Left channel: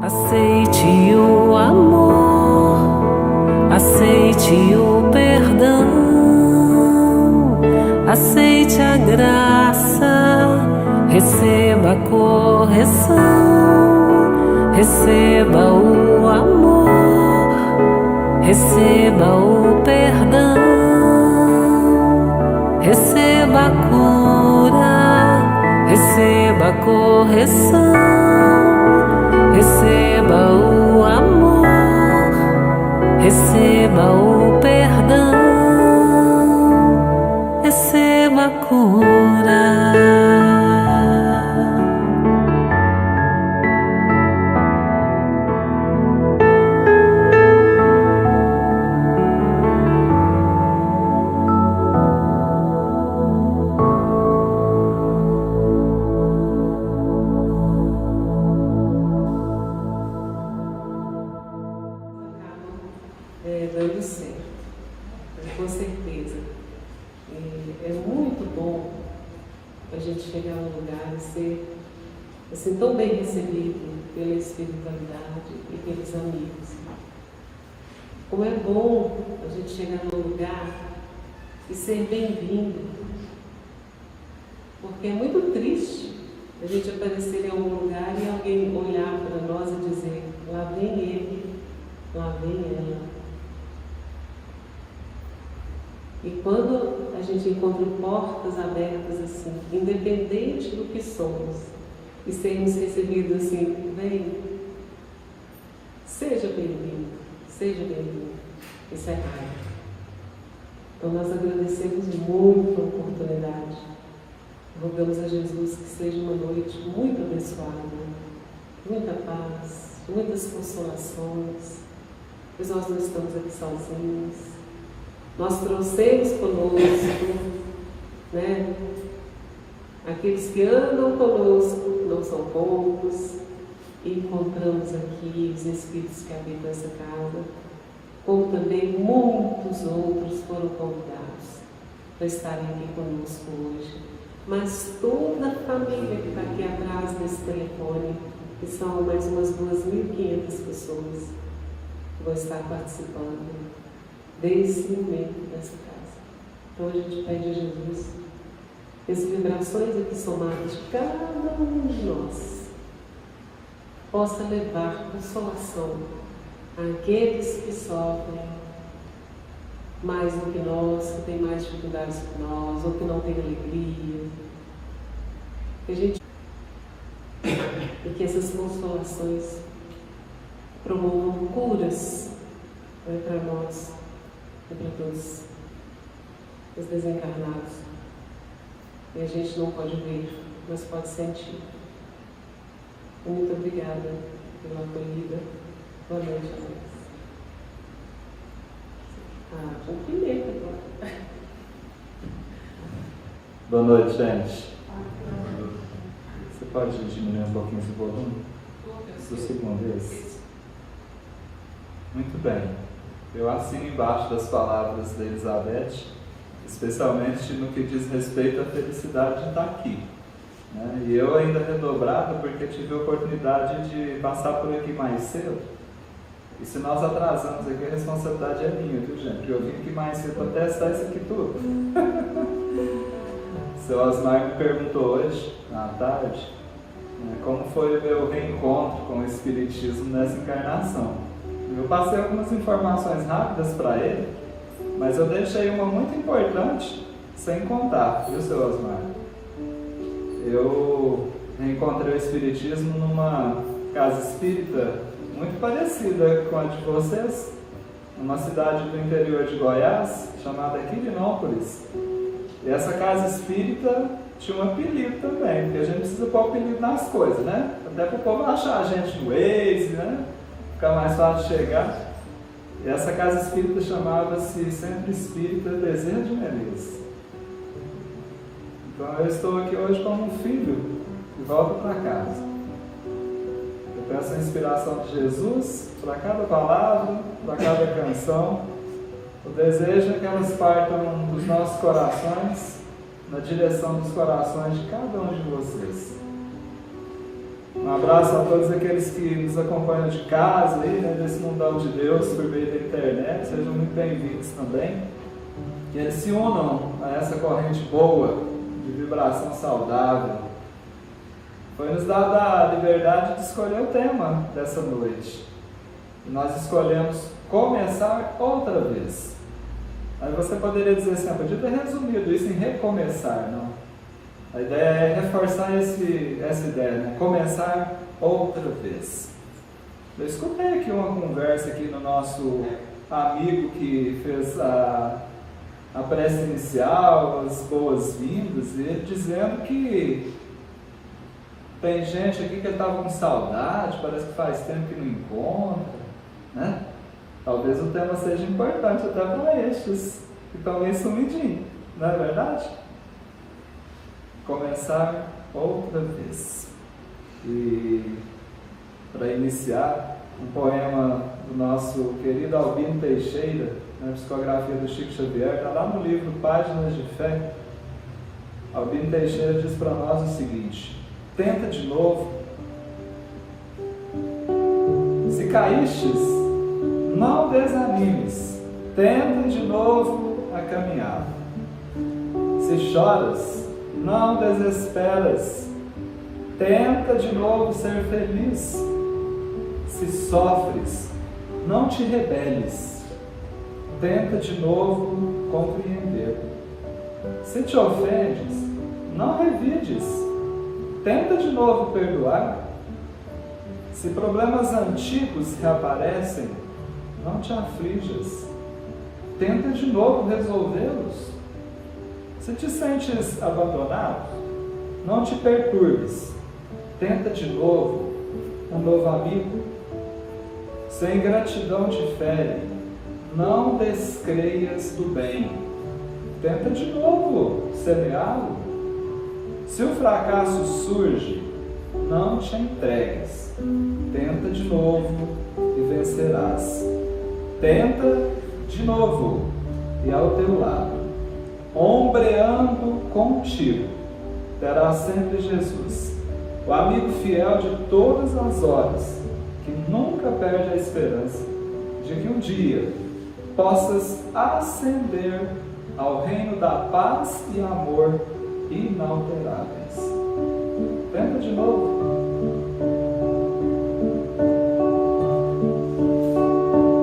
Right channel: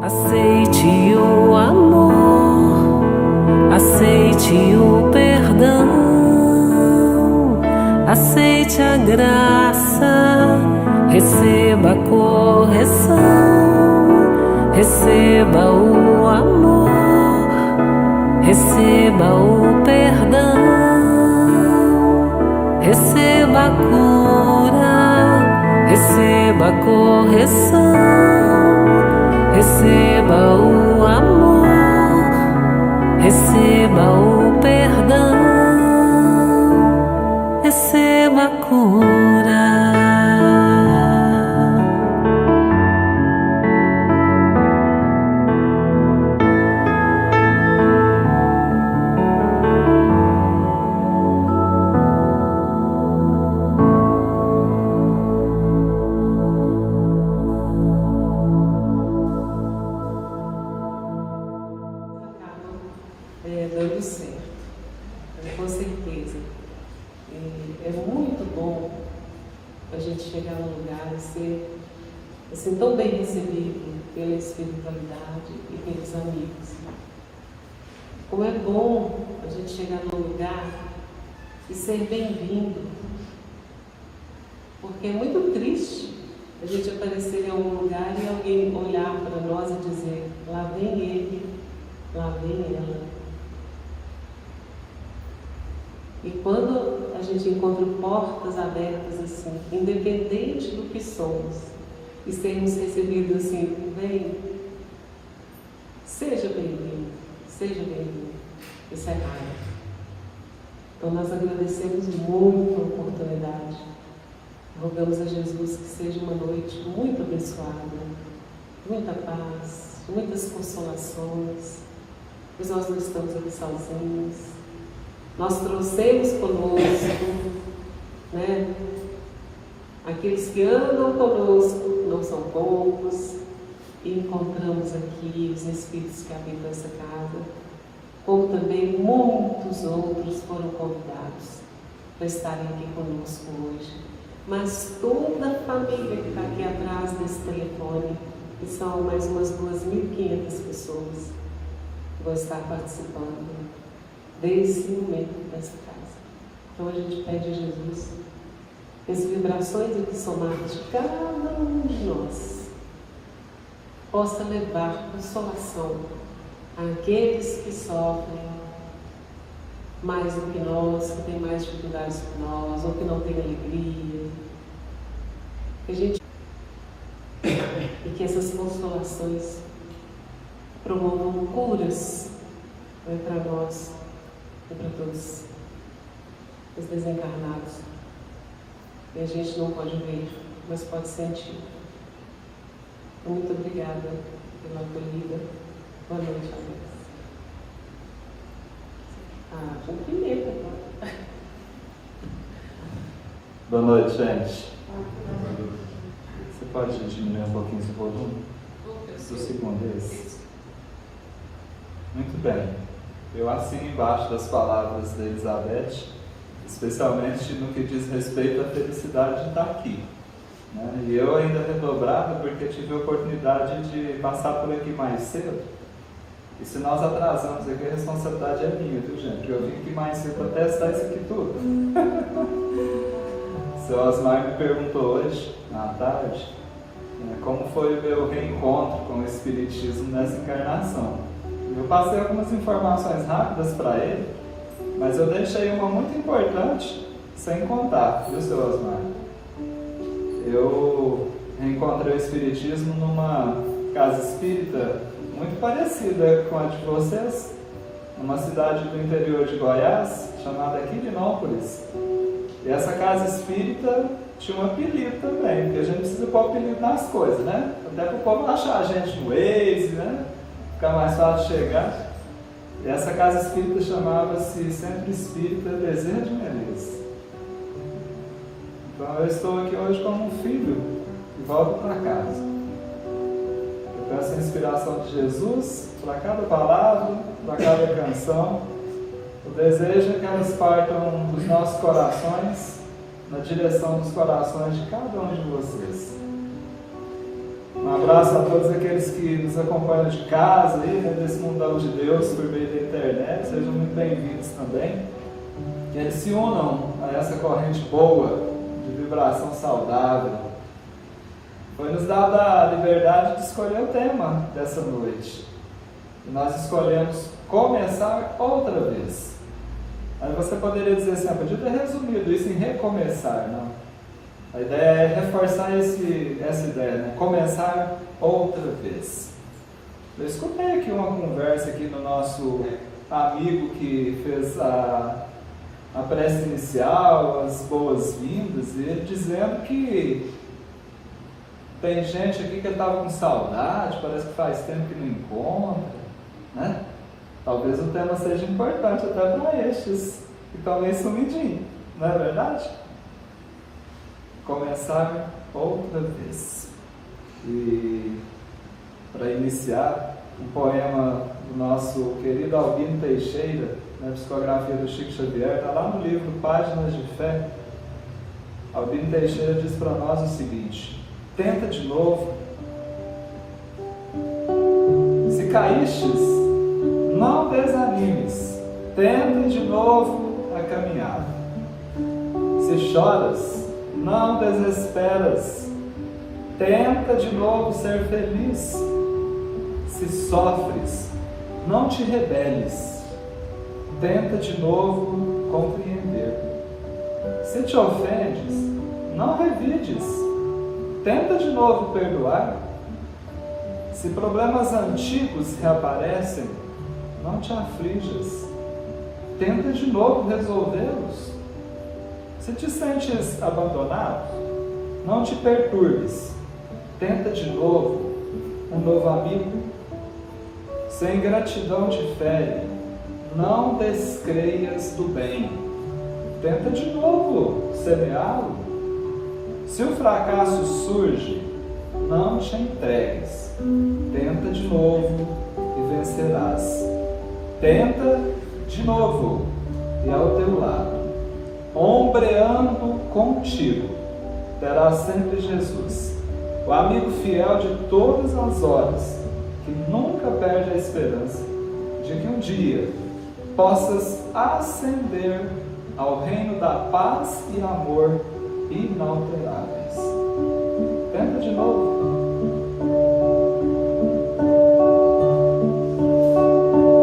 Aceite o amor, aceite o perdão, aceite a graça, receba a correção, receba o amor, receba o perdão, receba a cura, receba a correção, receba o amor, receba o perdão, receba a cura. Dando certo, com certeza. É muito bom a gente chegar num lugar e ser assim, tão bem recebido pela espiritualidade e pelos amigos. Como é bom a gente chegar num lugar e ser bem-vindo, porque é muito triste a gente aparecer em algum lugar e alguém olhar para nós e dizer: lá vem ele, lá vem ela. E quando a gente encontra portas abertas assim, independente do que somos, e sermos recebidos assim, vem, seja bem-vindo, seja bem-vindo. Isso é raro. Então nós agradecemos muito a oportunidade. Rogamos a Jesus que seja uma noite muito abençoada, muita paz, muitas consolações, pois nós não estamos aqui sozinhos. Nós trouxemos conosco, né? Aqueles que andam conosco, não são poucos, e encontramos aqui os Espíritos que habitam essa casa, como também muitos outros foram convidados para estarem aqui conosco hoje. Mas toda a família que está aqui atrás desse telefone, que são mais umas 2.500 pessoas, vão estar participando desse momento dessa casa. Então a gente pede a Jesus que as vibrações aqui somadas de cada um de nós possa levar consolação àqueles que sofrem mais do que nós, que têm mais dificuldades que nós, ou que não têm alegria. Que a gente e que essas consolações promovam curas, né, para nós e para todos os desencarnados. E a gente não pode ver, mas pode sentir. Muito obrigada pela acolhida. Boa noite, amigas. O primeiro. Boa noite, gente. Você pode diminuir um pouquinho esse volume? Por segunda vez. Muito bem. Eu assino embaixo das palavras da Elizabeth, especialmente no que diz respeito à felicidade de estar aqui. Né? E eu ainda redobrado porque tive a oportunidade de passar por aqui mais cedo. E se nós atrasamos aqui, a responsabilidade é minha, viu, gente? Eu vim aqui mais cedo para testar isso aqui tudo. O seu Osmar me perguntou hoje, à tarde, como foi o meu reencontro com o Espiritismo nessa encarnação. Eu passei algumas informações rápidas para ele, mas eu deixei uma muito importante sem contar, viu, seu Osmar? Eu reencontrei o Espiritismo numa casa espírita muito parecida com a de vocês, numa cidade do interior de Goiás, chamada Quirinópolis. E essa casa espírita tinha um apelido também, porque a gente precisa pôr apelido nas coisas, né? Até para o povo achar a gente no Waze, né? Ficar mais fácil de chegar. E essa casa espírita chamava-se Centro Espírita Bezerra de Menezes. Então eu estou aqui hoje como um filho e volto para casa. Eu peço a inspiração de Jesus para cada palavra, para cada canção. O desejo é que elas partam dos nossos corações na direção dos corações de cada um de vocês. Um abraço a todos aqueles que nos acompanham de casa, aí, né, nesse mundão de Deus, por meio da internet. Sejam muito bem-vindos também. Que se unam a essa corrente boa de vibração saudável. Foi nos dada a liberdade de escolher o tema dessa noite. Nós escolhemos começar outra vez. Aí você poderia dizer assim, podia ter resumido isso em recomeçar, não? A ideia é reforçar essa ideia, né? Começar outra vez. Eu escutei aqui uma conversa aqui no nosso amigo que fez a prece inicial, as boas-vindas, e ele dizendo que tem gente aqui que estava com saudade, parece que faz tempo que não encontra, né? Talvez o tema seja importante até para estes que estão meio sumidinhos, não é verdade? Começar outra vez. E para iniciar, um poema do nosso querido Albino Teixeira, na psicografia do Chico Xavier, está lá no livro Páginas de Fé. Albino Teixeira diz para nós o seguinte: tenta de novo. Se caístes, não desanimes, tenta de novo a caminhar. Se choras, não desesperas, tenta de novo ser feliz. Se sofres, não te rebeles, tenta de novo compreender. Se te ofendes, não revides, tenta de novo perdoar. Se problemas antigos reaparecem, não te aflijas, tenta de novo resolvê-los. Se te sentes abandonado, não te perturbes, tenta de novo um novo amigo. Se a ingratidão te fere, não descreias do bem, tenta de novo semeá-lo. Se o fracasso surge, não te entregues, tenta de novo e vencerás. Tenta de novo e ao teu lado, ombreando contigo, terás sempre Jesus, o amigo fiel de todas as horas, que nunca perde a esperança de que um dia possas ascender ao reino da paz e amor inalteráveis. Tenta de novo.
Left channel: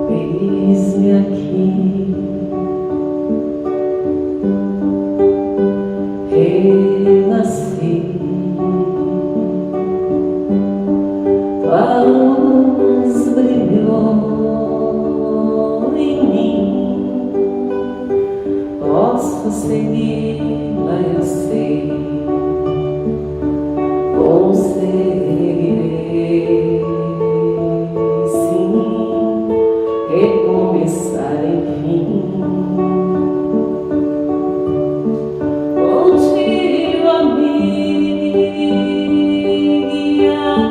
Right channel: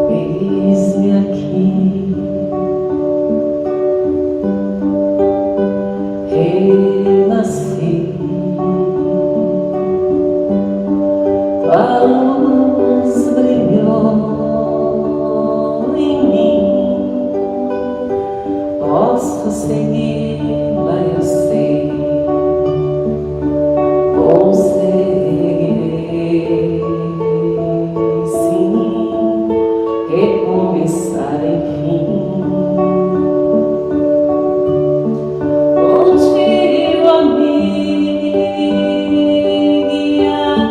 Eis-me aqui, renasci, tua luz brilhou em mim, posso segui-la, eu sei, conseguirei, sim, recomeçar enfim. Contigo a me guiar,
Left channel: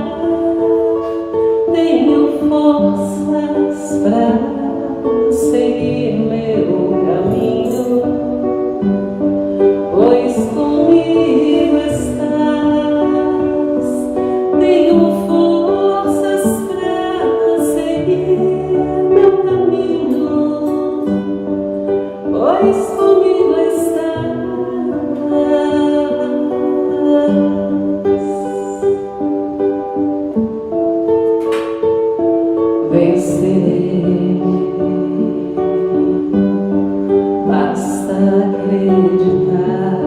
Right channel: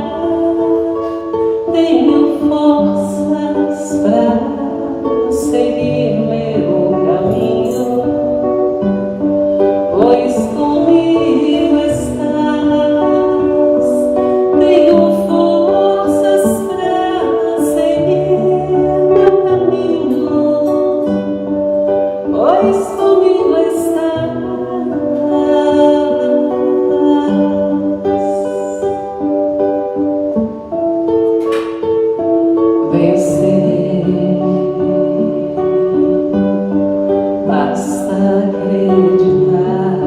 tenho forças para seguir meu caminho, pois comigo estás. Tenho forças para seguir meu caminho, pois comigo estás. Vencerei, basta acreditar,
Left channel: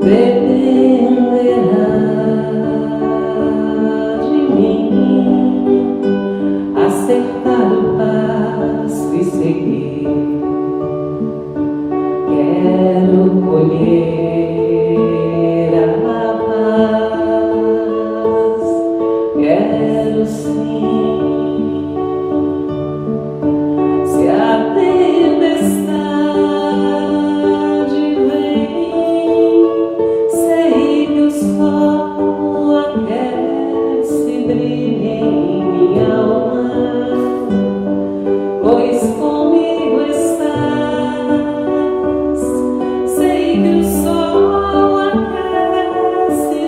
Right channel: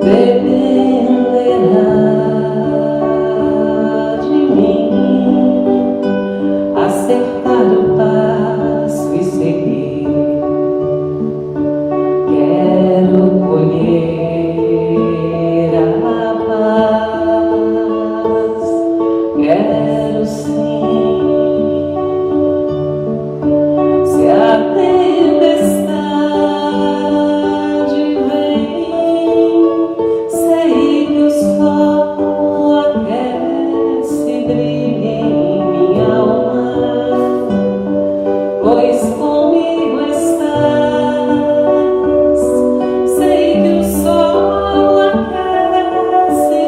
dependerá de mim, acertar o passo e seguir. Quero colher a paz, quero sim. Se a tempestade vem, sei que o sol aquece, brilha em minha alma, pois comigo estás. Sei que o sol aquece,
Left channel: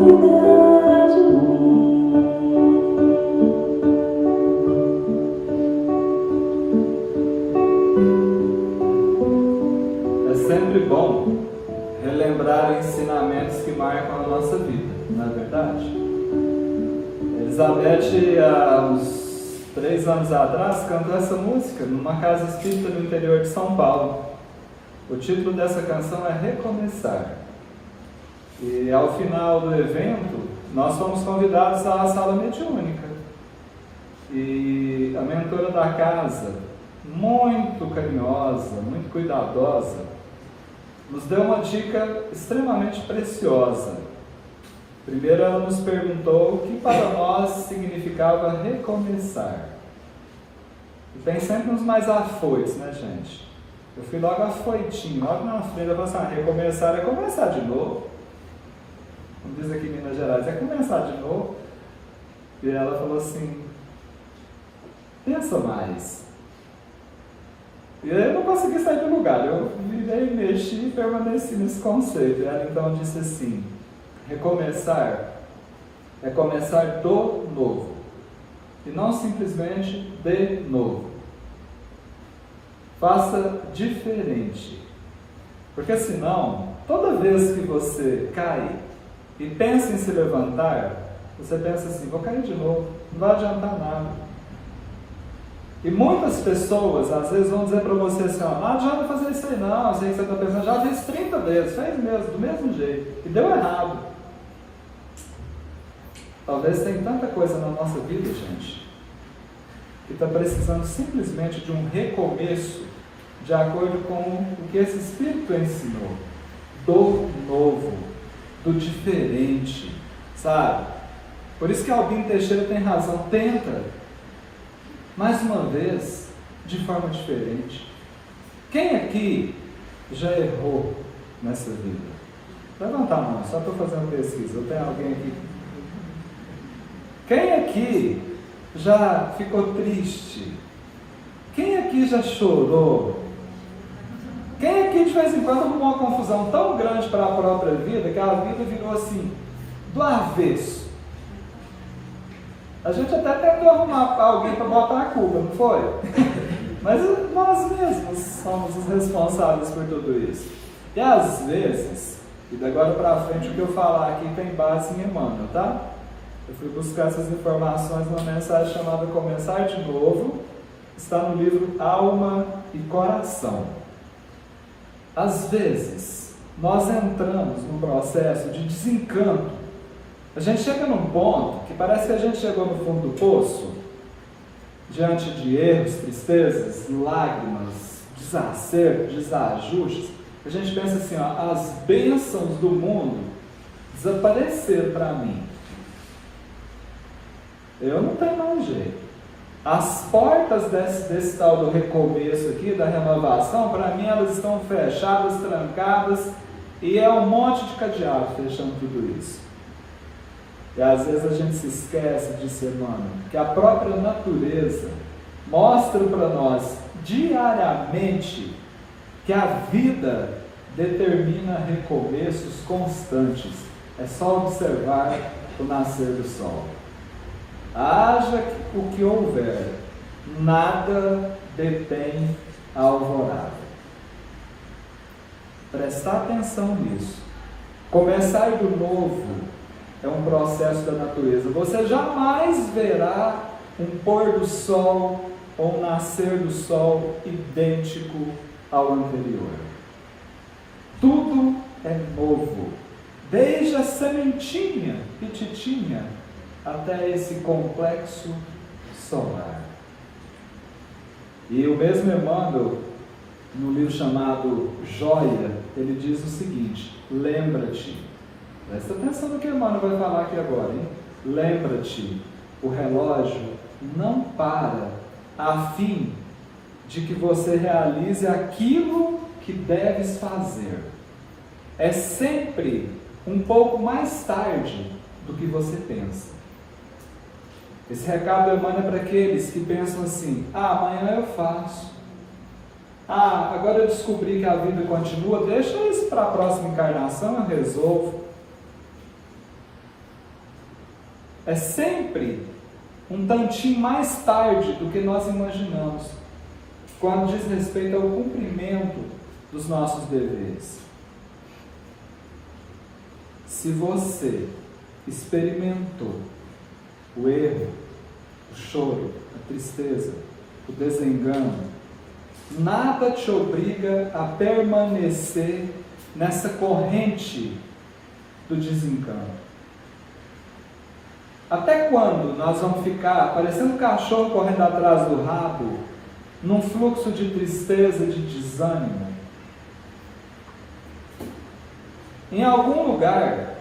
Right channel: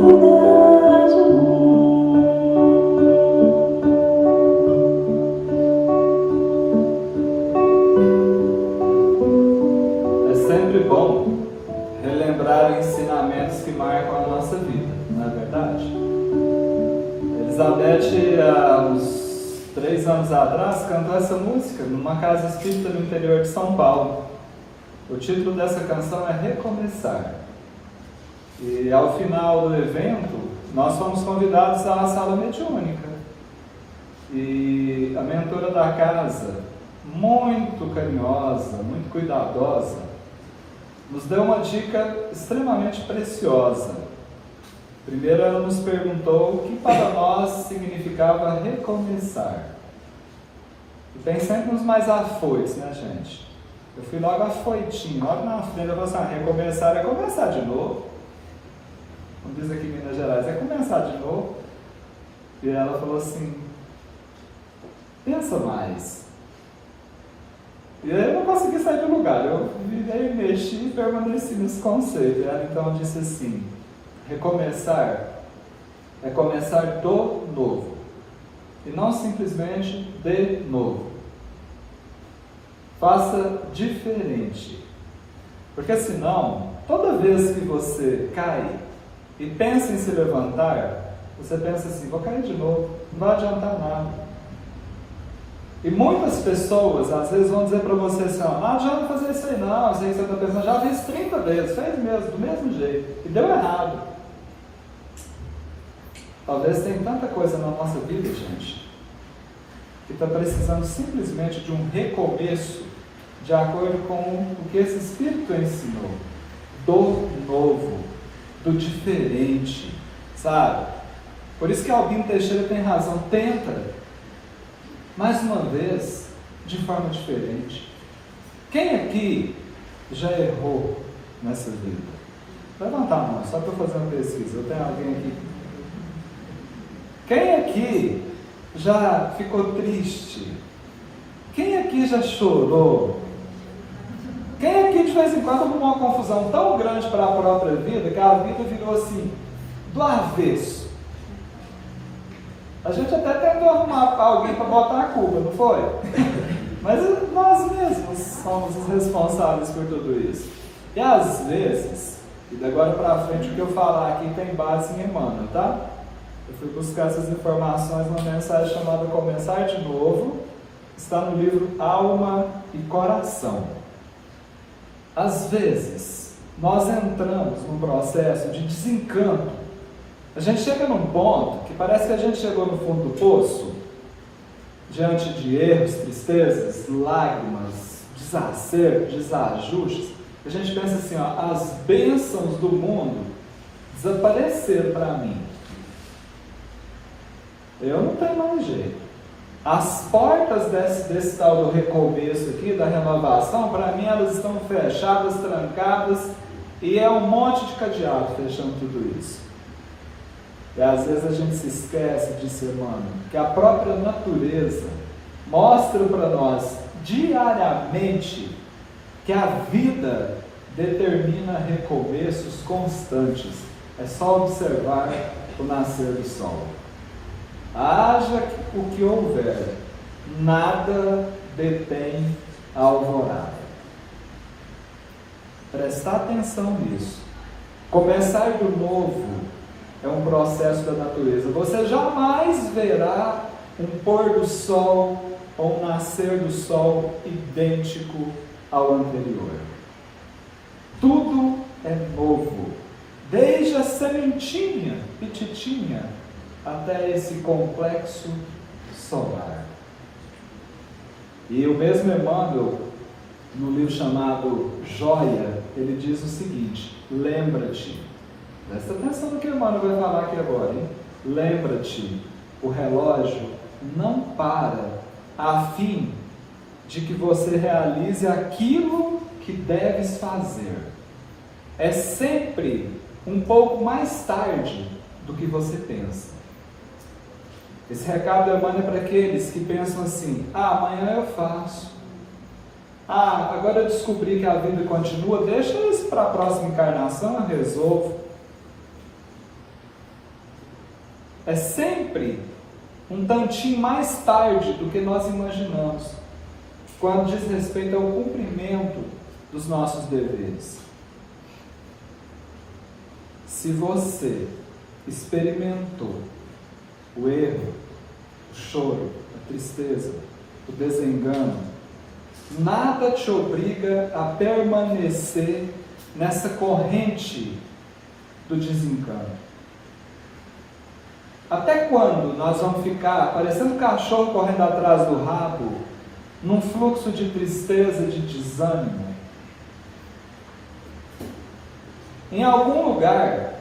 cuida de mim. É sempre bom relembrar ensinamentos que marcam a nossa vida, não é verdade? Elizabeth, há uns 3 anos atrás, cantou essa música numa casa espírita no interior de São Paulo. O título dessa canção é Recomeçar. E ao final do evento, nós fomos convidados à sala mediúnica. E a mentora da casa, muito carinhosa, muito cuidadosa, nos deu uma dica extremamente preciosa. Primeiro, ela nos perguntou o que para nós significava recomeçar. E tem sempre uns mais afoitos, né, gente? Eu fui logo afoitinho, logo na frente, eu falei assim, recomeçar é começar de novo. Como diz aqui em Minas Gerais, é começar de novo. E ela falou assim, pensa mais. E aí eu não consegui sair do lugar, eu virei, mexi e permaneci nesse conceito. Ela então disse assim, recomeçar é começar do novo, e não simplesmente de novo. Faça diferente, porque senão, toda vez que você cai e pensa em se levantar, você pensa assim, vou cair de novo, não vai adiantar nada. E muitas pessoas às vezes vão dizer para você assim, não adianta fazer isso aí não, sei que você está pensando, já fez 30 vezes, fez mesmo, do mesmo jeito, e deu errado. Talvez tenha tanta coisa na nossa vida, gente, que está precisando simplesmente de um recomeço, de acordo com o que esse Espírito ensinou, do novo, do diferente, sabe? Por isso que Albino Teixeira tem razão, tenta, mais uma vez, de forma diferente. Quem aqui já errou nessa vida? Levanta a mão, só estou fazendo pesquisa, tem alguém aqui? Quem aqui já ficou triste? Quem aqui já chorou? Quem aqui de vez em quando arrumou uma confusão tão grande para a própria vida que a vida virou assim, do avesso? A gente até tentou arrumar alguém para botar a culpa, não foi? Mas nós mesmos somos os responsáveis por tudo isso. E às vezes, e de agora para frente o que eu falar aqui tem base em Emmanuel, tá? Eu fui buscar essas informações numa mensagem chamada Começar de Novo, está no livro Alma e Coração. Às vezes, nós entramos num processo de desencanto. A gente chega num ponto que parece que a gente chegou no fundo do poço, diante de erros, tristezas, lágrimas, desacertos, desajustes. A gente pensa assim, ó, as bênçãos do mundo desapareceram para mim. Eu não tenho mais jeito. As portas desse tal do recomeço aqui, da renovação, para mim elas estão fechadas, trancadas, e é um monte de cadeado fechando tudo isso. E às vezes a gente se esquece disso, mano, que a própria natureza mostra para nós diariamente que a vida determina recomeços constantes. É só observar o nascer do sol. Haja o que houver, nada detém a alvorada. Prestar atenção nisso. Começar do novo é um processo da natureza. Você jamais verá um pôr do sol ou um nascer do sol idêntico ao anterior. Tudo é novo, desde a sementinha petitinha até esse complexo solar. E o mesmo Emmanuel, no livro chamado Joia, ele diz o seguinte: lembra-te, presta atenção no que Emmanuel vai falar aqui agora, hein? Lembra-te, o relógio não para a fim de que você realize aquilo que deves fazer. É sempre um pouco mais tarde do que você pensa. Esse recado é para aqueles que pensam assim: amanhã eu faço. Agora eu descobri que a vida continua, deixa isso para a próxima encarnação, eu resolvo. é sempre um tantinho mais tarde do que nós imaginamos, quando diz respeito ao cumprimento dos nossos deveres. Se você experimentou o erro, o choro, a tristeza, o desengano, nada te obriga a permanecer nessa corrente do desencano. Até quando nós vamos ficar parecendo um cachorro correndo atrás do rabo, num fluxo de tristeza, de desânimo? Em algum lugar,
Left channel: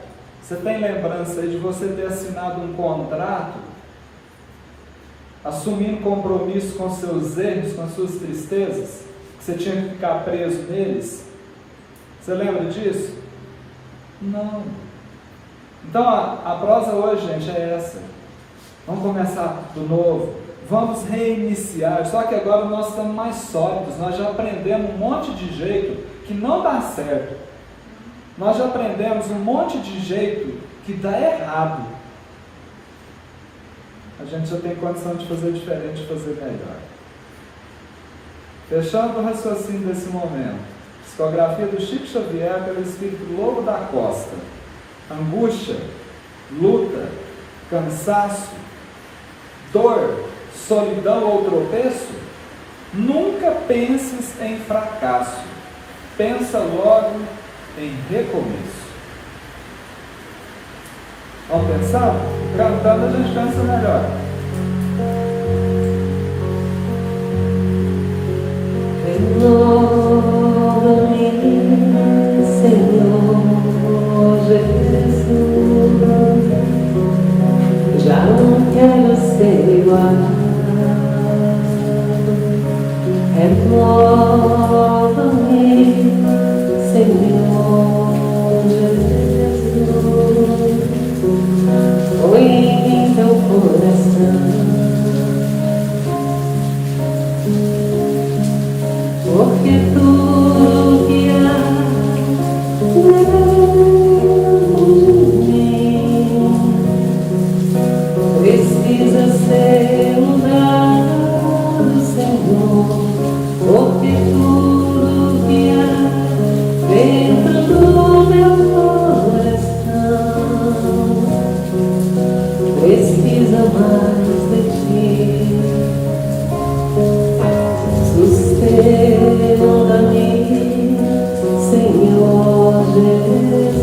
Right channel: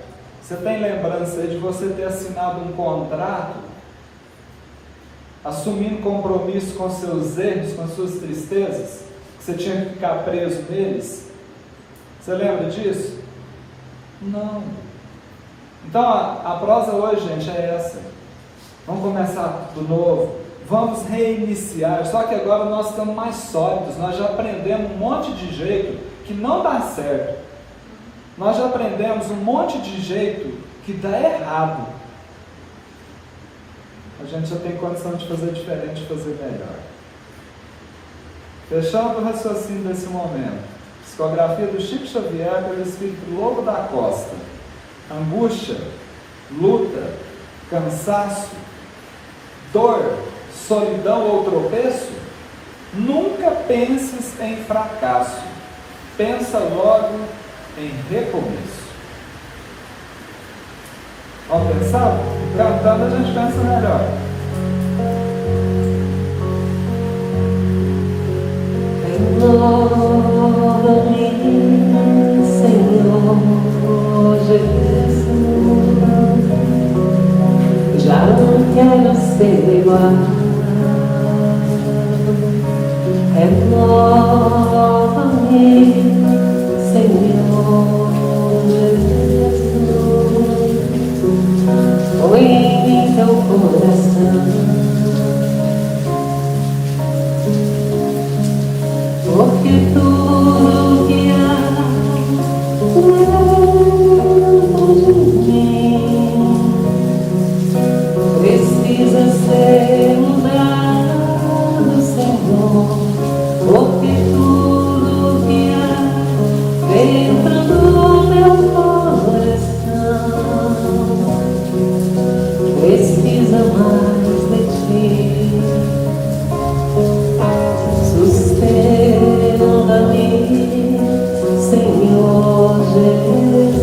você tem lembrança de você ter assinado um contrato, assumindo compromisso com seus erros, com suas tristezas, que você tinha que ficar preso neles? Você lembra disso? Não. Então a prosa hoje, gente, é essa. Vamos começar do novo. Vamos reiniciar. Só que agora nós estamos mais sólidos. Nós já aprendemos um monte de jeito que não dá certo. Nós já aprendemos um monte de jeito que dá errado. A gente já tem condição de fazer diferente, de fazer melhor. Fechando o raciocínio desse momento. Psicografia do Chico Xavier pelo espírito Lobo da Costa. Angústia, luta, cansaço, dor, solidão ou tropeço? Nunca penses em fracasso. Pensa logo em recomeço. Vamos pensar? Cantando a gente pensa melhor. Senhor Jesus, já não quero ser igual. Renova-me, Senhor Jesus, põe em mim teu coração. Porque tudo que há dentro de mim precisa ser mudado, Senhor. Porque tudo que há dentro do meu coração precisa mais de ti. Sustenta-me, Senhor Jesus,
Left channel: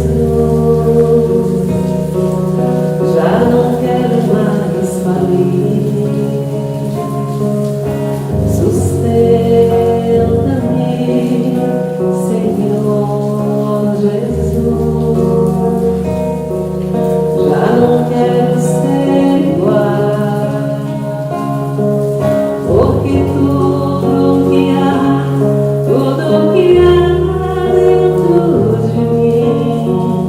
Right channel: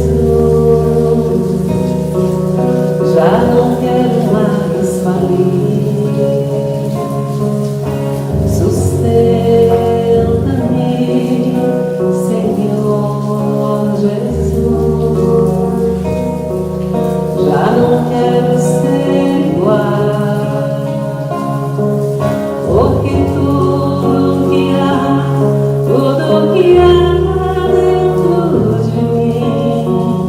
já não quero mais falir. Sustenta-me, Senhor Jesus, já não quero ser igual. Porque tudo que há dentro de mim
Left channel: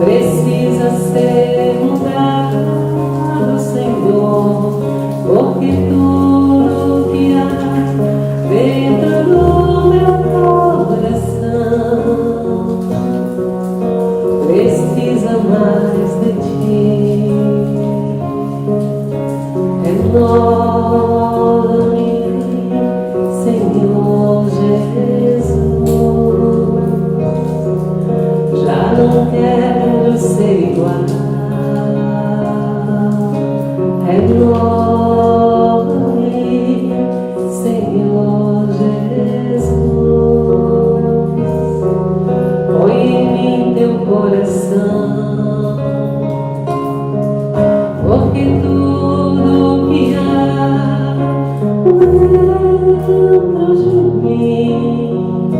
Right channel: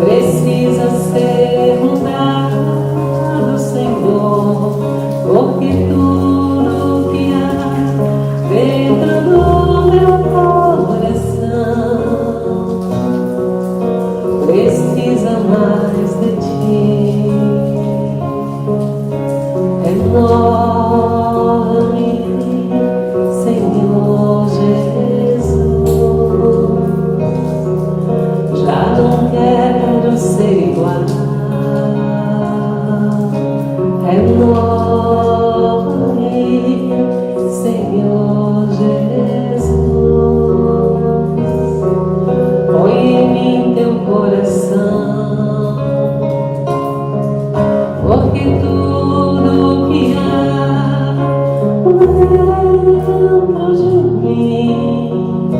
precisa ser mudado, Senhor. Porque tudo que há dentro do meu coração precisa mais de ti. Renova-me, Senhor Jesus, já não quero ser igual. Renova-me, Senhor Jesus, põe em mim teu coração. Porque tudo que há dentro de mim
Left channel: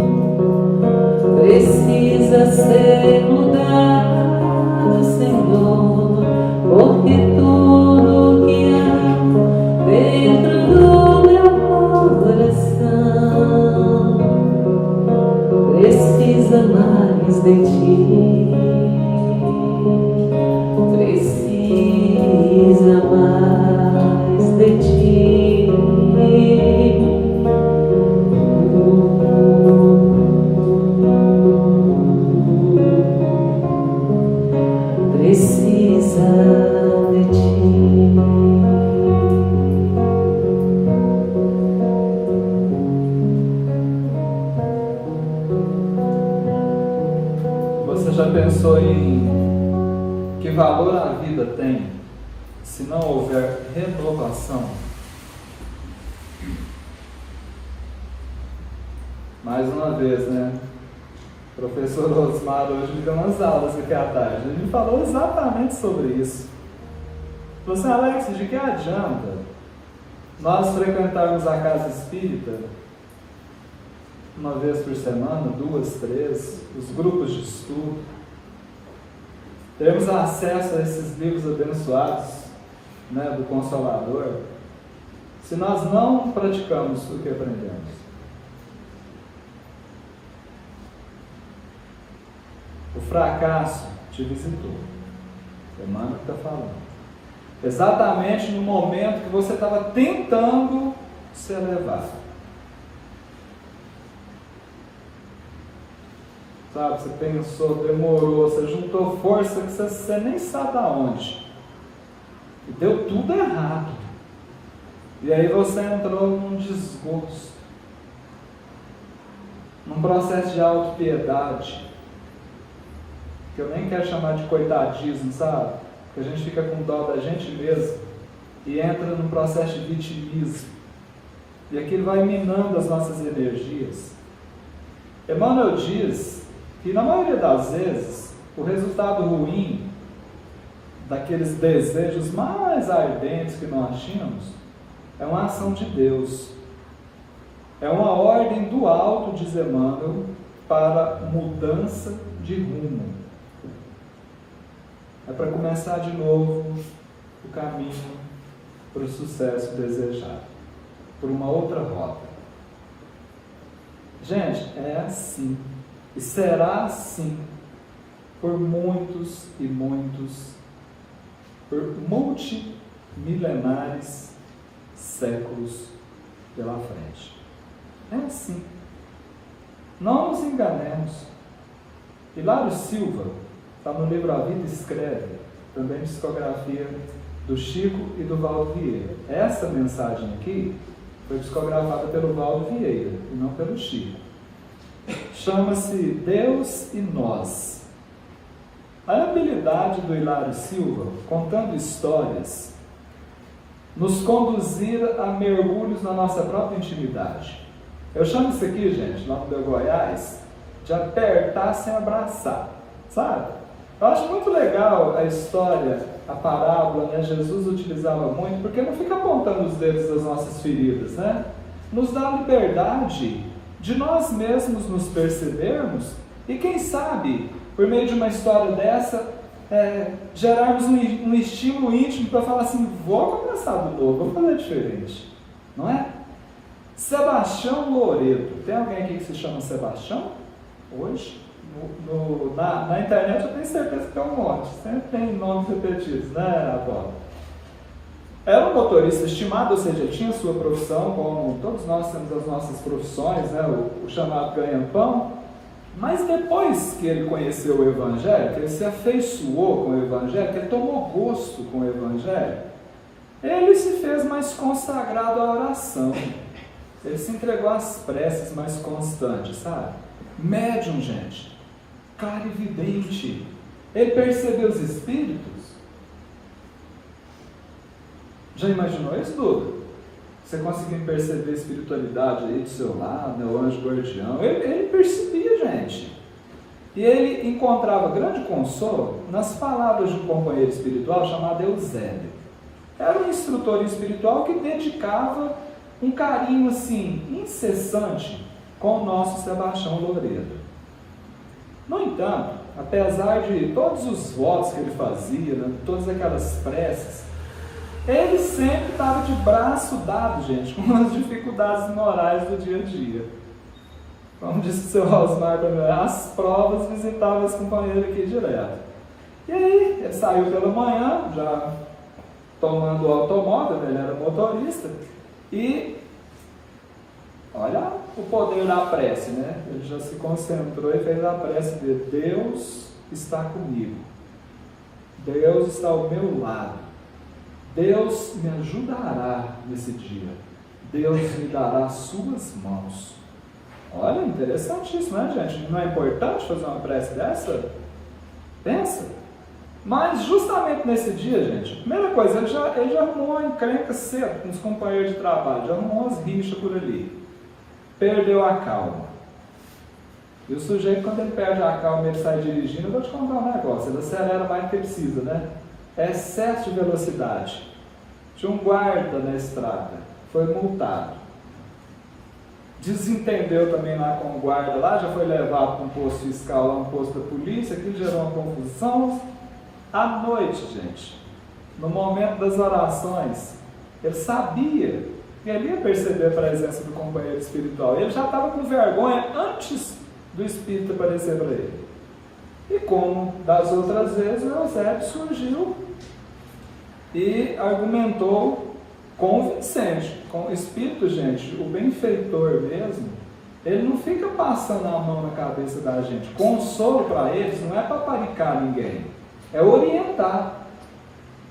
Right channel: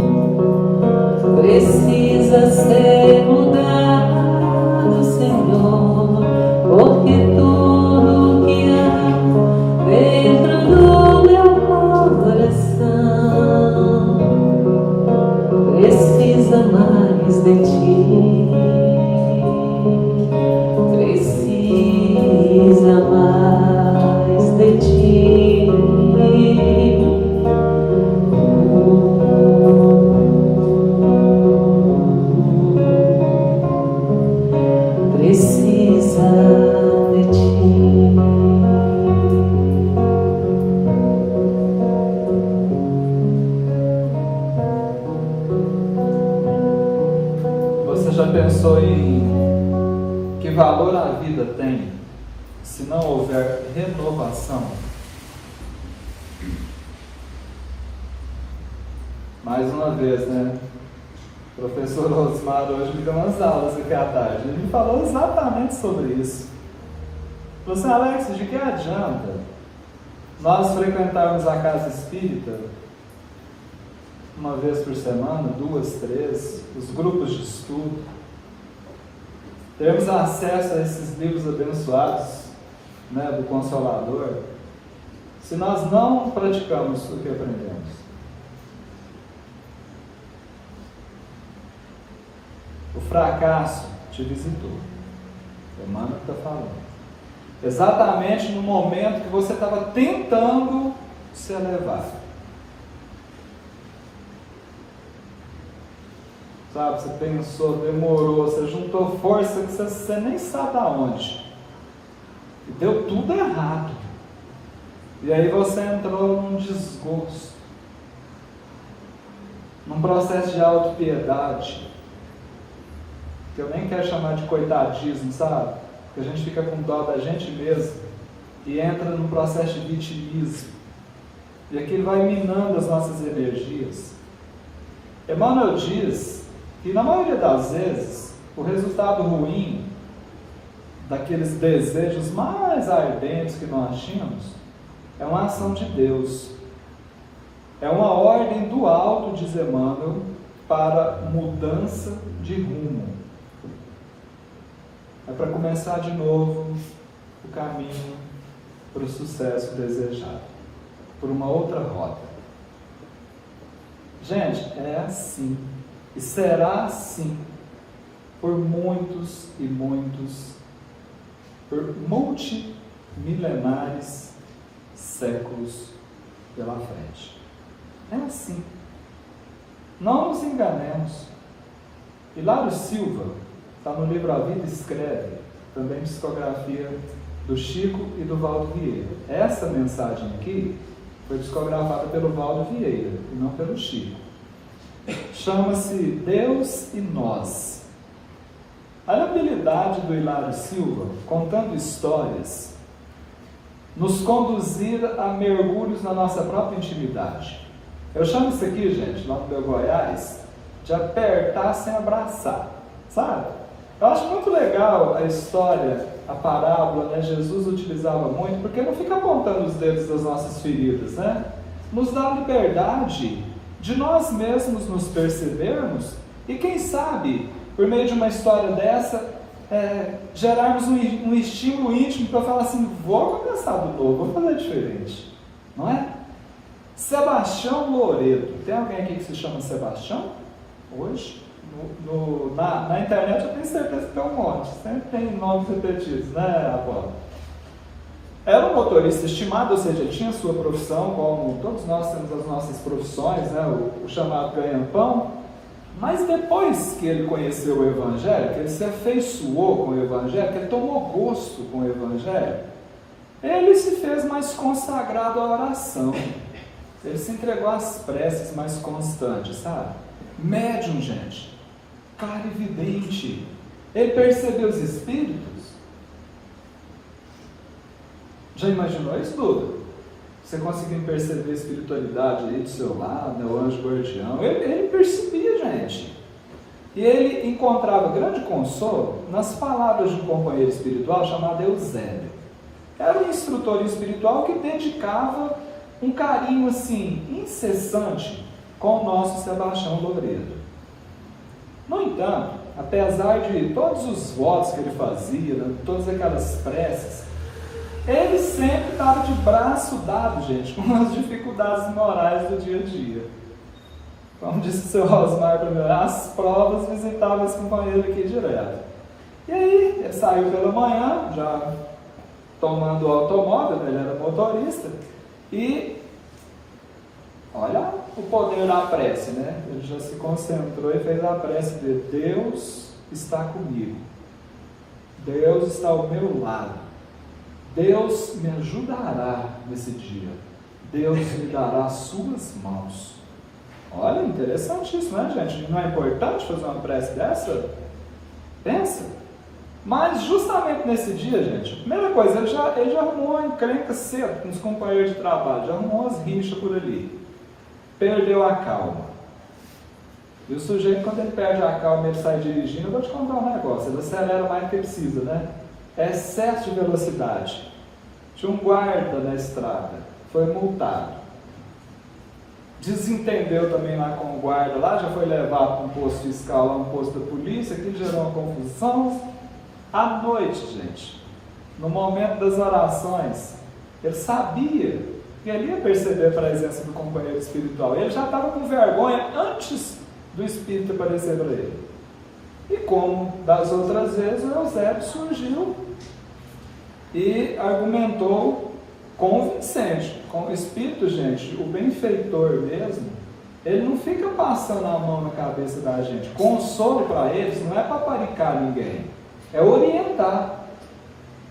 precisa ser mudado, Senhor. Porque tudo que há dentro do meu coração precisa mais de ti. Precisa mais de ti. Precisa pensou em que valor a vida tem se não houver renovação? Mais uma vez, né? O professor Osmar hoje me deu umas aulas aqui à tarde. Ele me falou exatamente sobre isso. Você, Alex, de que adianta nós frequentarmos a casa espírita uma vez por semana, 2, 3, os grupos de estudo, termos acesso a esses livros abençoados, né, do Consolador, se nós não praticamos o que aprendemos? O fracasso te visitou. O Marco está falando. Exatamente no momento que você estava tentando se elevar. Sabe, você pensou, demorou, você juntou força que você nem sabe aonde. E deu tudo errado. E aí você entrou num desgosto, num processo de autopiedade, que eu nem quero chamar de coitadismo, sabe? Que a gente fica com dó da gente mesmo e entra num processo de vitimismo. E aquilo vai minando as nossas energias. Emmanuel diz que na maioria das vezes o resultado ruim daqueles desejos mais ardentes que nós tínhamos é uma ação de Deus. É uma ordem do alto, diz Emmanuel, para mudança de rumo. É para começar de novo o caminho para o sucesso desejado, por uma outra rota. Gente, é assim, e será assim por muitos e muitos, por multimilenares séculos pela frente. É assim. Não nos enganemos. Hilário Silva está no livro A Vida Escreve, também psicografia do Chico e do Valdo Vieira. Essa mensagem aqui foi psicografada pelo Valdo Vieira e não pelo Chico. Chama-se Deus e Nós. A habilidade do Hilário Silva, contando histórias, nos conduzir a mergulhos na nossa própria intimidade. Eu chamo isso aqui, gente, lá no meu Goiás, de apertar sem abraçar, sabe? Eu acho muito legal a história, a parábola, né? Jesus utilizava muito, porque não fica apontando os dedos das nossas feridas, né? Nos dá liberdade de nós mesmos nos percebermos e, quem sabe, por meio de uma história dessa, gerarmos um estímulo íntimo para falar assim: vou começar do novo, vou fazer diferente, não é? Sebastião Loreto. Tem alguém aqui que se chama Sebastião? Hoje? Na internet eu tenho certeza que tem um monte, sempre tem nomes repetidos, né, Apolo? Era um motorista estimado, ou seja, tinha sua profissão, como todos nós temos as nossas profissões, né, o chamado ganha-pão, mas depois que ele conheceu o Evangelho, que ele se afeiçoou com o Evangelho, que ele tomou gosto com o Evangelho, ele se fez mais consagrado à oração, ele se entregou às preces mais constantes, sabe? Médium, gente, clarividente, ele percebeu os espíritos. Já imaginou isso, Duda? Você conseguiu perceber a espiritualidade aí do seu lado, né, o anjo guardião? Ele percebia, gente. E ele encontrava grande consolo nas palavras de um companheiro espiritual chamado Eusébio. Era um instrutor espiritual que dedicava um carinho assim, incessante com o nosso Sebastião Loreto. No entanto, apesar de todos os votos que ele fazia, né, todas aquelas preces, ele sempre estava de braço dado, gente, com as dificuldades morais do dia a dia. Como disse o seu Osmar também, as provas visitavam esse companheiro aqui direto. E aí, ele saiu pela manhã, já tomando o automóvel, ele era motorista, e olha o poder da prece, né? Ele já se concentrou e fez a prece de Deus está comigo, Deus está ao meu lado, Deus me ajudará nesse dia, Deus me dará as suas mãos. Olha, interessante isso, né, gente? Não é importante fazer uma prece dessa? Pensa. Mas justamente nesse dia, gente, a primeira coisa, ele já arrumou uma encrenca cedo com os companheiros de trabalho, já arrumou umas rixas por ali. Perdeu a calma. E o sujeito, quando ele perde a calma e ele sai dirigindo, eu vou te contar um negócio, ele acelera mais do que precisa, né? É excesso de velocidade. Tinha um guarda na estrada, foi multado. Desentendeu também lá com o guarda, lá já foi levado para um posto fiscal, lá um posto da polícia, aquilo gerou uma confusão. À noite, gente, no momento das orações, ele sabia que ele ia perceber a presença do companheiro espiritual. Ele já estava com vergonha antes do Espírito aparecer para ele. E como das outras vezes, o Eusébio surgiu e argumentou convincente. Com o Espírito, gente, o benfeitor mesmo, ele não fica passando a mão na cabeça da gente. Consolo para eles não é para paricar ninguém, é orientar.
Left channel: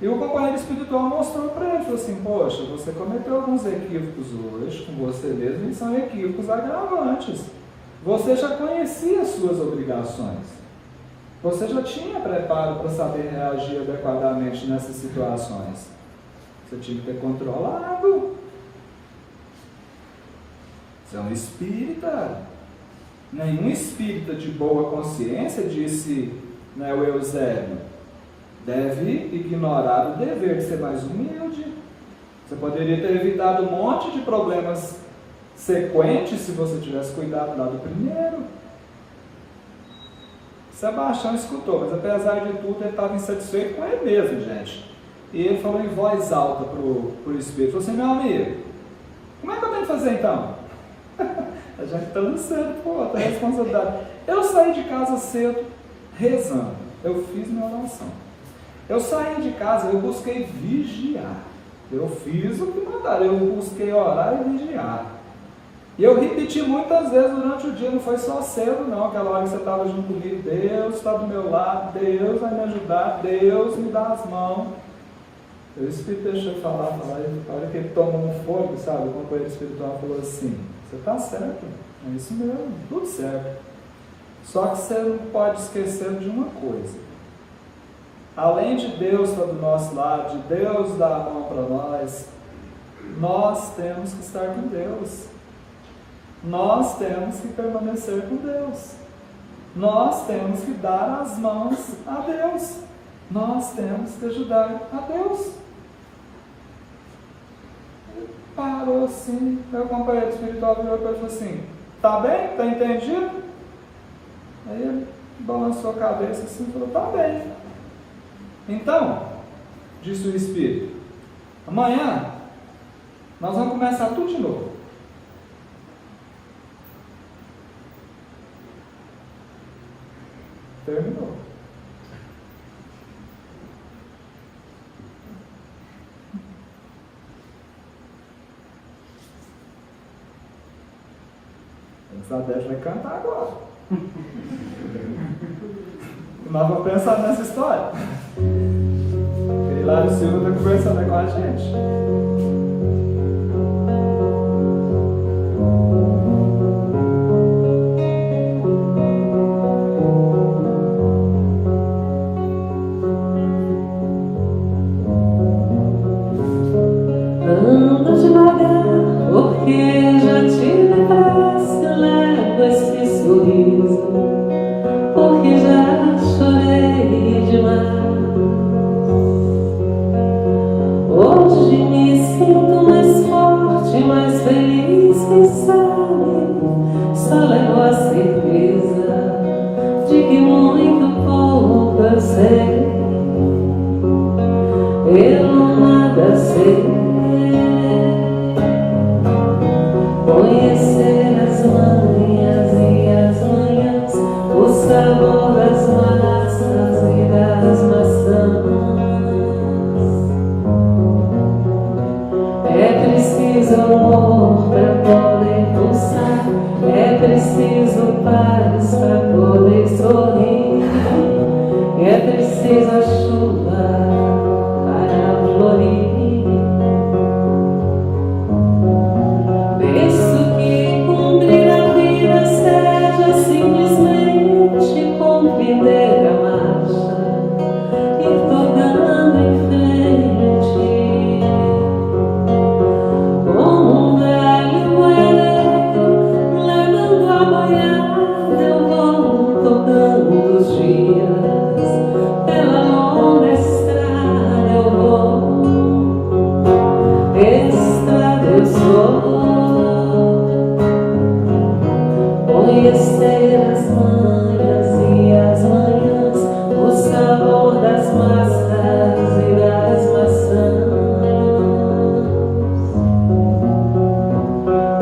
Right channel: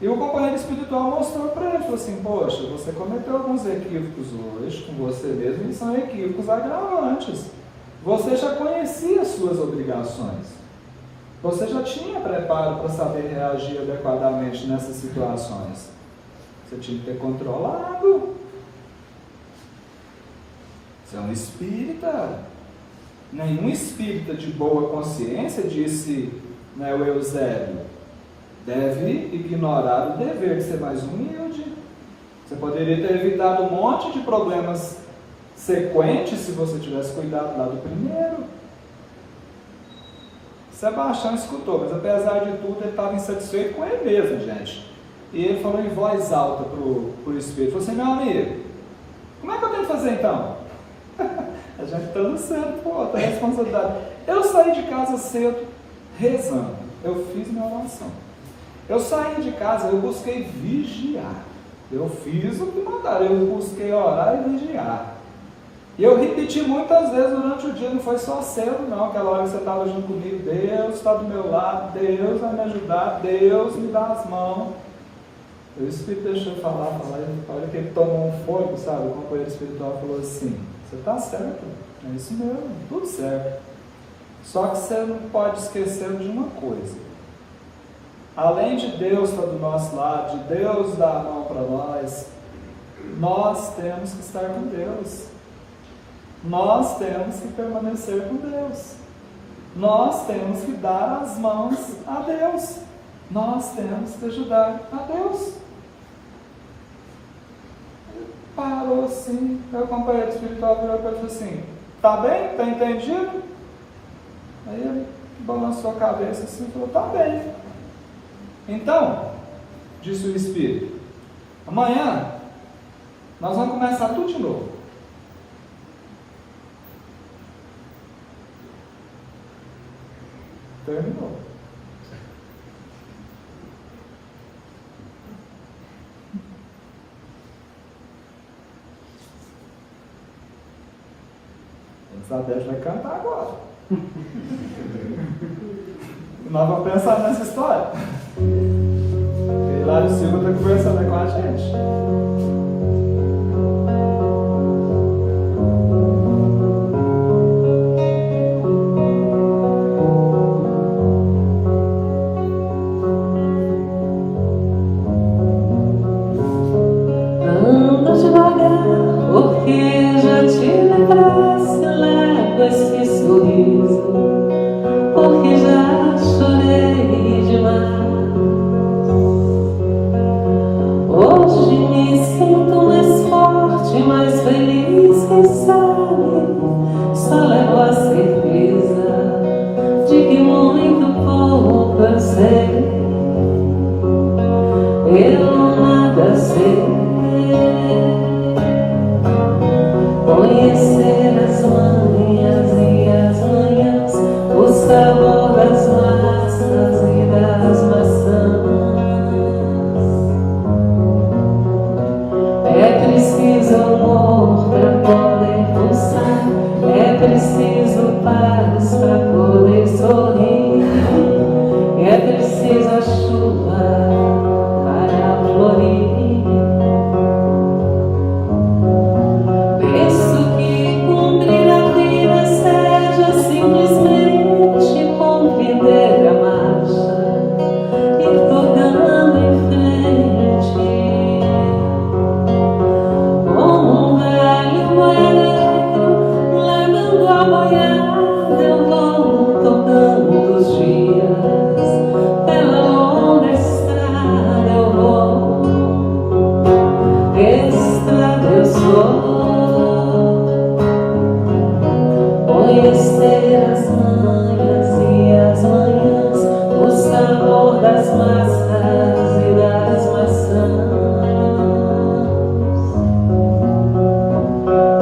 E o companheiro espiritual mostrou para ele, falou assim, poxa, você cometeu alguns equívocos hoje com você mesmo, e são equívocos agravantes. Você já conhecia as suas obrigações. Você já tinha preparo para saber reagir adequadamente nessas situações. Você tinha que ter controlado. Você é um espírita. Nenhum espírita de boa consciência, disse, né, o Eusébio, deve ignorar o dever de ser mais humilde. Você poderia ter evitado um monte de problemas sequentes se você tivesse cuidado lá do primeiro. Sebastião escutou, mas apesar de tudo ele estava insatisfeito com ele mesmo, gente. E ele falou em voz alta para o Espírito, falou assim, meu amigo, como é que eu tenho que fazer então? A gente está no céu, pô, tá responsabilidade. Eu saí de casa cedo, rezando, eu fiz minha oração. Eu saí de casa, eu busquei vigiar. Eu fiz o que mandaram, eu busquei orar e vigiar. E eu repeti muitas vezes durante o dia, não foi só cedo não, aquela hora que você estava junto comigo, Deus está do meu lado, Deus vai me ajudar, Deus me dá as mãos. O Espírito deixou eu falar, a hora que ele tomou um fogo, sabe, o companheiro espiritual falou assim, você está certo, é isso mesmo, tudo certo. Só que você não pode esquecer de uma coisa. Além de Deus estar do nosso lado, de Deus dar a mão para nós temos que estar com Deus. Nós temos que permanecer com Deus. Nós temos que dar as mãos a Deus. Nós temos que ajudar a Deus. Parou assim, meu companheiro espiritual virou para ele e falou assim, tá bem? Tá entendido? Aí ele balançou a cabeça assim e falou, tá bem. Então, disse o Espírito, amanhã nós vamos começar tudo de novo. Terminou. Isabel vai cantar agora. Nós vamos pensar nessa história. E lá o Silvio está conversando com a gente. Anda devagar, porque já tive pressa, leva esse sorriso, porque já chorei demais. Hoje me sinto mais forte, mais feliz, quem sabe, só levo a certeza de que muito pouco eu sei. Eu nada sei. Conhecer as manhas e as manhãs, o sabor das massas e das maçãs. É preciso amor para poder pulsar, é preciso paz para poder sorrir, é preciso a chuva para florir. Penso que cumprir a vida seja simplesmente conviver a mais. dias, pela longa estrada eu vou, estrada eu sou, conhecer as manhas e as manhãs, o sabor das massas e das maçãs.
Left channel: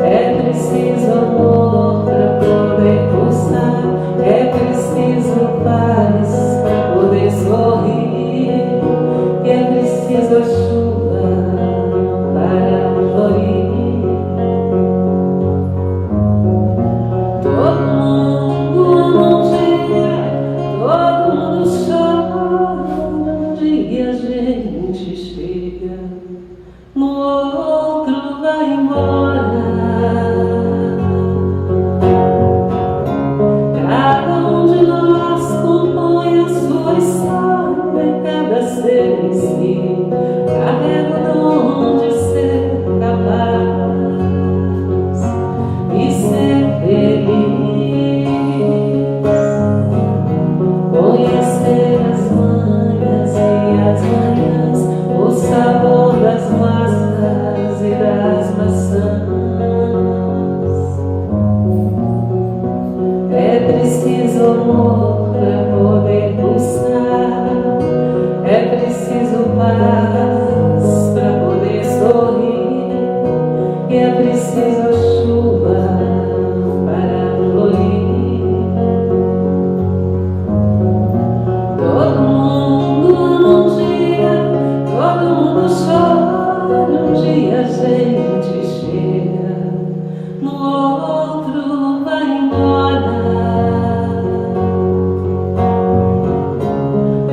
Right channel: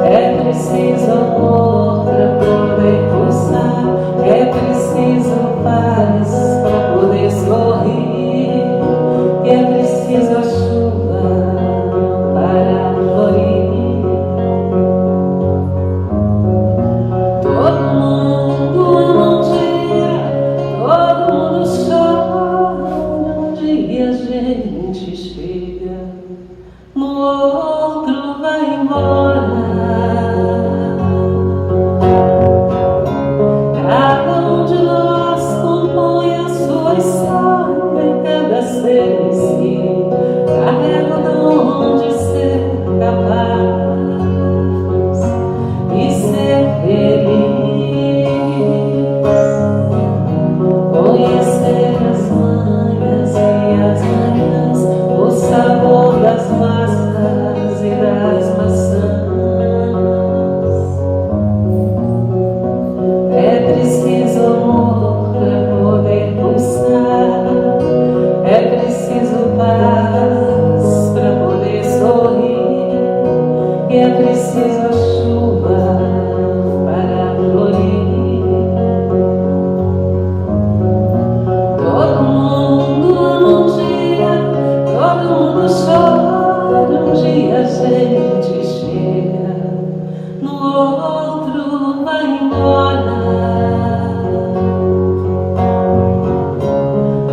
É preciso amor pra poder pulsar, é preciso paz pra poder sorrir, e é preciso a chuva para florir. Todo mundo num dia, todo mundo chora, um dia a gente chega, no outro vai embora. Cada um de nós compõe a sua história em pedaços e carrega onde ser capaz e ser feliz. Conhecer as manhas e as manhãs, o sabor das massas e das maçãs. É preciso amor pra poder pulsar, é preciso paz pra poder sorrir, e é preciso a chuva para florir. Todo mundo num dia, todo mundo chora, um dia a gente chega, no outro vai embora.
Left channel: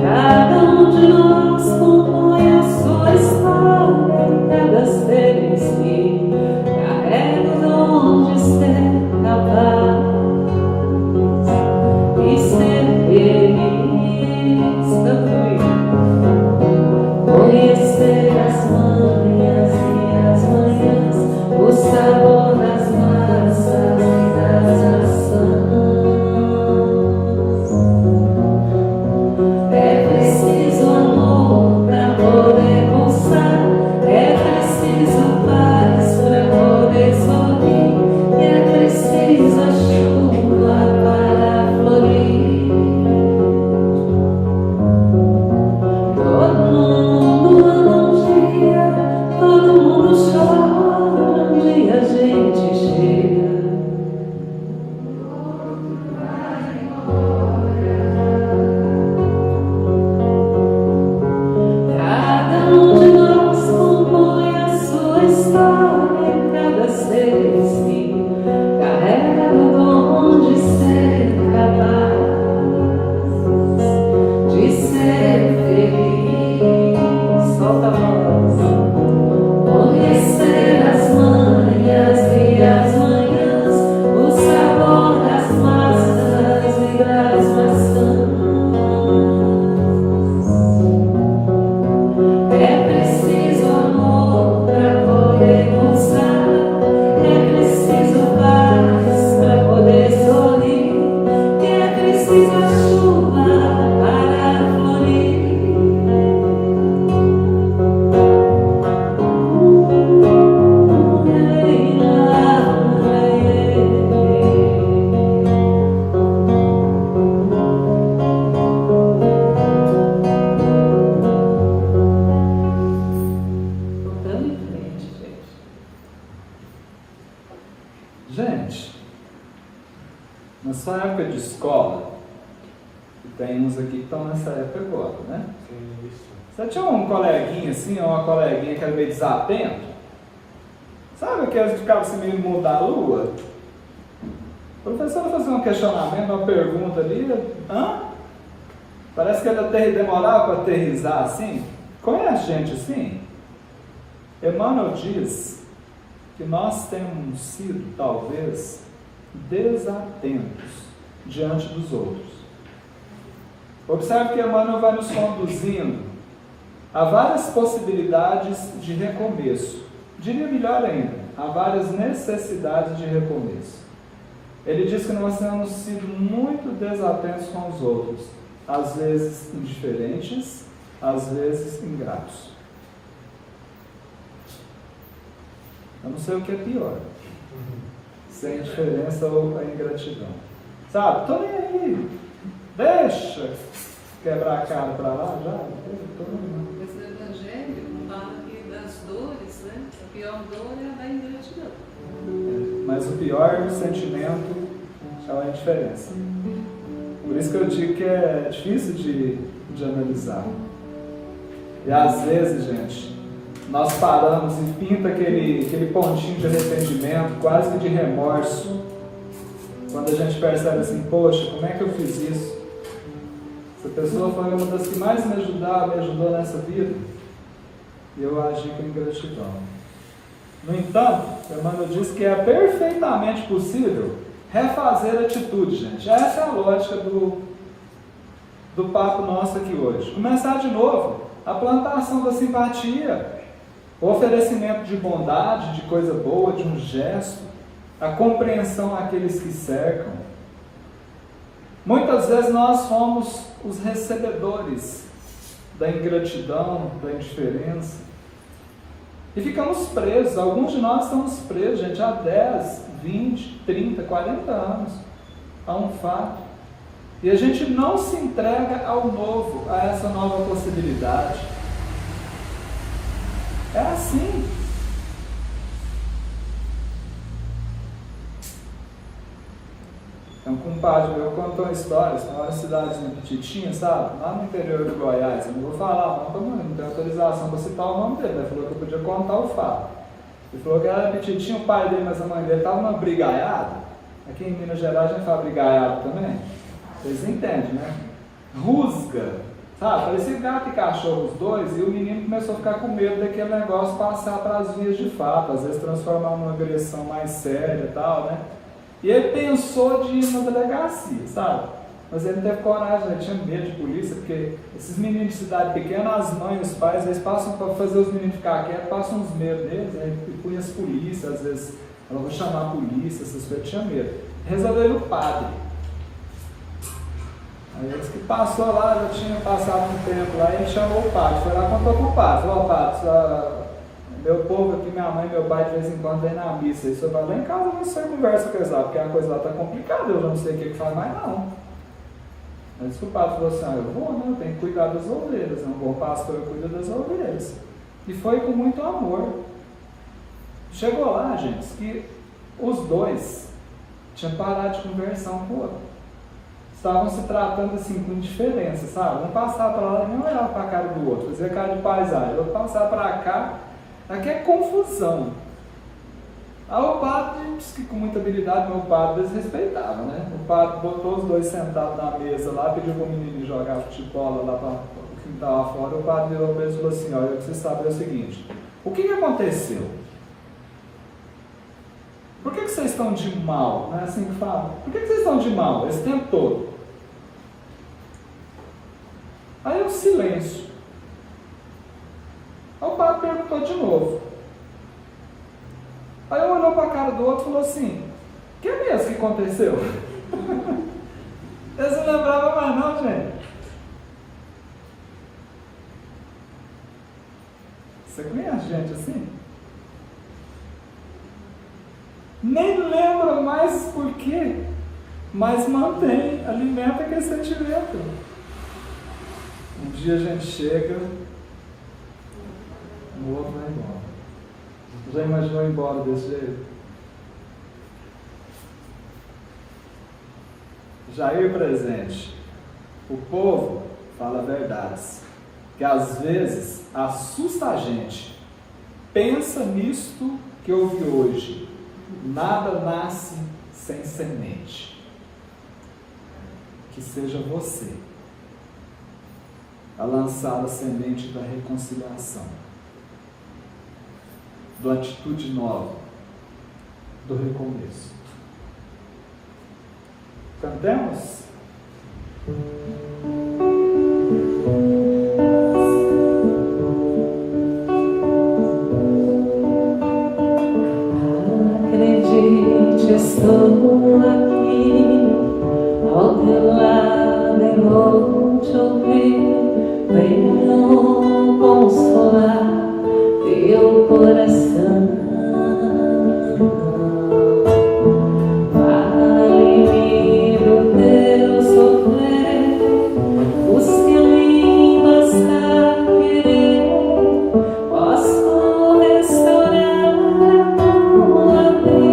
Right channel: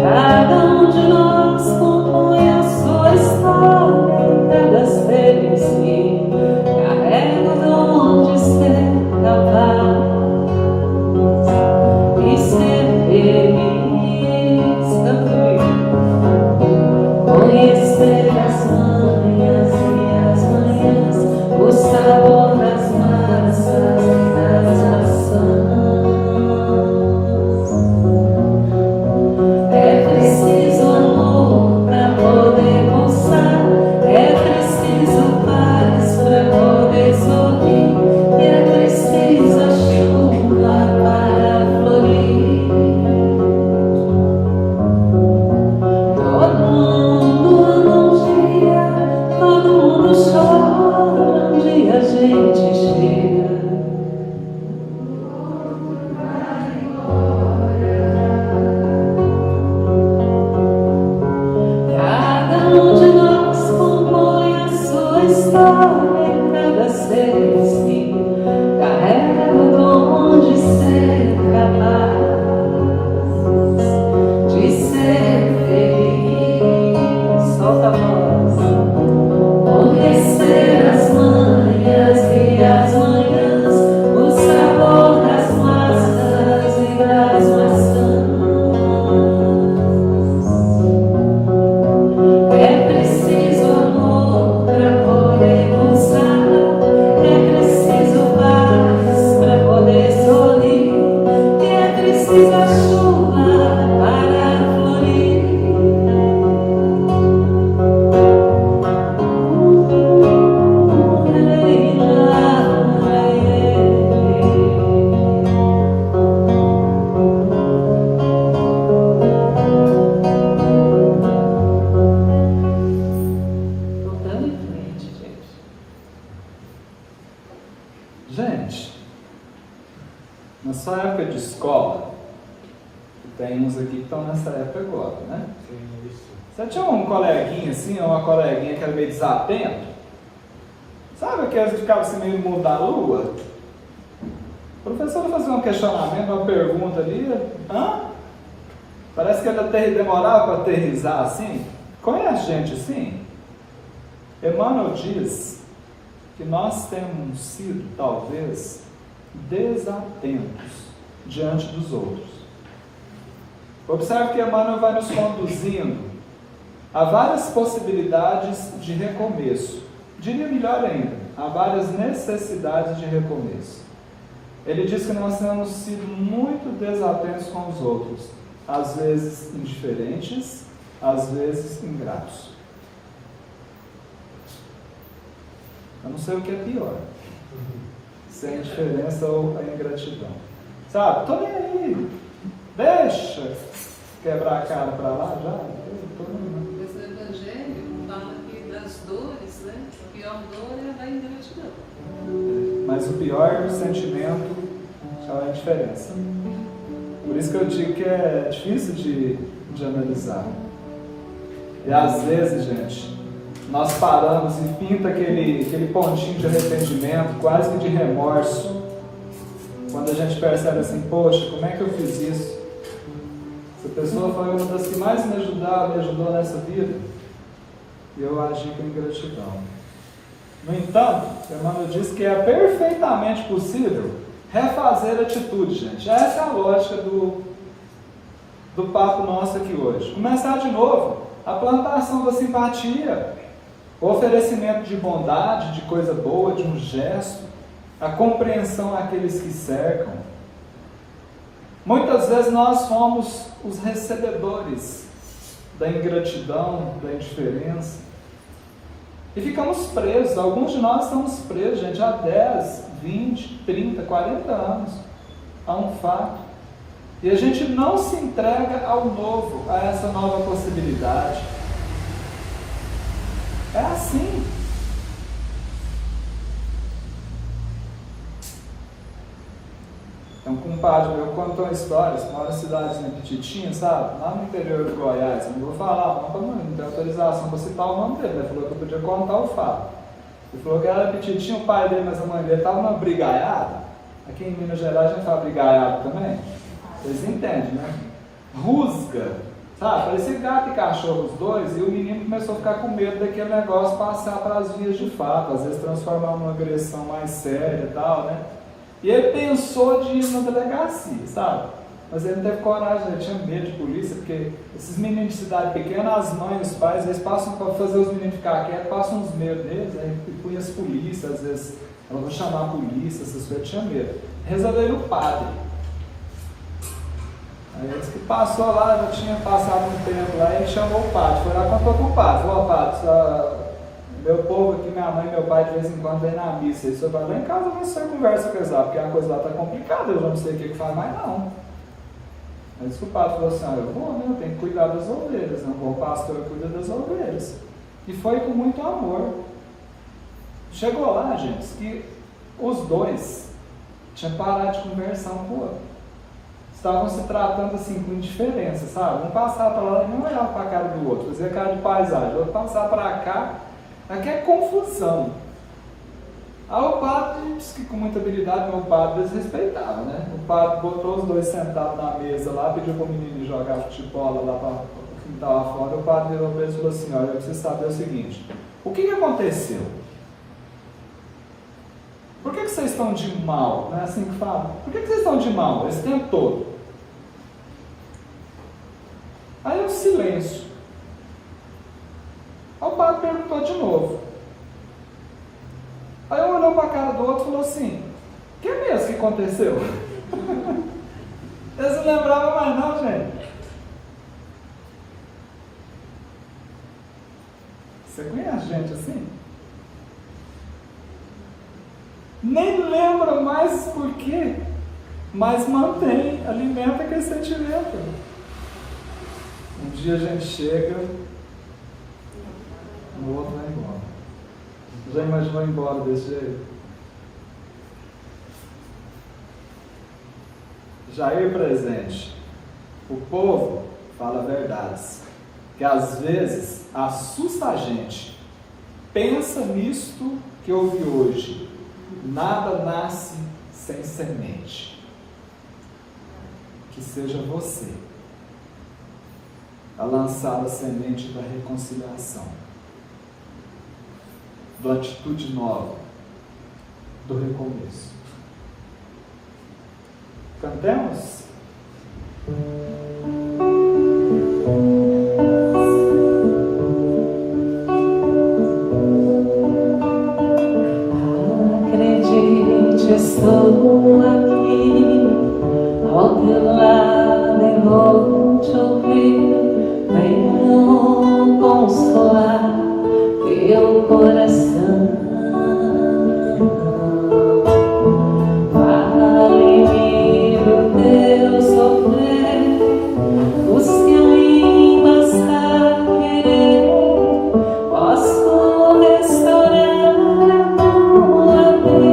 Cada um de nós compõe a sua história em pedaços e carrega onde ser capaz e ser feliz. Conhecer as manhas e as manhãs, o sabor das massas e das maçãs. É preciso amor pra poder pulsar, é preciso paz pra poder sorrir, e é preciso a chuva para florir. Todo mundo num dia, todo mundo chora, um dia a gente chega. Cada um de nós compõe a sua história em pedaços e carrega o dom de ser capaz de ser feliz. Solta a voz. Conhecer as manhas e as manhãs, o sabor das massas e das maçãs. É preciso amor pra poder pulsar, é preciso paz pra poder sorrir, e é preciso a chuva para florir. Voltando em frente, gente. Gente, na sua época de escola, tem uns aqui que estão nessa época agora, né? Você tinha um coleguinha assim, ou uma coleguinha que era meio desatento? Sabe aqueles que ficavam assim meio no mundo da lua? A professora fazia um questionamento, uma pergunta ali, parece que ela demorava para aterrizar assim. Conhece gente assim? Emmanuel diz que nós temos sido, talvez, desatentos diante dos outros. Observe que Emmanuel vai nos conduzindo a várias possibilidades de recomeço. Diria melhor ainda, há várias necessidades de recomeço. Ele diz que nós temos sido muito desatentos com os outros, às vezes indiferentes, às vezes ingratos. Eu não sei o que é pior, se é a indiferença ou a ingratidão. Sabe, tô nem aí, deixa quebrar a cara para lá já. Mas o Evangelho fala que das dores, né, a pior dor é a da ingratidão. Mas o pior sentimento é a diferença. Por isso que eu digo que é difícil de analisar. E às vezes, gente, nós paramos e pinta aquele pontinho de arrependimento, quase que de remorso, quando a gente percebe assim, poxa, como é que eu fiz isso? Essa pessoa foi uma das que mais me ajudou nessa vida, e eu agi com ingratidão. No entanto, Emmanuel diz que é perfeitamente possível refazer a atitude, gente. Essa é a lógica do papo nosso aqui hoje. Começar de novo. A plantação da simpatia, o oferecimento de bondade, de coisa boa, de um gesto, a compreensão àqueles que cercam. Muitas vezes nós somos os recebedores da ingratidão, da indiferença. E ficamos presos. Alguns de nós estamos presos, gente, há 10, 20, 30, 40 anos a um fato. E a gente não se entrega ao novo, a essa nova possibilidade. É assim. Um compadre meu contou histórias com uma cidadezinha petitinha, sabe? Lá no interior de Goiás. Eu não vou falar, mas como não tem autorização para citar o nome dele, ele falou que eu podia contar o fato. Ele falou que era petitinho, o pai dele, mas a mãe dele estava numa brigaiada. Aqui em Minas Gerais a gente fala brigaiada também. Vocês entendem, né? Rusga, sabe? Esse gato e cachorro, os dois, e o menino começou a ficar com medo daquele negócio passar para as vias de fato, às vezes transformar numa agressão mais séria e tal, né? E ele pensou de ir na delegacia, sabe? Mas ele não teve coragem, ele tinha medo de polícia, porque esses meninos de cidade pequena, as mães, os pais, eles passam para fazer os meninos ficar quietos, passam uns medos deles, né? E conhece polícia, às vezes, eu vou chamar a polícia, essas coisas, tinha medo. Resolveu o padre. Aí disse que passou lá, já tinha passado um tempo lá, e ele chamou o padre, foi lá e contou com o padre. Falou, padre, meu povo aqui, minha mãe e meu pai de vez em quando vem na missa, e se eu vou lá em casa, não sei conversa com eles lá, porque a coisa lá está complicada, eu já não sei o que faz mais não. Mas o padre falou assim, eu vou, né? Tem que cuidar das ovelhas, não vou, o pastor cuida das ovelhas. E foi com muito amor. Chegou lá, gente, que os dois tinham parado de conversar um com o outro. Estavam se tratando assim com indiferença, sabe? Um passava para lá e não olhava para a cara do outro, fazia cara de paisagem, o outro passava para cá, aqui é confusão. Aí o padre disse que com muita habilidade, meu padre desrespeitava, né? O padre botou os dois sentados na mesa lá, pediu para o menino jogar futebol lá para quem estava lá fora. O padre virou para eles e falou assim, olha, eu preciso saber o seguinte, o que aconteceu? Por que vocês estão de mal? Não é assim que fala? Por que vocês estão de mal esse tempo todo? Aí um silêncio. O padre perguntou de novo. Aí um olhou para a cara do outro e falou assim, que é mesmo que aconteceu? Eles não lembravam mais não, gente. Você conhece gente assim? Nem lembra mais por quê, mas mantém, alimenta aquele sentimento. Um dia a gente chega, no outro vai embora. Já imaginou ir embora desse jeito? Jair presente. O povo fala verdades, que às vezes assusta a gente. Pensa nisto que ouvi hoje. Nada nasce sem semente. Que seja você a lançar a semente da reconciliação, da atitude nova, do recomeço. Cantemos? Acredite, estou aqui. lado e vou te ouvir. Venho consolar teu coração. Fale-me do teu sofrer, os que em passar querer, posso restaurar a tua vida.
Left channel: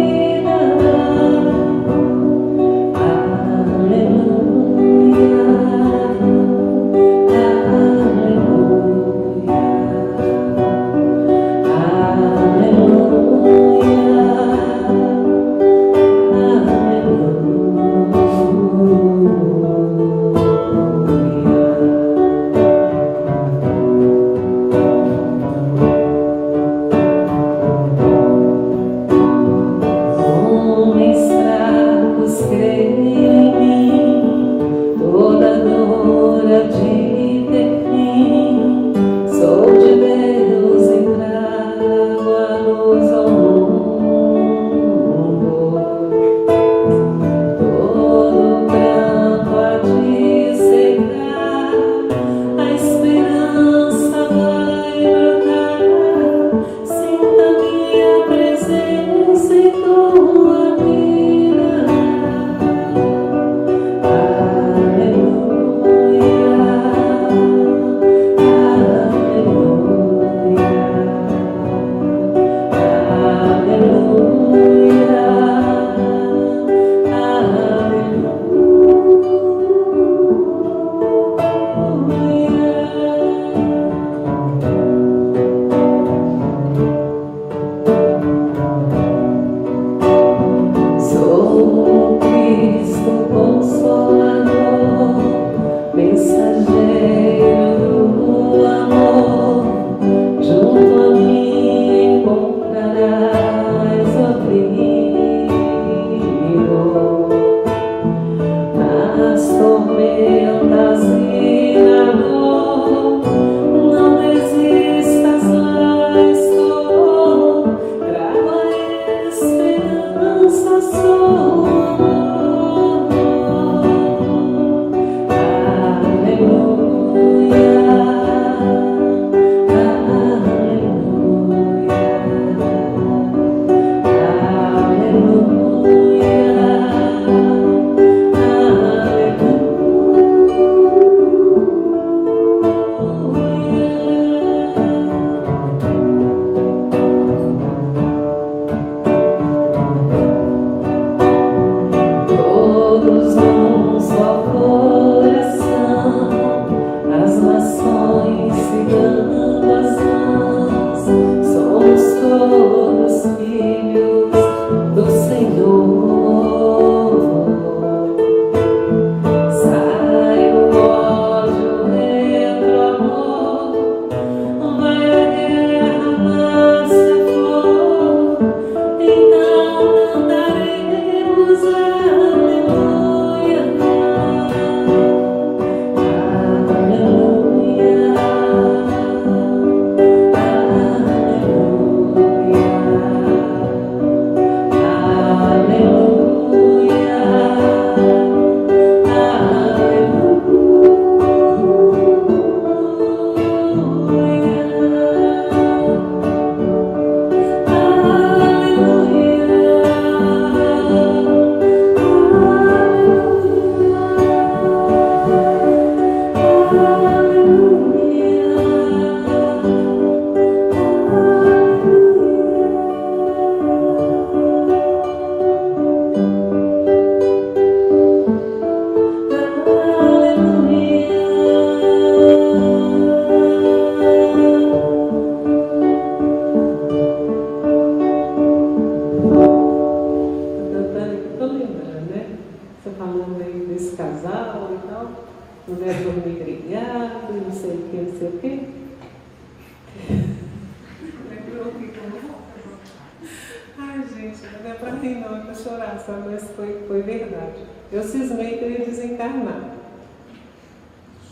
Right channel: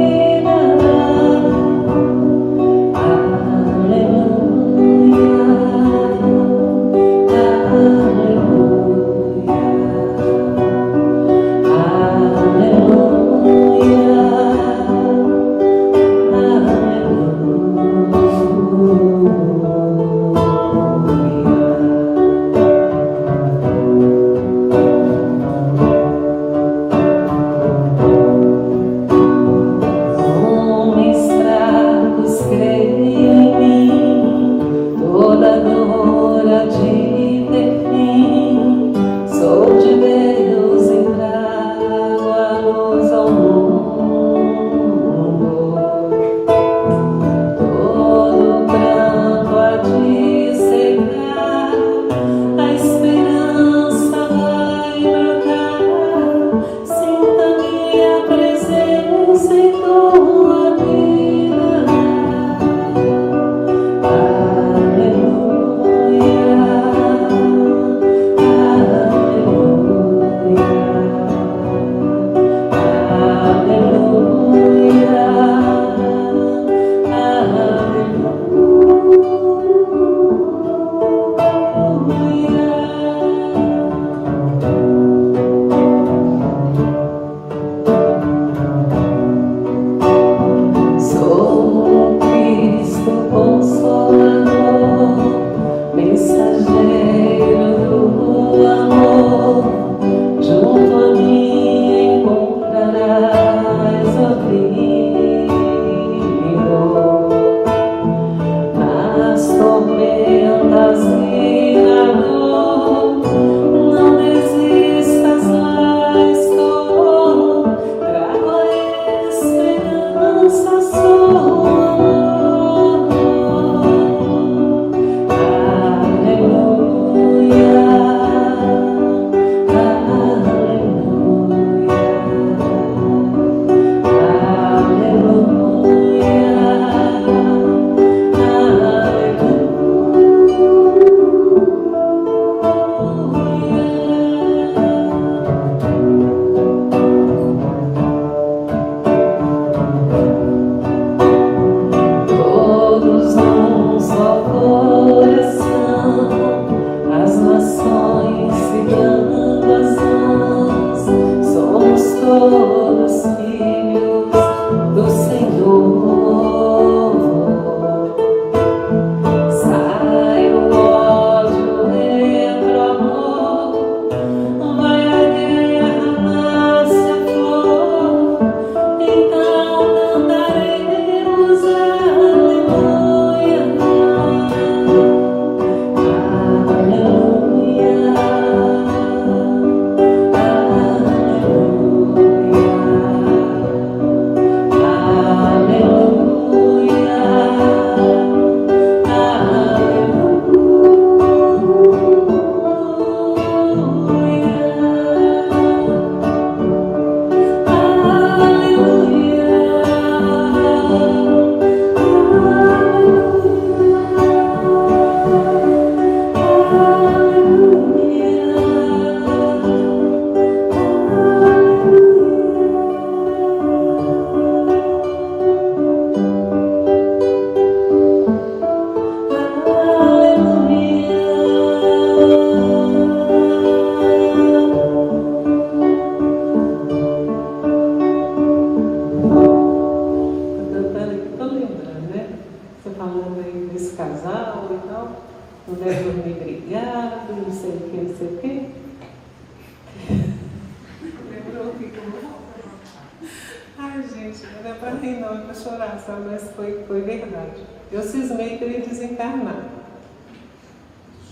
Foi verdade. Eu cismei que ele ia desencarnar.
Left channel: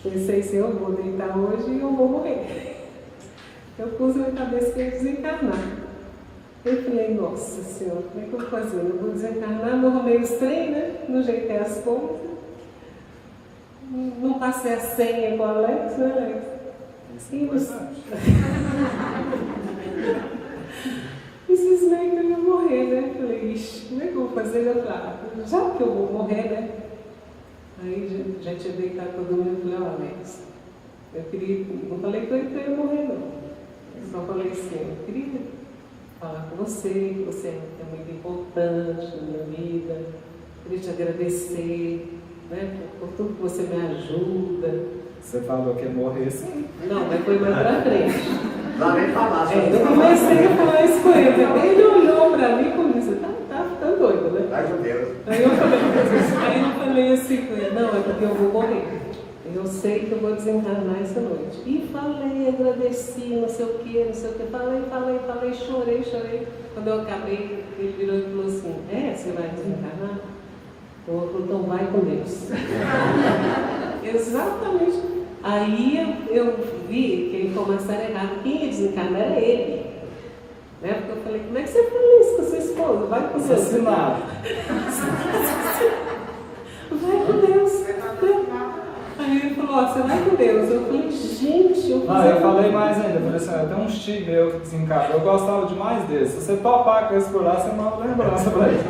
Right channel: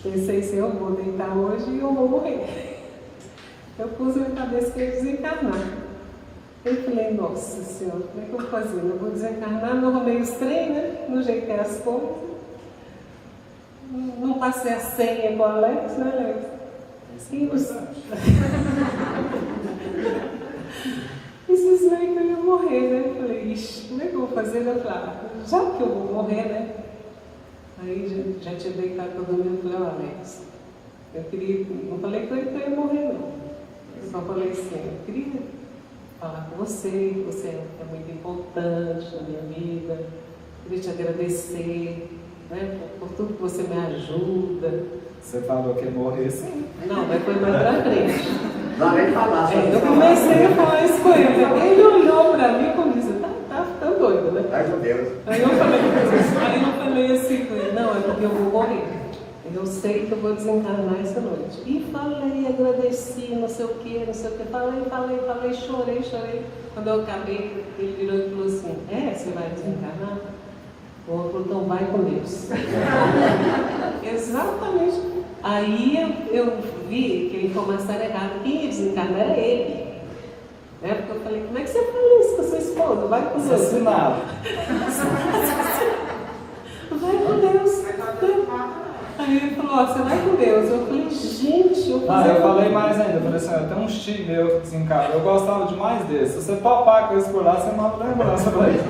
Pensei assim, eu vou deitar hoje e eu vou morrer. Eu pus na cabeça que ia desencarnar. Eu falei, nossa senhora, como é que eu vou fazer? Eu vou desencarnar, não arrumei os trem, né? Não jeitei as pontas. passei a senha com o Alex, né, Alex? E cismei que eu ia morrer, né? Eu falei, ixi, como é que eu vou fazer? Eu falei, já que eu vou morrer, né? Aí já tinha deitado para dormir, eu falei, Alex, não falei que eu ia morrer, não. Eu só falei assim, eu queria falar com você, que você é muito importante na minha vida, queria te agradecer, né, por tudo que você me ajuda. Você falou que ia morrer sim. Não, mas foi mais pra frente. Não, nem falar. Eu comecei a falar isso com ele, ele olhou pra mim como disse, tá ficando doido, né? Ai, meu Deus. Aí eu falei assim com ele, não, é porque eu vou morrer. Eu sei que eu vou desencarnar essa noite. E falei, agradeci, não sei o que, falei, chorei. Quando eu acabei, ele virou e falou assim, você vai desencarnar? O outro, então vai com Deus. Exatamente. Aí eu vi que ele foi uma história errada. Quem ia desencarnar era ele. Né? Porque eu falei, como é que você fez isso com sua esposa? Vai com Deus. Assassinado. Vai com Deus. Aí ele falou, você vai com Deus. Eu falei, gente, eu falei mais ainda, eu falei assim, tem um tio meu que desencarnou, eu gostava demais desse. Se você topar com esse por lá, você manda lembrança pra ele.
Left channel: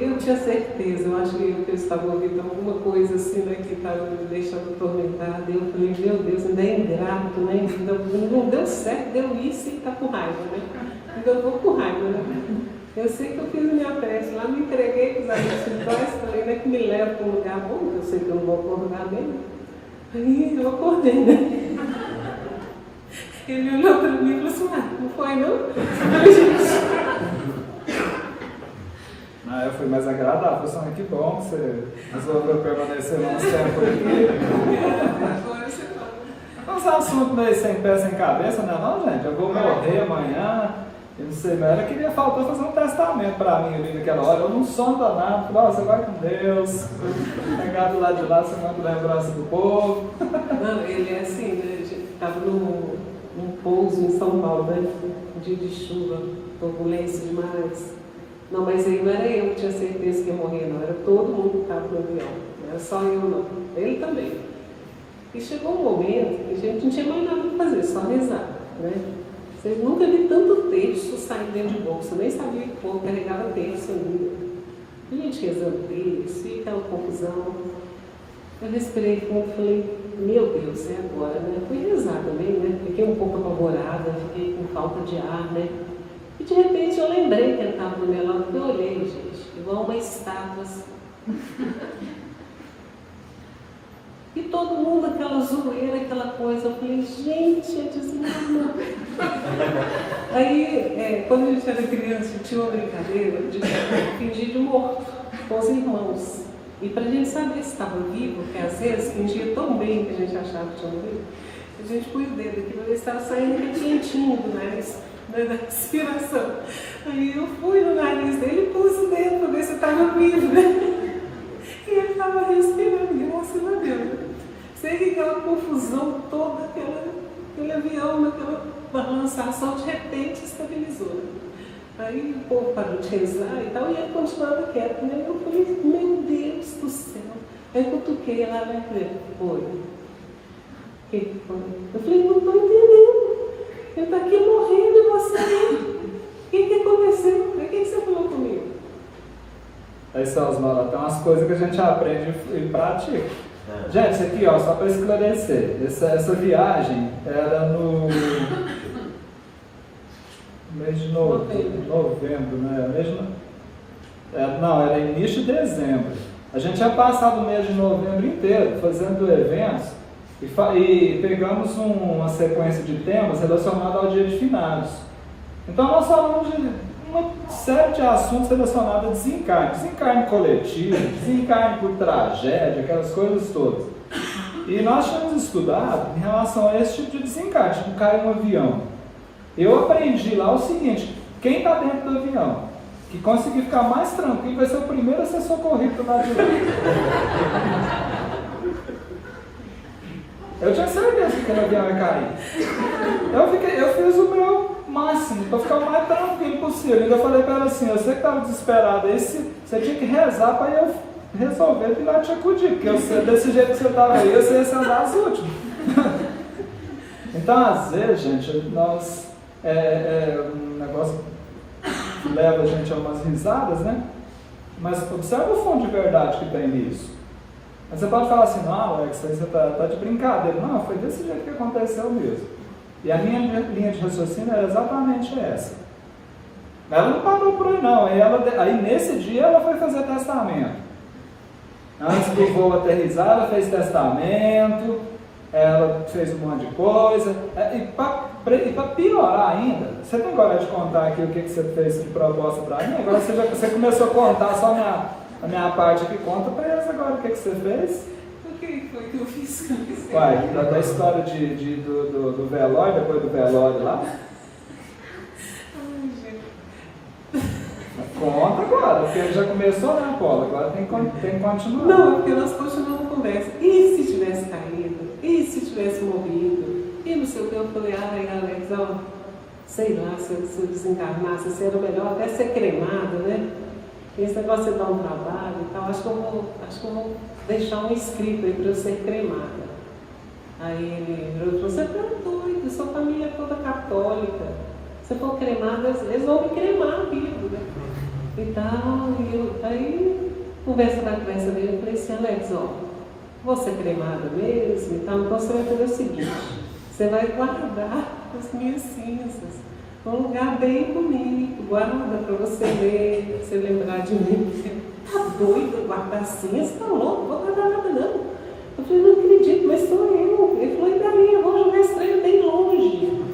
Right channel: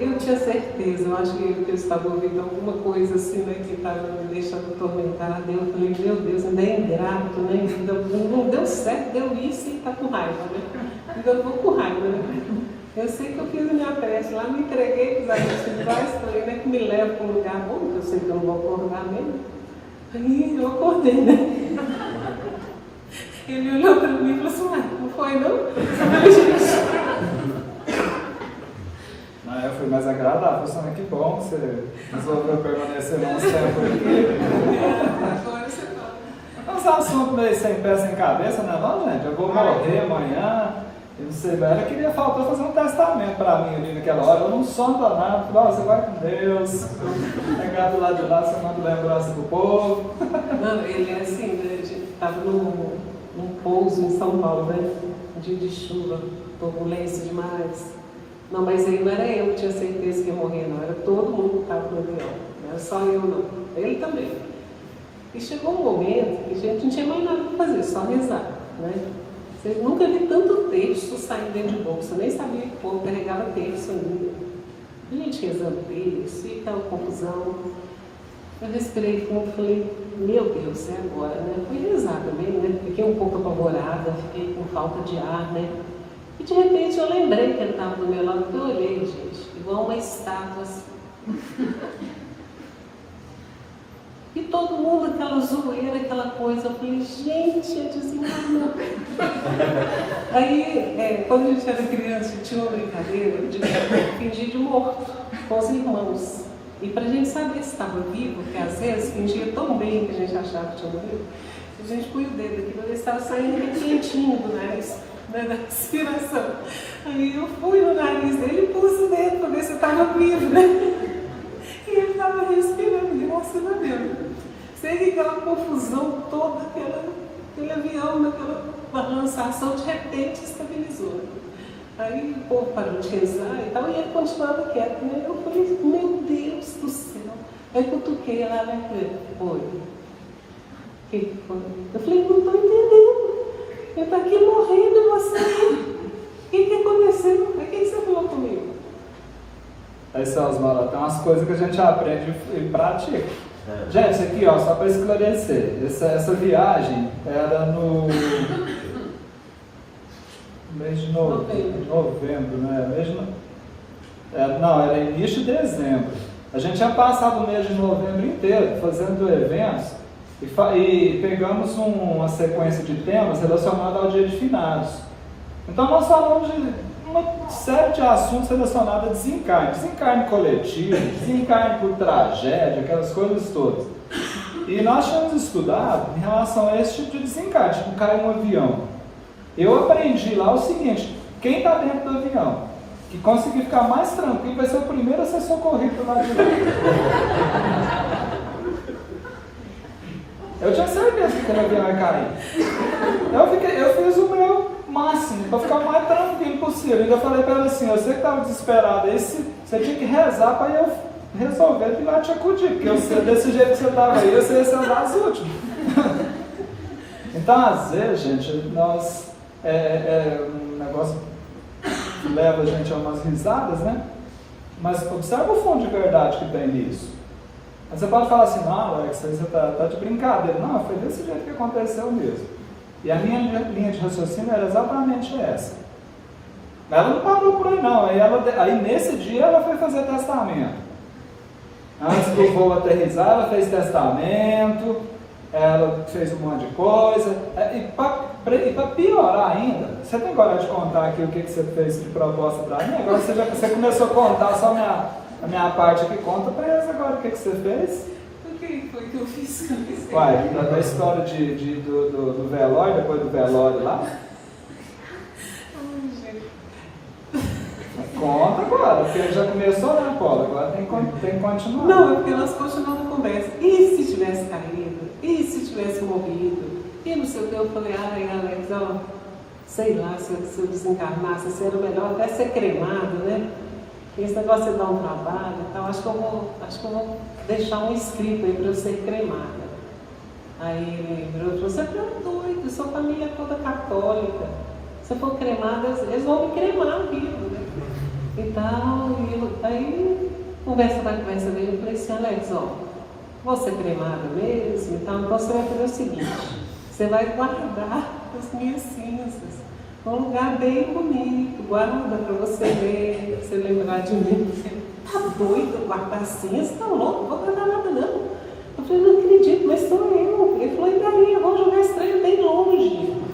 Eu tinha certeza, eu acho que eu estava ouvindo alguma coisa assim, né, que estava me deixando atormentada. Eu falei, meu Deus, ainda é ingrato, né? Não deu certo, deu isso e está com raiva, né? Então eu vou com raiva, né? Eu sei que eu fiz a minha prece lá, me entreguei para os amigos espirituais, falei, né, que me leva para um lugar bom, que eu sei que eu não vou acordar mesmo. Aí eu acordei, né? Ele olhou para mim e falou assim, não foi não? Eu fui mais agradável, falei, que bom que você resolveu permanecer no tempo aqui. Mas é um assunto meio sem pé, sem cabeça, né? Não, gente, eu vou morrer amanhã, e não sei, ela queria, faltou fazer um testamento para mim ali naquela hora. Eu não sou danado, você vai com Deus, pegar do lado de lá, você manda lembrança pro povo. Não, ele é assim, né? A gente estava num pouso em São Paulo, né? Um dia de chuva, turbulência demais. Não, mas aí não era eu que tinha certeza que ia morrer, não. Era todo mundo que estava no avião. Não era só eu, não. Ele também. E chegou um momento que a gente não tinha mais nada para fazer, só rezar, né? Você nunca vi tanto texto saindo dentro de bolsa, nem sabia que o povo carregava texto ainda. A gente rezando texto, e aquela confusão. Eu respirei fundo e falei, meu Deus, é agora, né? Eu fui rezar também, né? Fiquei um pouco apavorada, fiquei com falta de ar, né? E de repente eu lembrei que ele estava do meu lado, eu olhei, gente, igual uma estátua assim. E todo mundo, aquela zoeira, aquela coisa, eu falei, gente, é desencarnou. Aí, quando a gente era criança, tinha uma brincadeira de fingir de morto com os irmãos. E para a gente saber se estava vivo, porque às vezes fingia tão bem que a gente achava que tinha vivo, a gente põe o dedo aqui para ver se estava saindo bem quentinho do nariz. Da respiração. Aí eu fui no nariz dele e pus o dedo para ver se estava vivo, né? E ele estava respirando, graças a Deus. Sei que aquela confusão toda, aquele avião, aquela balançação, de repente estabilizou. Aí o povo parou de rezar e tal, e ele continuava quieto, né? Eu falei, meu Deus do céu. Aí eu cutuquei lá, né? Foi. Que foi? Eu falei, não estou entendendo. Eu estou aqui morrendo e você. O que aconteceu? O que você falou comigo? Aí, Osmar, tem umas coisas que a gente aprende e pratica. Gente, isso aqui, ó, só para esclarecer, essa viagem era no mês de novembro, né? Não, era início de dezembro. A gente já passava o mês de novembro inteiro fazendo eventos e pegamos uma sequência de temas relacionados ao dia de finados. Então nós falamos de uma série de assuntos relacionados a desencarne coletivo, desencarne por tragédia, aquelas coisas todas. E nós tínhamos estudado em relação a esse tipo de desencarne, tipo cair no avião. Eu aprendi lá o seguinte, quem está dentro do avião, que conseguir ficar mais tranquilo, vai ser o primeiro a ser socorrido do lado de lá. Eu tinha certeza que aquele avião ia cair. Eu fiz o meu máximo para ficar o mais tranquilo possível. E eu falei para ela assim, você que estava desesperado, você tinha que rezar para eu resolver vir lá te acudir, porque você, desse jeito que você estava aí, você ia ser um das últimas. Então, às vezes, gente, nós um negócio que leva a gente a umas risadas, né? Mas observa o fundo de verdade que tem nisso. Você pode falar assim, não, Alex, aí você está de brincadeira. Não, foi desse jeito que aconteceu mesmo. E a minha linha de raciocínio era exatamente essa. Ela não parou por aí, não. Aí nesse dia ela foi fazer testamento. Antes do voo aterrissar, ela fez testamento, ela fez um monte de coisa. E para piorar ainda, você tem coragem de contar aqui o que você fez de proposta para mim? Agora você começou a contar só a minha parte aqui. Conta para eles agora o que você fez. O que foi que eu fiz? Uai, da história do velório, depois do velório lá. Conta agora, porque já começou, né, Paulo? Agora tem que continuar. Não, é porque nós continuamos a conversa. E se tivesse caído? E se tivesse morrido? E não sei o que, eu falei, Alex, ó, sei lá, se eu desencarnasse, seria melhor até ser cremado, né? Esse negócio de dar um trabalho, então acho que eu vou deixar um escrito aí para eu ser cremada. Aí ele virou e falou, você tá doido, sua família é toda católica. Se for cremada, eles vão me cremar vivo. Então, aí, conversa veio, eu falei assim, Alex, ó, vou ser cremada mesmo, então você vai fazer o seguinte, você vai guardar as minhas cinzas num lugar bem bonito, guarda para você ver, você lembrar de mim. Você tá doido, guardar cinzas? Tá louco, não vou guardar nada não. Eu falei, não acredito, mas sou eu. Ele falou, e daí, eu vou jogar esse trem bem longe.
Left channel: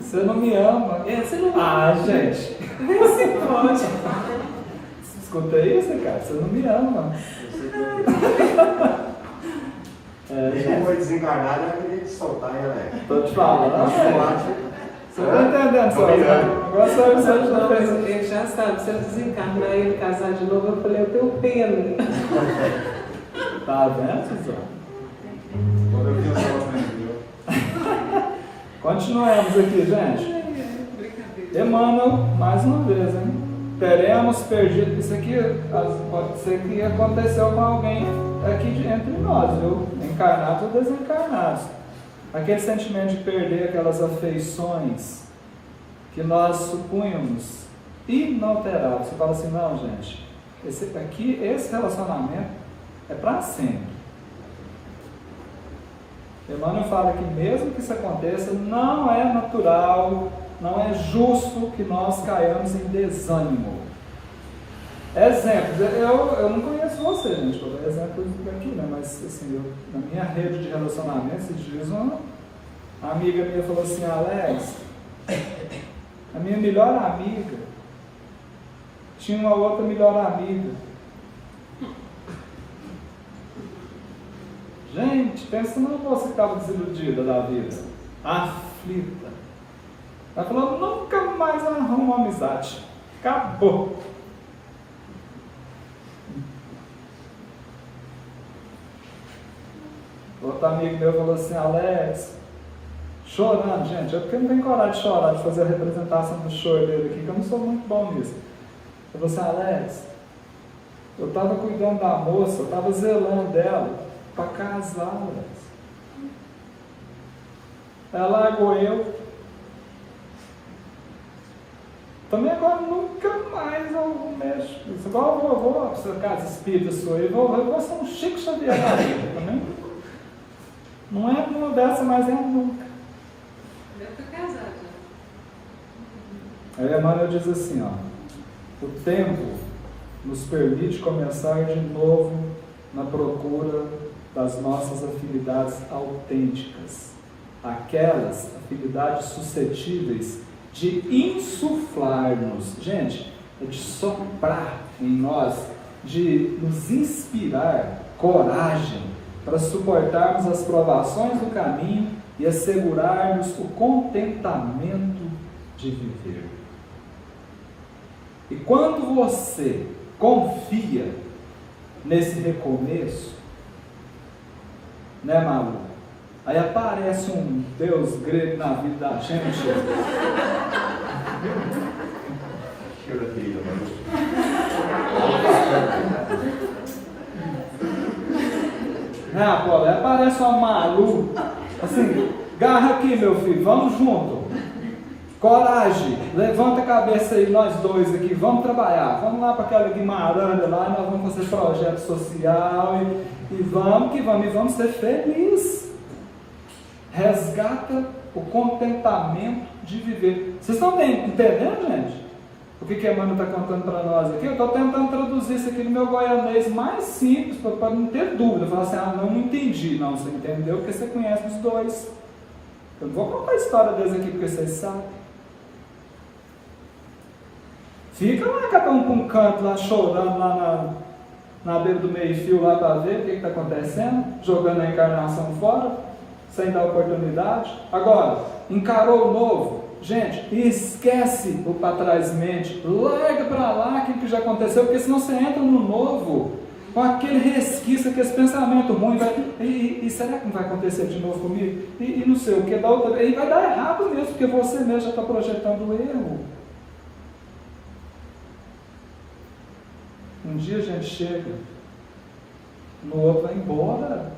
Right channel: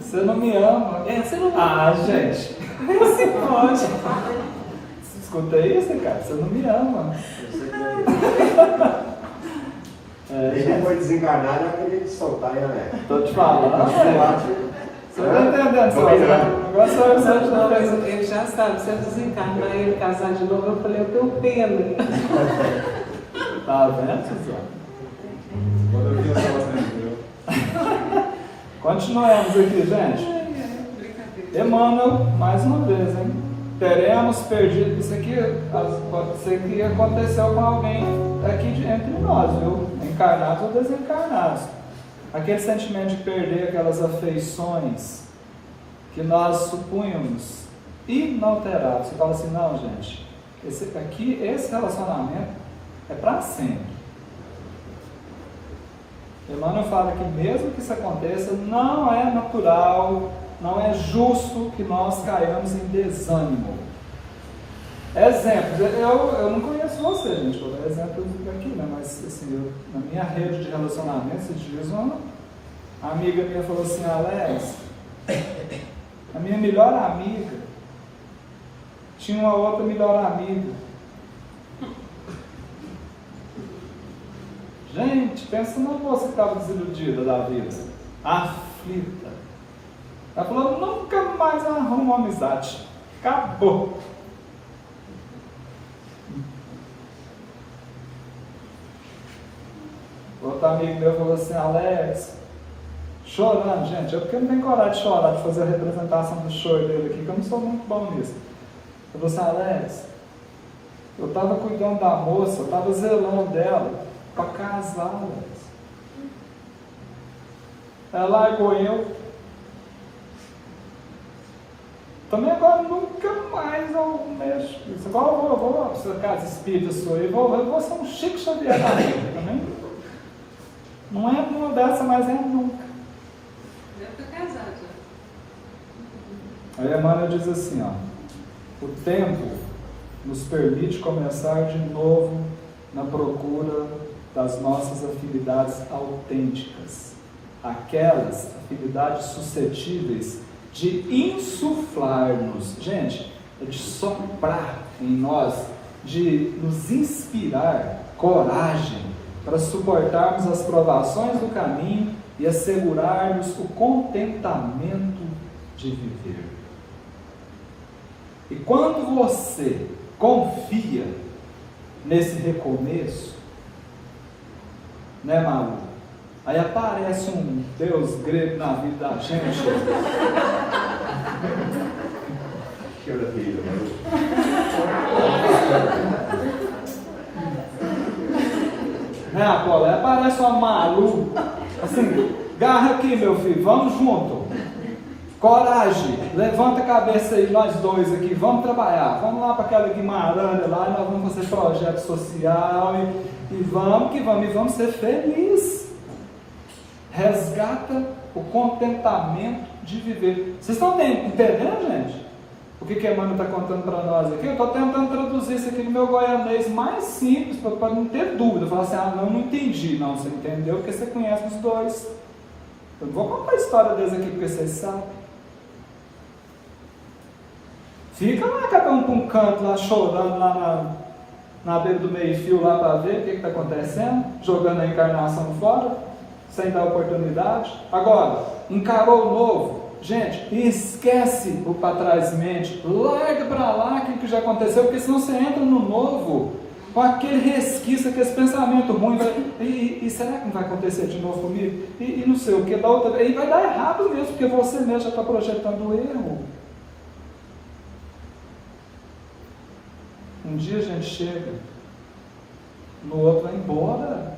Você não me ama. Você não me ama. Ah, gente. Você pode. Escuta isso, cara, você não me ama. Ele foi desencarnado e aquele soltar, né? Tô te falando. Você tá entendendo, Tô ligado. Agora você vai precisar de uma vez. Ele já sabe, se eu desencarnar e eu casar de novo, eu falei, eu tenho pena. Tá vendo, continuamos aqui, gente. Emmanuel, mais uma vez, hein? Teremos perdido. Isso aqui aconteceu com alguém aqui entre nós, viu? Encarnados ou desencarnados. Aquele sentimento de perder aquelas afeições que nós supunhamos inalteráveis. Você fala assim, não, gente, esse relacionamento é para sempre. Emmanuel fala que mesmo que isso aconteça, não é natural, não é justo que nós caiamos em desânimo. Exemplos, eu não conheço você, gente, vou dar exemplos aqui, né? Mas assim, na minha rede de relacionamento, esses dias uma amiga minha falou assim, Alex, a minha melhor amiga tinha uma outra melhor amiga. Gente, pensa numa moça que estava desiludida da vida, aflita. Ela falou, nunca mais arrumo uma amizade. Acabou. Outro amigo meu falou assim, Alex, chorando, gente, eu porque não tenho coragem de chorar, de fazer a representação do choro dele aqui, que eu não sou muito bom nisso. Ele falou assim, Alex, eu estava cuidando da moça, eu estava zelando dela para casar, Alex. Ela largou eu. Também agora nunca mais eu mexo. Igual eu vou para essa casa espírita sua aí, eu vou ser um Chico Xavier também. Não é mudança, mas é nunca. Deve estar casado já. Aí Emmanuel diz assim, ó, o tempo nos permite começar de novo na procura das nossas afinidades autênticas, aquelas afinidades suscetíveis de insuflar-nos, gente, é de soprar em nós, de nos inspirar coragem para suportarmos as provações do caminho e assegurarmos o contentamento de viver. E quando você confia nesse recomeço, né, Mauro? Aí aparece um Deus grego na vida da gente. Ah, pô, parece um maluco. Assim, garra aqui, meu filho, vamos junto. Coragem, levanta a cabeça aí, nós dois aqui, vamos trabalhar. Vamos lá para aquela Guimarães, lá nós vamos fazer projeto social e vamos que vamos, e vamos ser felizes. Resgata o contentamento de viver. Vocês estão entendendo, gente? O que a Emmanuel está contando para nós aqui? Eu estou tentando traduzir isso aqui no meu goianês mais simples, para não ter dúvida. Falar assim, não entendi. Não, você entendeu porque você conhece os dois. Eu não vou contar a história deles aqui porque vocês sabem. Fica lá cada um para um canto, lá chorando, lá na beira do meio-fio, lá para ver o que está acontecendo, jogando a encarnação fora, sem dar oportunidade. Agora, encarou o novo, gente, esquece o para trás mente, larga para lá aquilo que já aconteceu, porque senão você entra no novo, com aquele resquício, aquele pensamento ruim, e será que não vai acontecer de novo comigo? E não sei o que, da outra vez, e vai dar errado mesmo, porque você mesmo já está projetando o erro. Um dia a gente chega, no outro vai embora.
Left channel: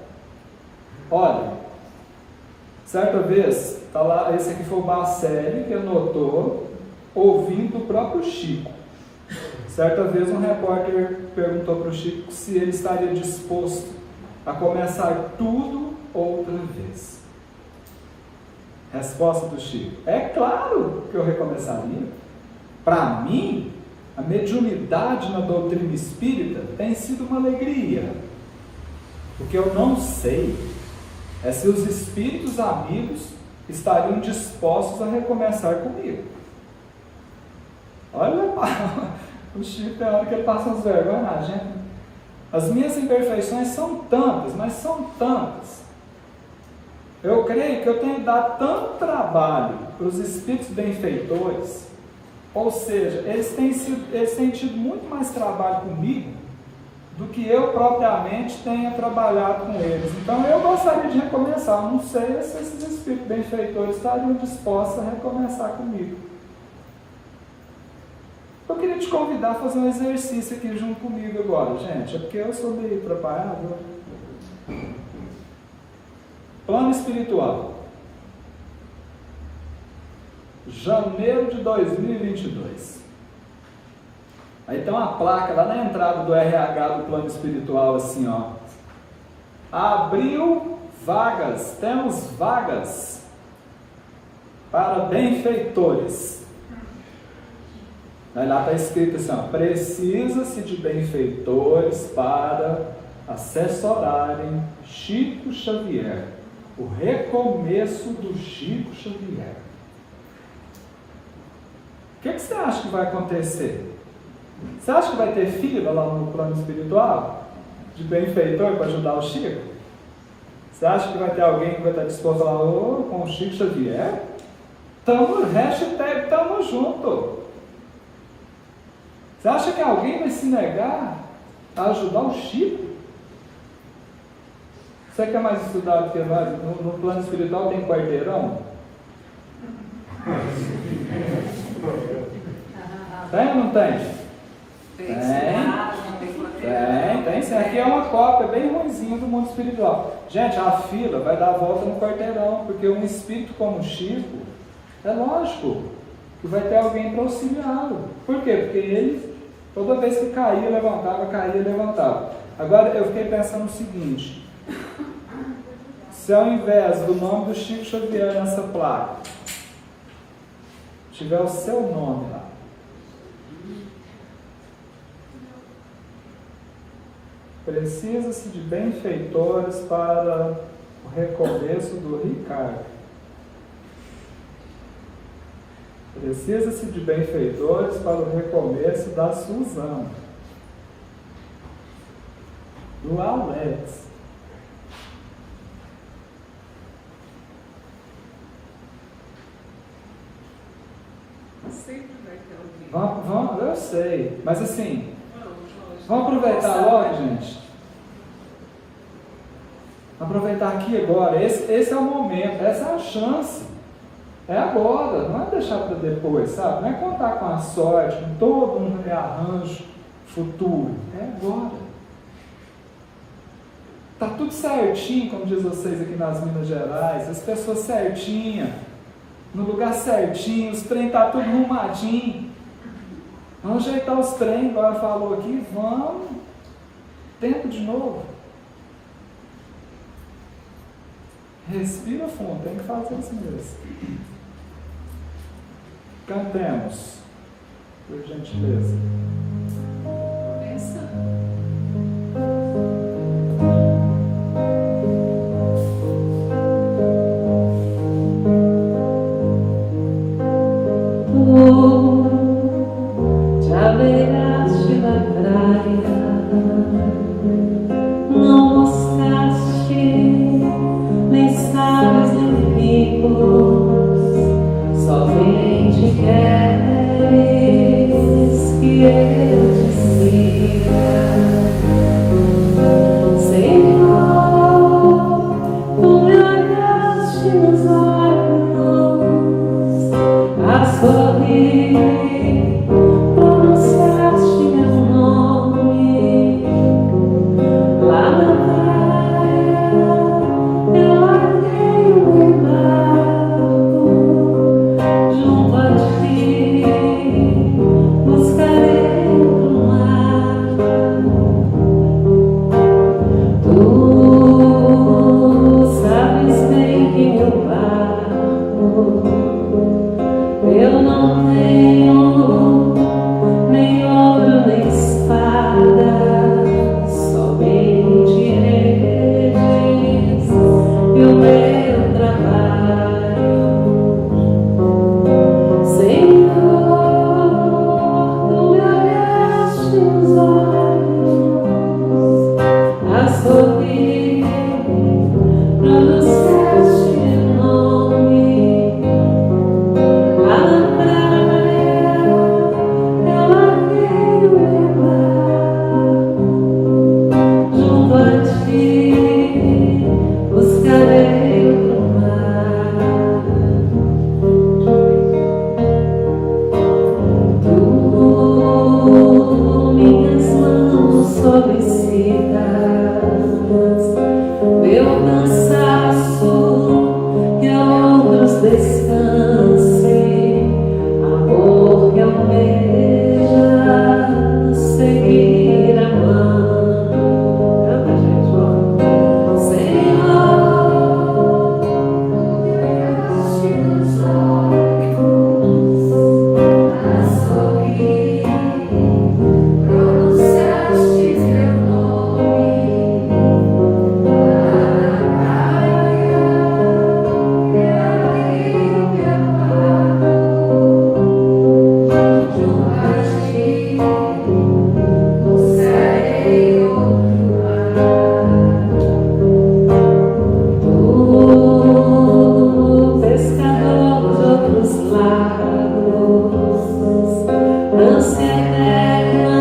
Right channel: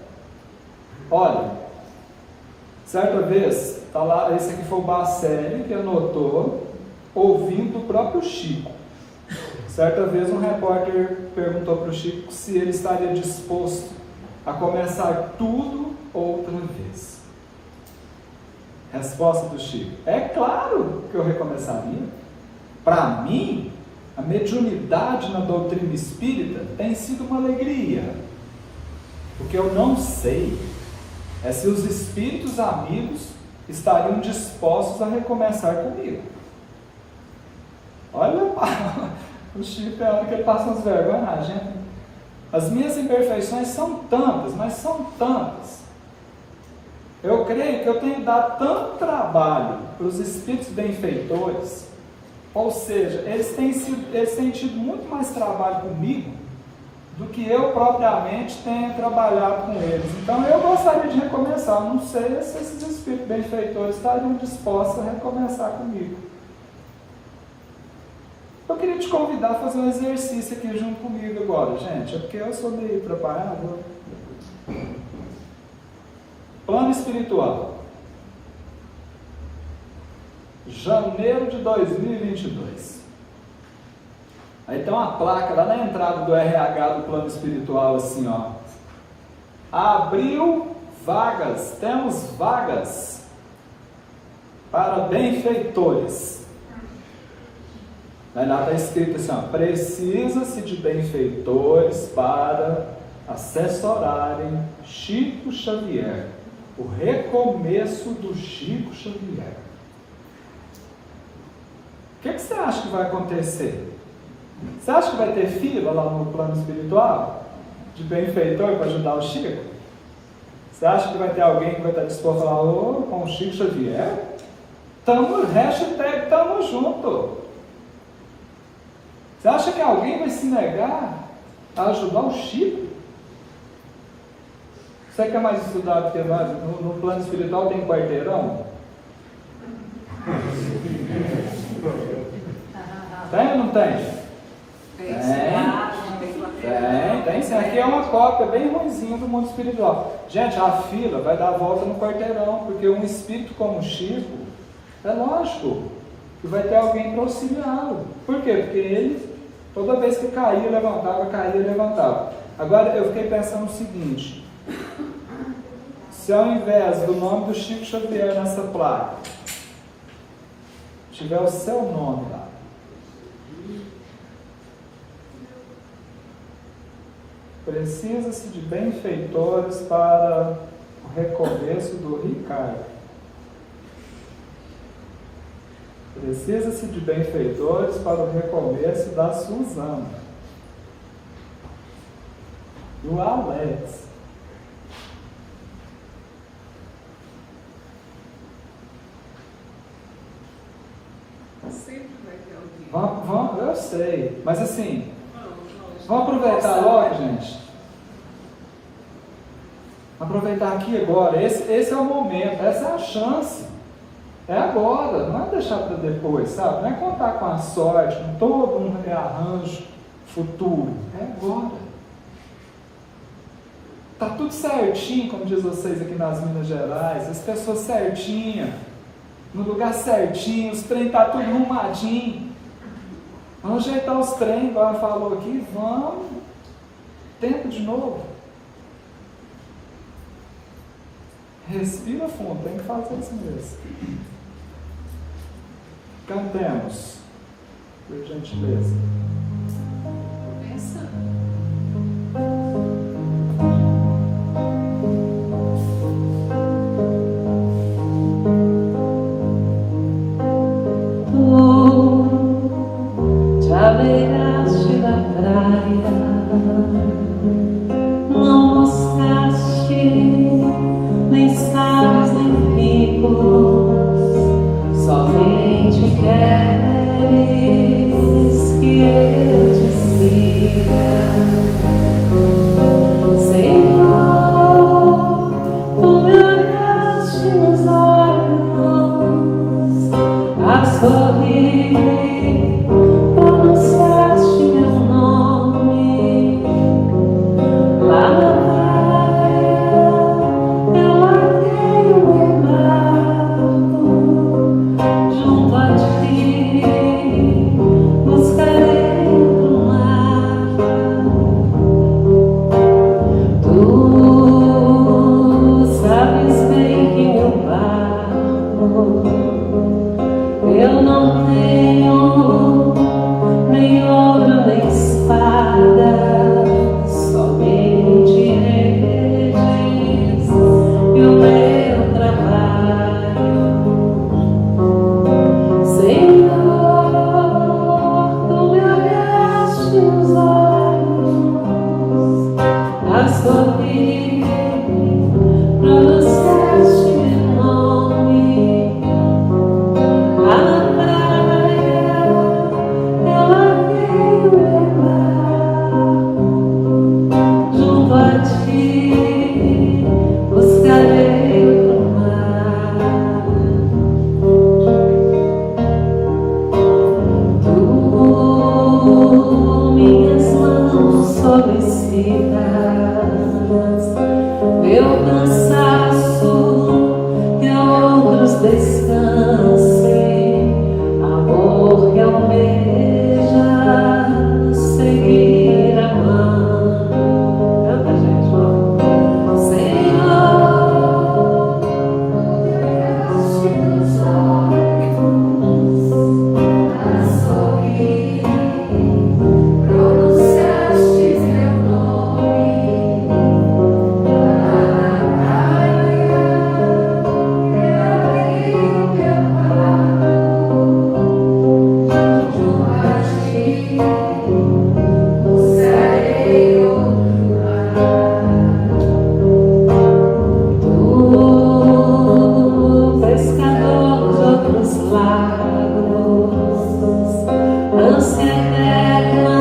Olha, certa vez, tá lá, esse aqui foi o Bacelli que anotou, ouvindo o próprio Chico. Certa vez um repórter perguntou para o Chico se ele estaria disposto a começar tudo outra vez. Resposta do Chico: é claro que eu recomeçaria. Para mim, a mediunidade na doutrina espírita tem sido uma alegria. O que eu não sei é se os espíritos amigos estariam dispostos a recomeçar comigo. Olha, o Chico falando que ele passa as vergonhas, gente. As minhas imperfeições são tantas, mas são tantas. Eu creio que eu tenho dado tanto trabalho para os espíritos benfeitores. Ou seja, eles têm tido muito mais trabalho comigo do que eu propriamente tenha trabalhado com eles. Então eu gostaria de recomeçar. Eu não sei se esses espíritos benfeitores estariam dispostos a recomeçar comigo. Eu queria te convidar a fazer um exercício aqui junto comigo agora, gente. É porque eu sou meio preparado. Plano espiritual. Janeiro de 2022. Aí tem uma placa lá na entrada do RH do plano espiritual assim, ó. Abriu vagas, temos vagas para benfeitores. Aí lá está escrito assim, ó, precisa-se de benfeitores para assessorarem Chico Xavier, o recomeço do Chico Xavier. O que você acha que vai acontecer? Você acha que vai ter fila lá no plano espiritual? De benfeitor para ajudar o Chico? Você acha que vai ter alguém que vai estar disposto a falar com o Chico Xavier? Tamo junto. Você acha que alguém vai se negar a ajudar o Chico? Você quer mais estudado que mais? No plano espiritual tem quarteirão? Tem ou não tem? Tem. Sim. Aqui é uma cópia bem ruimzinha do mundo espiritual. Gente, a fila vai dar a volta no quarteirão, porque um espírito como o Chico, é lógico que vai ter alguém para auxiliá-lo. Por quê? Porque ele, toda vez que caía, levantava. Agora eu fiquei pensando o seguinte: se ao invés do nome do Chico Xavier nessa placa tiver o seu nome lá, precisa-se de benfeitores para o recomeço do Ricardo. Precisa-se de benfeitores para o recomeço da Suzana. Do Alex. Sempre vai ter alguém. Vamos, eu sei, mas assim, vamos aproveitar logo, gente. Aproveitar aqui agora. Esse é o momento, essa é a chance. É agora, não é deixar para depois, sabe? Não é contar com a sorte, com todo um rearranjo futuro. É agora. Tá tudo certinho, como diz vocês aqui nas Minas Gerais, as pessoas certinhas, no lugar certinho, os trem tá tudo arrumadinho. Vamos ajeitar os trem, igual falou aqui, vamos. Tempo de novo. Respira fundo, tem que fazer assim mesmo. Cantemos, por gentileza. Já beiraste na praia, não buscaste nem sábios nem ricos, somente queres que eu te siga. Senhor, tu me olhaste nos olhos a sorrir. Pronunciaste meu nome lá na praia, eu larguei o meu barco junto a ti, buscarei o mar. Tu sabes bem que meu barco eu não tenho nem ouro nem espada, somente redes e o meu trabalho. Senhor, tu me olhaste nos olhos a sorrir, pronunciaste meu nome lá na praia, eu larguei o meu barco junto a ti, buscarei o mar. Tu minhas mãos solicitas, meu cansaço que a outros descanse, amor que almeja seguir amando. Canta, gente, ó. Senhor, olhaste nos olhos a sorrir, pronunciaste meu nome lá na praia, eu larguei o meu barco junto a ti, buscarei outro mar. Tu, pescador de outros lagos, ânsia eterna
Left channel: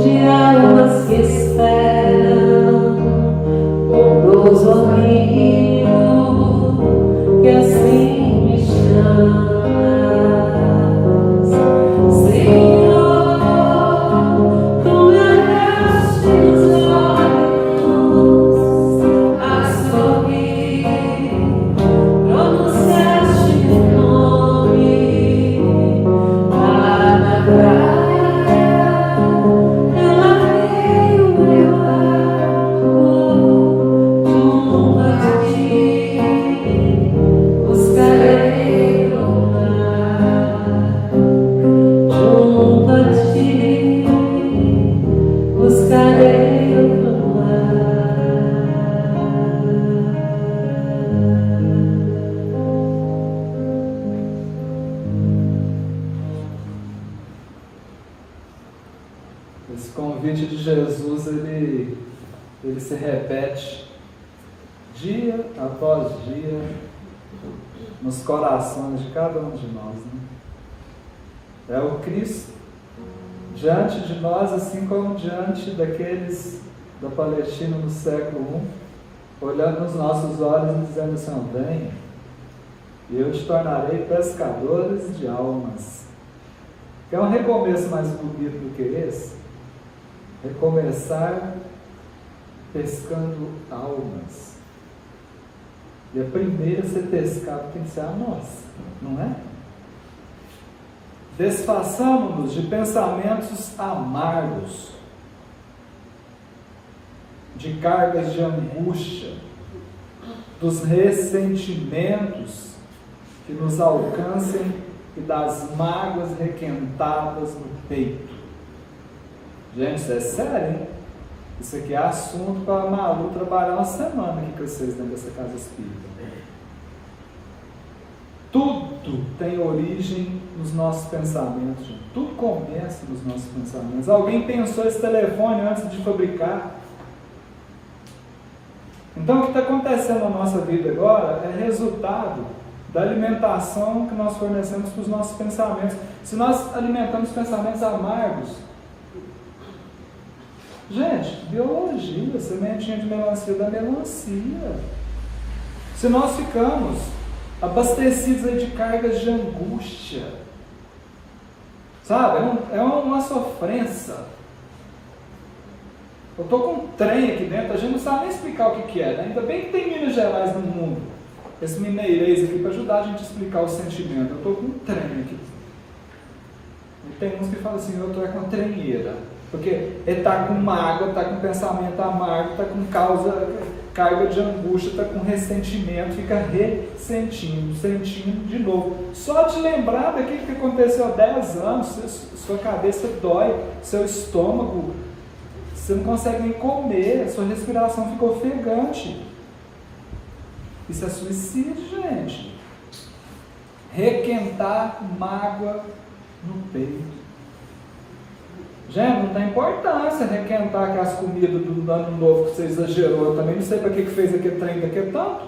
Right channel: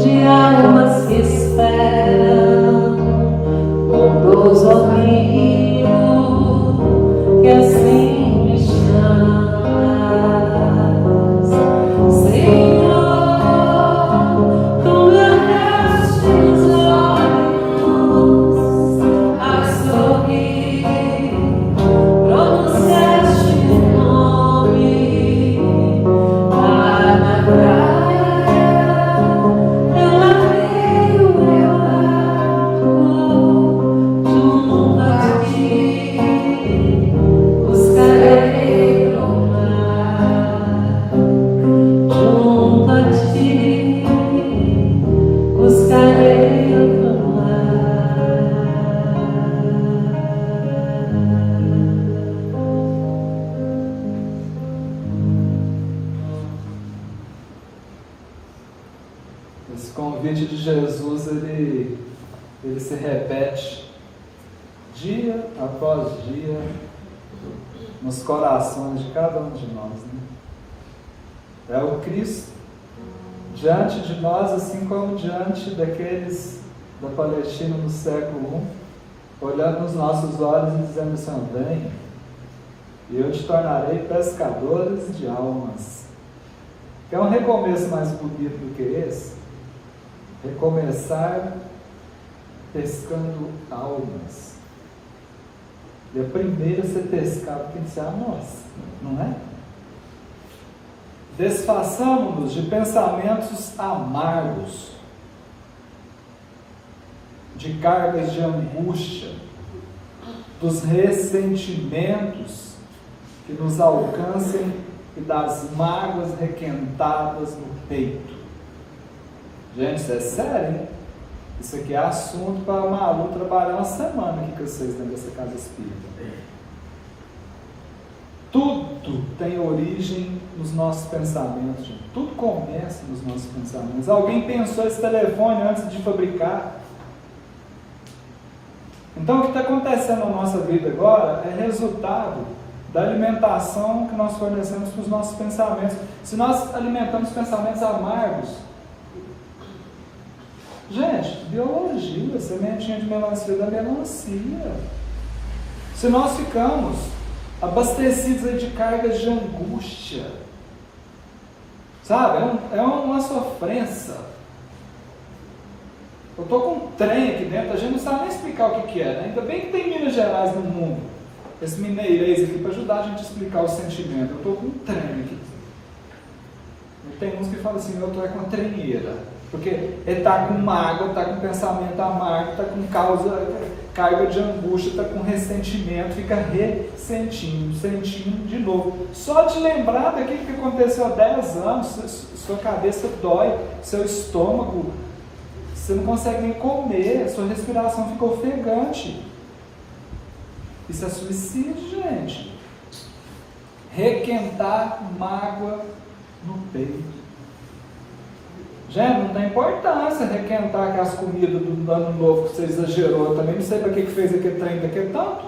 de almas que esperam, bondoso amigo que assim me chamas. Senhor, tu me olhaste nos olhos a sorrir, pronunciaste meu nome lá na praia, eu larguei o meu barco junto a ti, buscarei o mar. Junto a ti, buscarei o mar. Esse convite de Jesus, ele se repete dia após dia nos corações de cada um de nós, né? É o Cristo diante de nós, assim como diante daqueles da Palestina no século I, olhando nos nossos olhos e dizendo assim: vem, e eu te tornarei pescadores de almas. É um recomeço mais bonito do que esse. Recomeçar pescando almas. E a primeira a ser pescada tem que ser a nossa, não é? Desfaçamos-nos de pensamentos amargos, de cargas de angústia, dos ressentimentos que nos alcancem e das mágoas requentadas no peito. Gente, isso é sério, hein? Isso aqui é assunto para a Malu trabalhar uma semana aqui com vocês dentro dessa casa espírita. Tudo tem origem nos nossos pensamentos, gente. Tudo começa nos nossos pensamentos. Alguém pensou esse telefone antes de fabricar. Então o que está acontecendo na nossa vida agora é resultado da alimentação que nós fornecemos para os nossos pensamentos. Se nós alimentamos pensamentos amargos, gente, biologia, sementinha de melancia da melancia. Se nós ficamos abastecidos de cargas de angústia, sabe, é uma sofrência. Eu estou com um trem aqui dentro, a gente não sabe nem explicar o que é, né? Ainda bem que tem Minas Gerais no mundo, esse mineirês aqui, para ajudar a gente a explicar o sentimento. Eu estou com um trem aqui. E tem uns que falam assim, eu estou com uma trenheira, porque ele está com mágoa, está com pensamento amargo, está com carga de angústia, está com ressentimento, fica ressentindo, sentindo de novo. Só de lembrar daquilo que aconteceu há 10 anos, sua cabeça dói, seu estômago, você não consegue nem comer, sua respiração fica ofegante. Isso é suicídio, gente. Requentar mágoa no peito. Gente, não tem importância requentar aquelas comidas do ano novo que você exagerou. Também não sei para que fez aquele trem daquele tanto,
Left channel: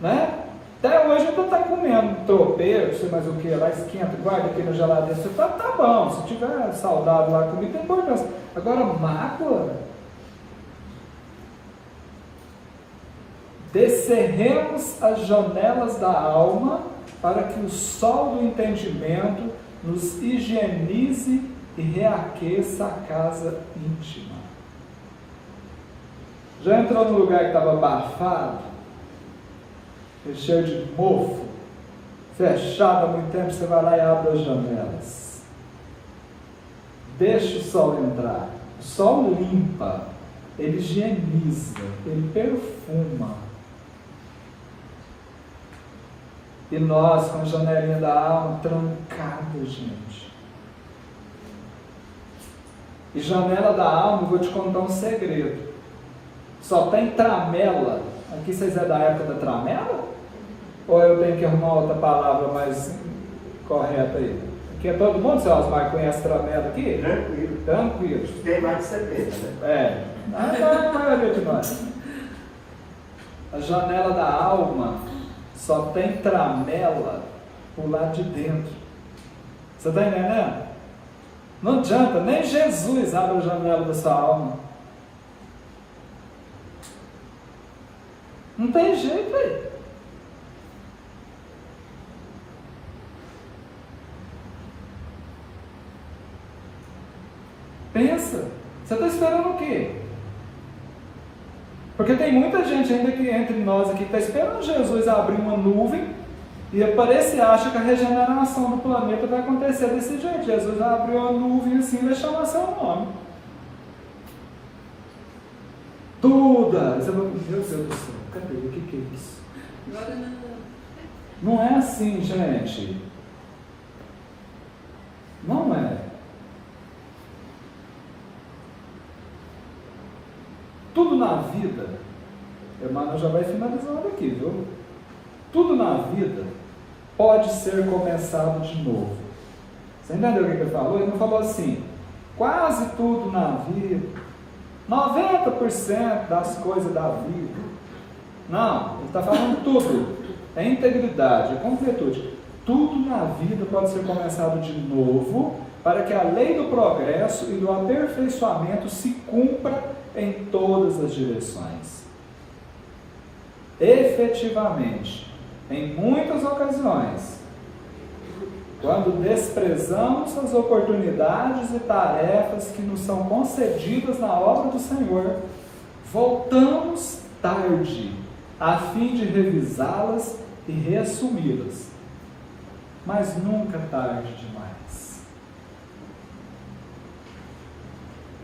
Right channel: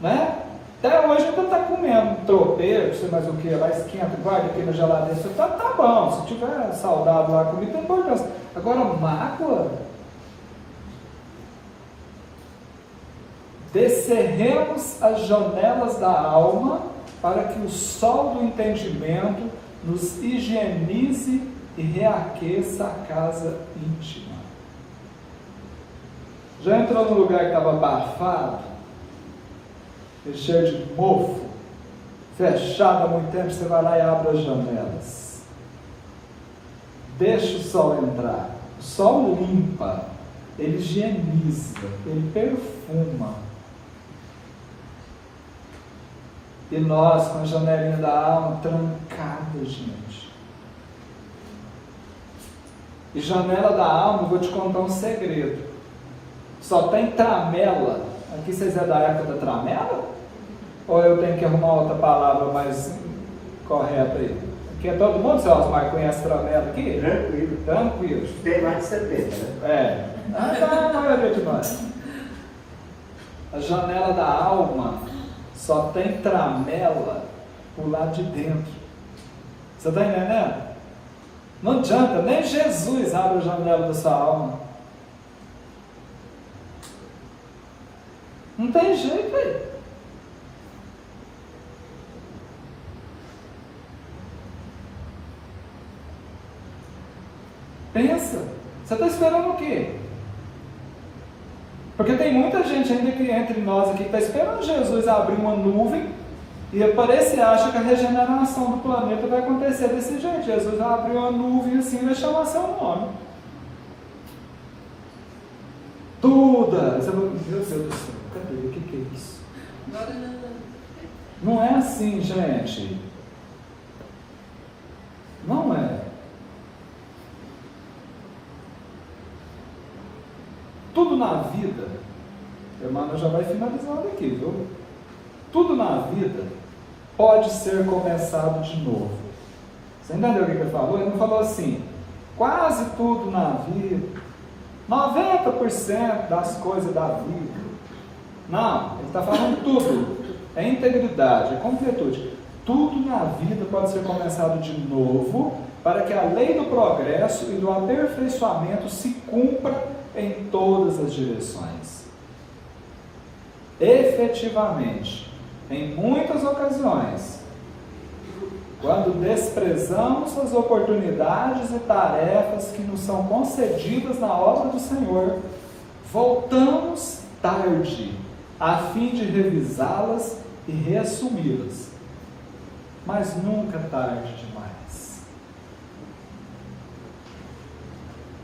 né? Até hoje ainda está comendo tropeiro, não sei mais o que, lá esquenta, guarda aqui na geladeira. Você tá bom, se tiver saudável lá a comida, tem importância. Agora, mágoa, descerremos as janelas da alma para que o sol do entendimento nos higienize e reaqueça a casa íntima. Já entrou num lugar que estava abafado, cheio de mofo, fechado há muito tempo, você vai lá e abre as janelas. Deixa o sol entrar. O sol limpa, ele higieniza, ele perfuma. E nós, com a janelinha da alma trancada, gente. E janela da alma, eu vou te contar um segredo. Só tem tramela. Aqui vocês é da época da tramela? Ou eu tenho que arrumar outra palavra mais correta aí? Aqui é todo mundo, seu Osmar, conhece tramela aqui? Tranquilo. Tranquilo. Tem mais de 70, né? Não é ver demais. A janela da alma só tem tramela pro lado de dentro. Você está entendendo? Não adianta, nem Jesus abre a janela da sua alma. Não tem jeito, velho. Pensa, você está esperando o quê? Porque tem muita gente ainda que entre nós aqui que está esperando Jesus abrir uma nuvem e aparece e acha que a regeneração do planeta vai acontecer desse jeito. Jesus abriu uma nuvem assim e vai chamar seu nome. Tudo! Você vai, meu Deus do céu, cadê? O que é isso? Não é assim, gente. Não é. Tudo na vida, Emmanuel já vai finalizando aqui, viu? Tudo na vida pode ser começado de novo. Você entendeu o que ele falou? Ele não falou assim, quase tudo na vida, 90% das coisas da vida. Não, ele está falando tudo. É integridade, é completude. Tudo na vida pode ser começado de novo, para que a lei do progresso e do aperfeiçoamento se cumpra em todas as direções. Efetivamente, em muitas ocasiões, quando desprezamos as oportunidades e tarefas que nos são concedidas na obra do Senhor, Voltamos tarde, a fim de revisá-las e reassumi-las. Mas nunca tarde demais.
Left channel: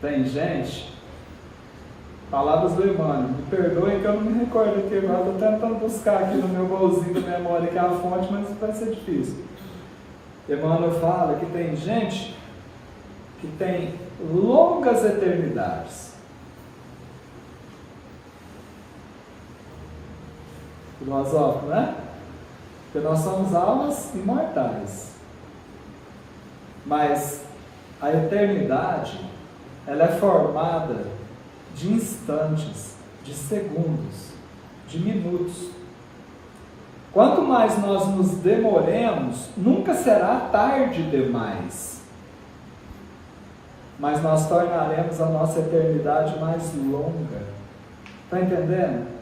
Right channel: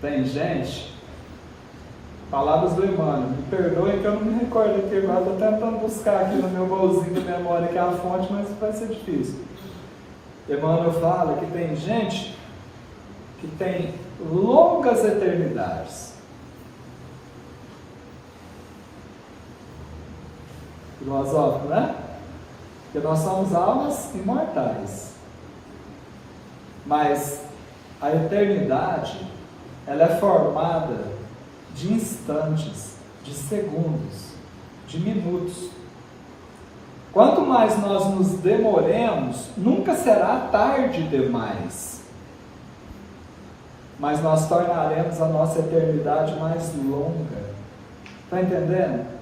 Tem gente, palavras do Emmanuel, me perdoe que eu não me recordo aqui, eu estou tentando buscar aqui no meu bolzinho de memória aqui a fonte, mas vai ser difícil. Emmanuel fala que tem gente que tem longas eternidades. Filosófico, né? Porque nós somos almas imortais. Mas a eternidade, ela é formada de instantes, de segundos, de minutos. Quanto mais nós nos demoremos, nunca será tarde demais. Mas nós tornaremos a nossa eternidade mais longa. Está entendendo?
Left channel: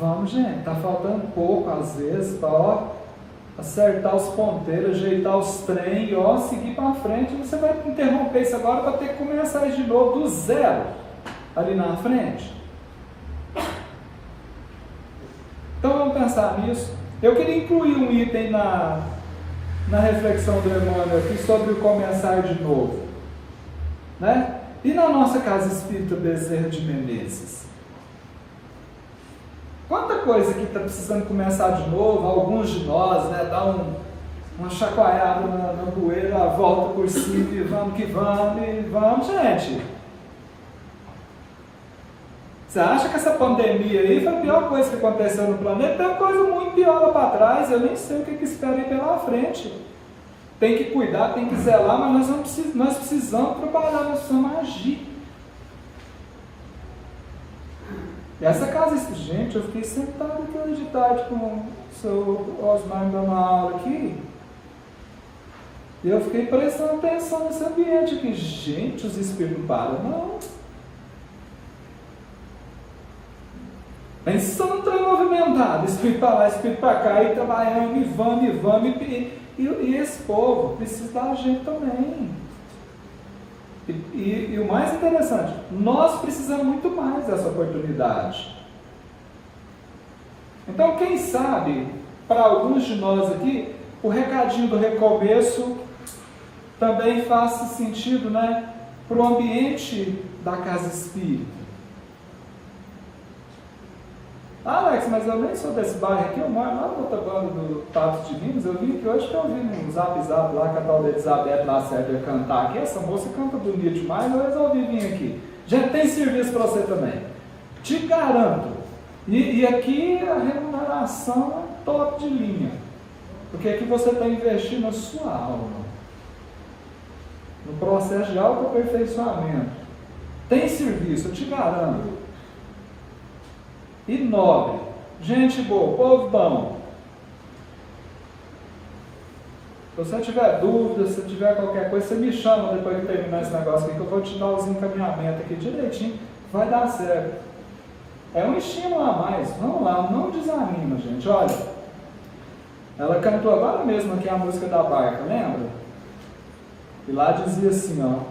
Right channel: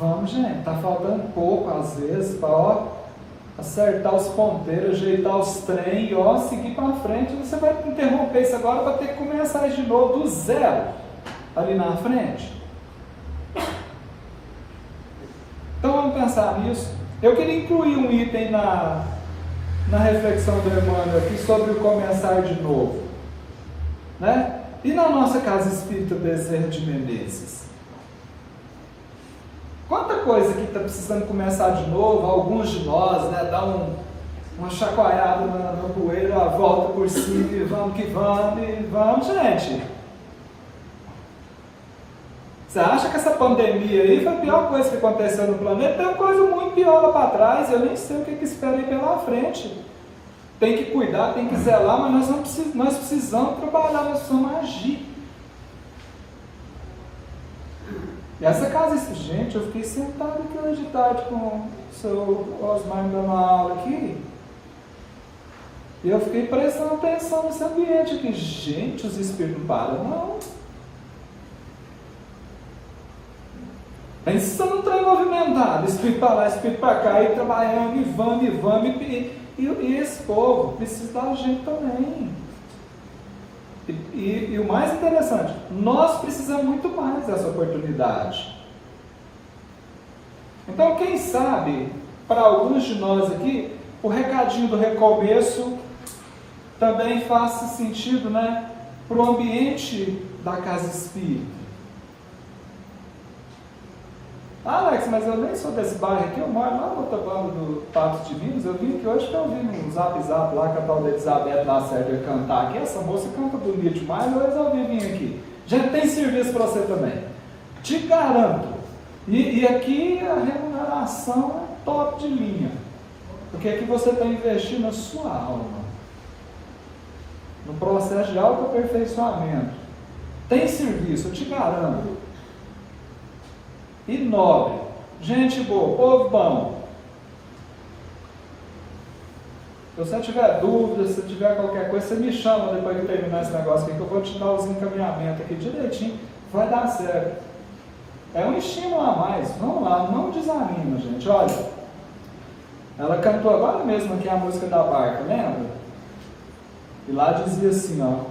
Vamos, gente, está faltando pouco às vezes para acertar os ponteiros, ajeitar os trem e seguir para frente. Você vai interromper isso agora para ter que começar de novo do zero ali na frente. Então vamos pensar nisso. Eu queria incluir um item na reflexão do Emmanuel aqui sobre o começar de novo, né? E na nossa Casa Espírita Bezerra de Menezes? Quanta coisa que está precisando começar de novo, alguns de nós, né, dar uma chacoalhada no bueiro, uma volta por cima e vamos que vamos, gente. Você acha que essa pandemia aí foi a pior coisa que aconteceu no planeta? Tem coisa muito pior lá para trás, eu nem sei o que espera aí pela frente. Tem que cuidar, tem que zelar, mas nós precisamos trabalhar, nós precisamos agir. E essa casa, gente, eu fiquei sentado aqui hoje de tarde com o seu Osmar me dando uma aula aqui. E eu fiquei prestando atenção nesse ambiente aqui. Gente, os espíritos não param, não. Aí se você não está movimentado, espírito para lá, espírito para cá, e trabalhando, e vamos, e esse povo precisa da gente também. E o mais interessante, nós precisamos muito mais dessa oportunidade. Então, quem sabe, para alguns de nós aqui, o recadinho do recomeço também faça sentido, né, para o ambiente da Casa Espírita. Alex, mas eu nem sou desse bairro aqui, eu moro lá no outro lado do Patos de Minas. Eu vim aqui hoje que eu vi um zap lá que a Paula Elizabeth Lacerda ia cantar aqui. Essa moça canta bonito demais, eu resolvi vir aqui. Já tem serviço para você também. Te garanto. E aqui a remuneração é top de linha. Porque aqui você está investindo na sua alma. No processo de autoaperfeiçoamento. Tem serviço, eu te garanto. E nobre, gente boa, povo bom. Se você tiver dúvidas, se tiver qualquer coisa, você me chama depois de terminar esse negócio aqui, que eu vou te dar os encaminhamentos aqui direitinho, vai dar certo. É um estímulo a mais, não desanima, gente. Olha, ela cantou agora mesmo aqui a música da barca, lembra? E lá dizia assim, ó,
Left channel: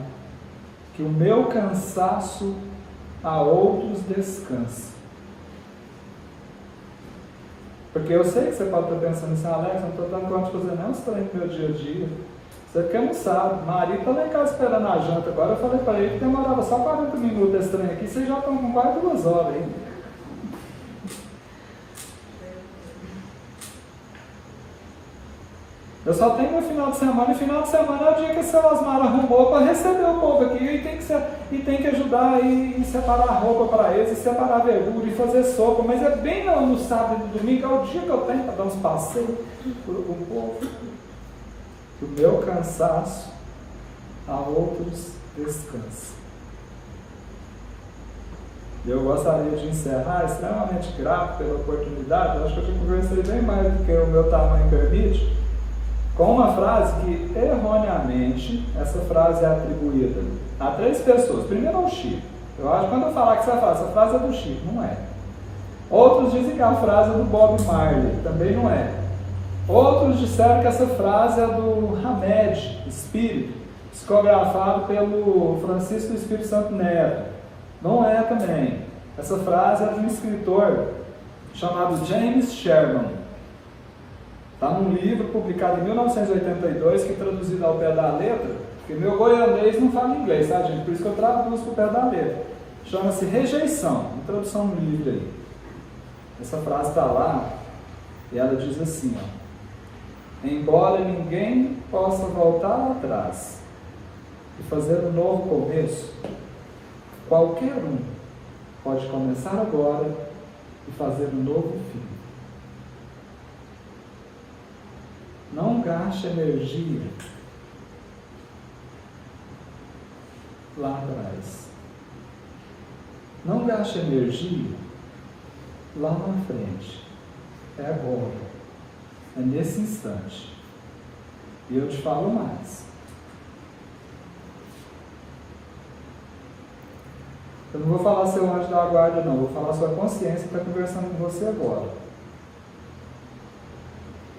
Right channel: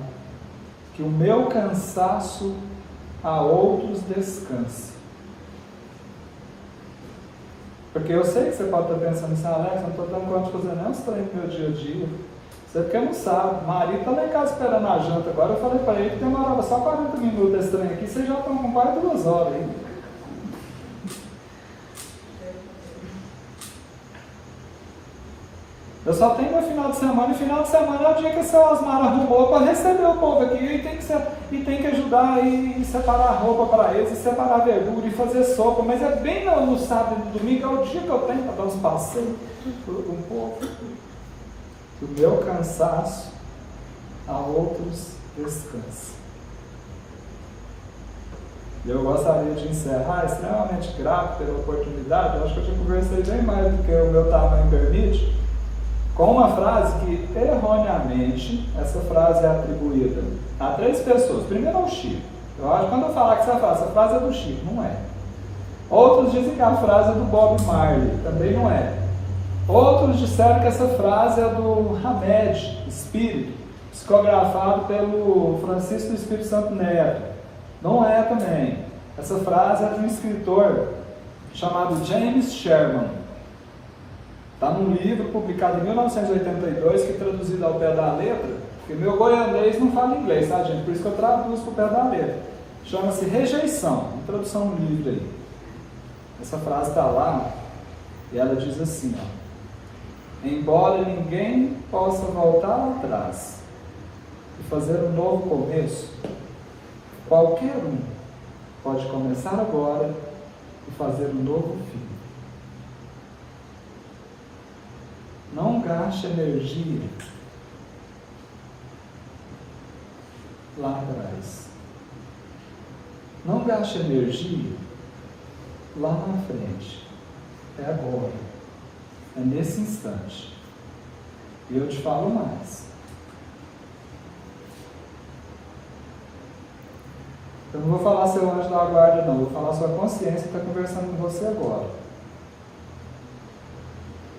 que o meu cansaço a outros descansa. Porque eu sei que você pode estar pensando assim, Alex, não estou dando conta de fazer não, você está aí no meu dia a dia. Você porque não sabe, o marido está lá em casa esperando a janta agora, eu falei para ele que demorava só 40 minutos esse trem aqui, você já está com quase 2 horas aí. Eu só tenho meu final de semana, e final de semana é o dia que o seu Osmar arrumou para receber o povo aqui, e tem que ajudar e separar a roupa para eles, e separar a verdura e fazer sopa, mas é bem no sábado e no domingo, é o dia que eu tenho para dar uns passeios um pouco. O meu cansaço a outros descansa. Eu gostaria de encerrar extremamente grato pela oportunidade. Eu acho que eu já conversei bem mais do que o meu tamanho permite, com uma frase que, erroneamente, essa frase é atribuída a 3 pessoas. Primeiro ao Chico. Eu acho que quando eu falar que você vai falar, essa frase é do Chico, não é. Outros dizem que a frase é do Bob Marley, também não é. Outros disseram que essa frase é do Hamed, espírito, psicografado pelo Francisco Espírito Santo Neto. Não é também. Essa frase é de um escritor chamado James Sherman. Está num livro publicado em 1982, que é traduzido ao pé da letra, porque meu goianês não fala inglês, tá, gente? Por isso que eu traduzo ao pé da letra. Chama-se Rejeição, introdução no livro aí. Essa frase está lá, e ela diz assim, ó: embora ninguém possa voltar atrás e fazer um novo começo, qualquer um pode começar agora e fazer um novo fim. Não gaste energia lá atrás. Não gaste energia lá na frente. É agora. É nesse instante. E eu te falo mais. Eu não vou falar seu anjo da guarda, não. Eu vou falar sua consciência que está conversando com você agora.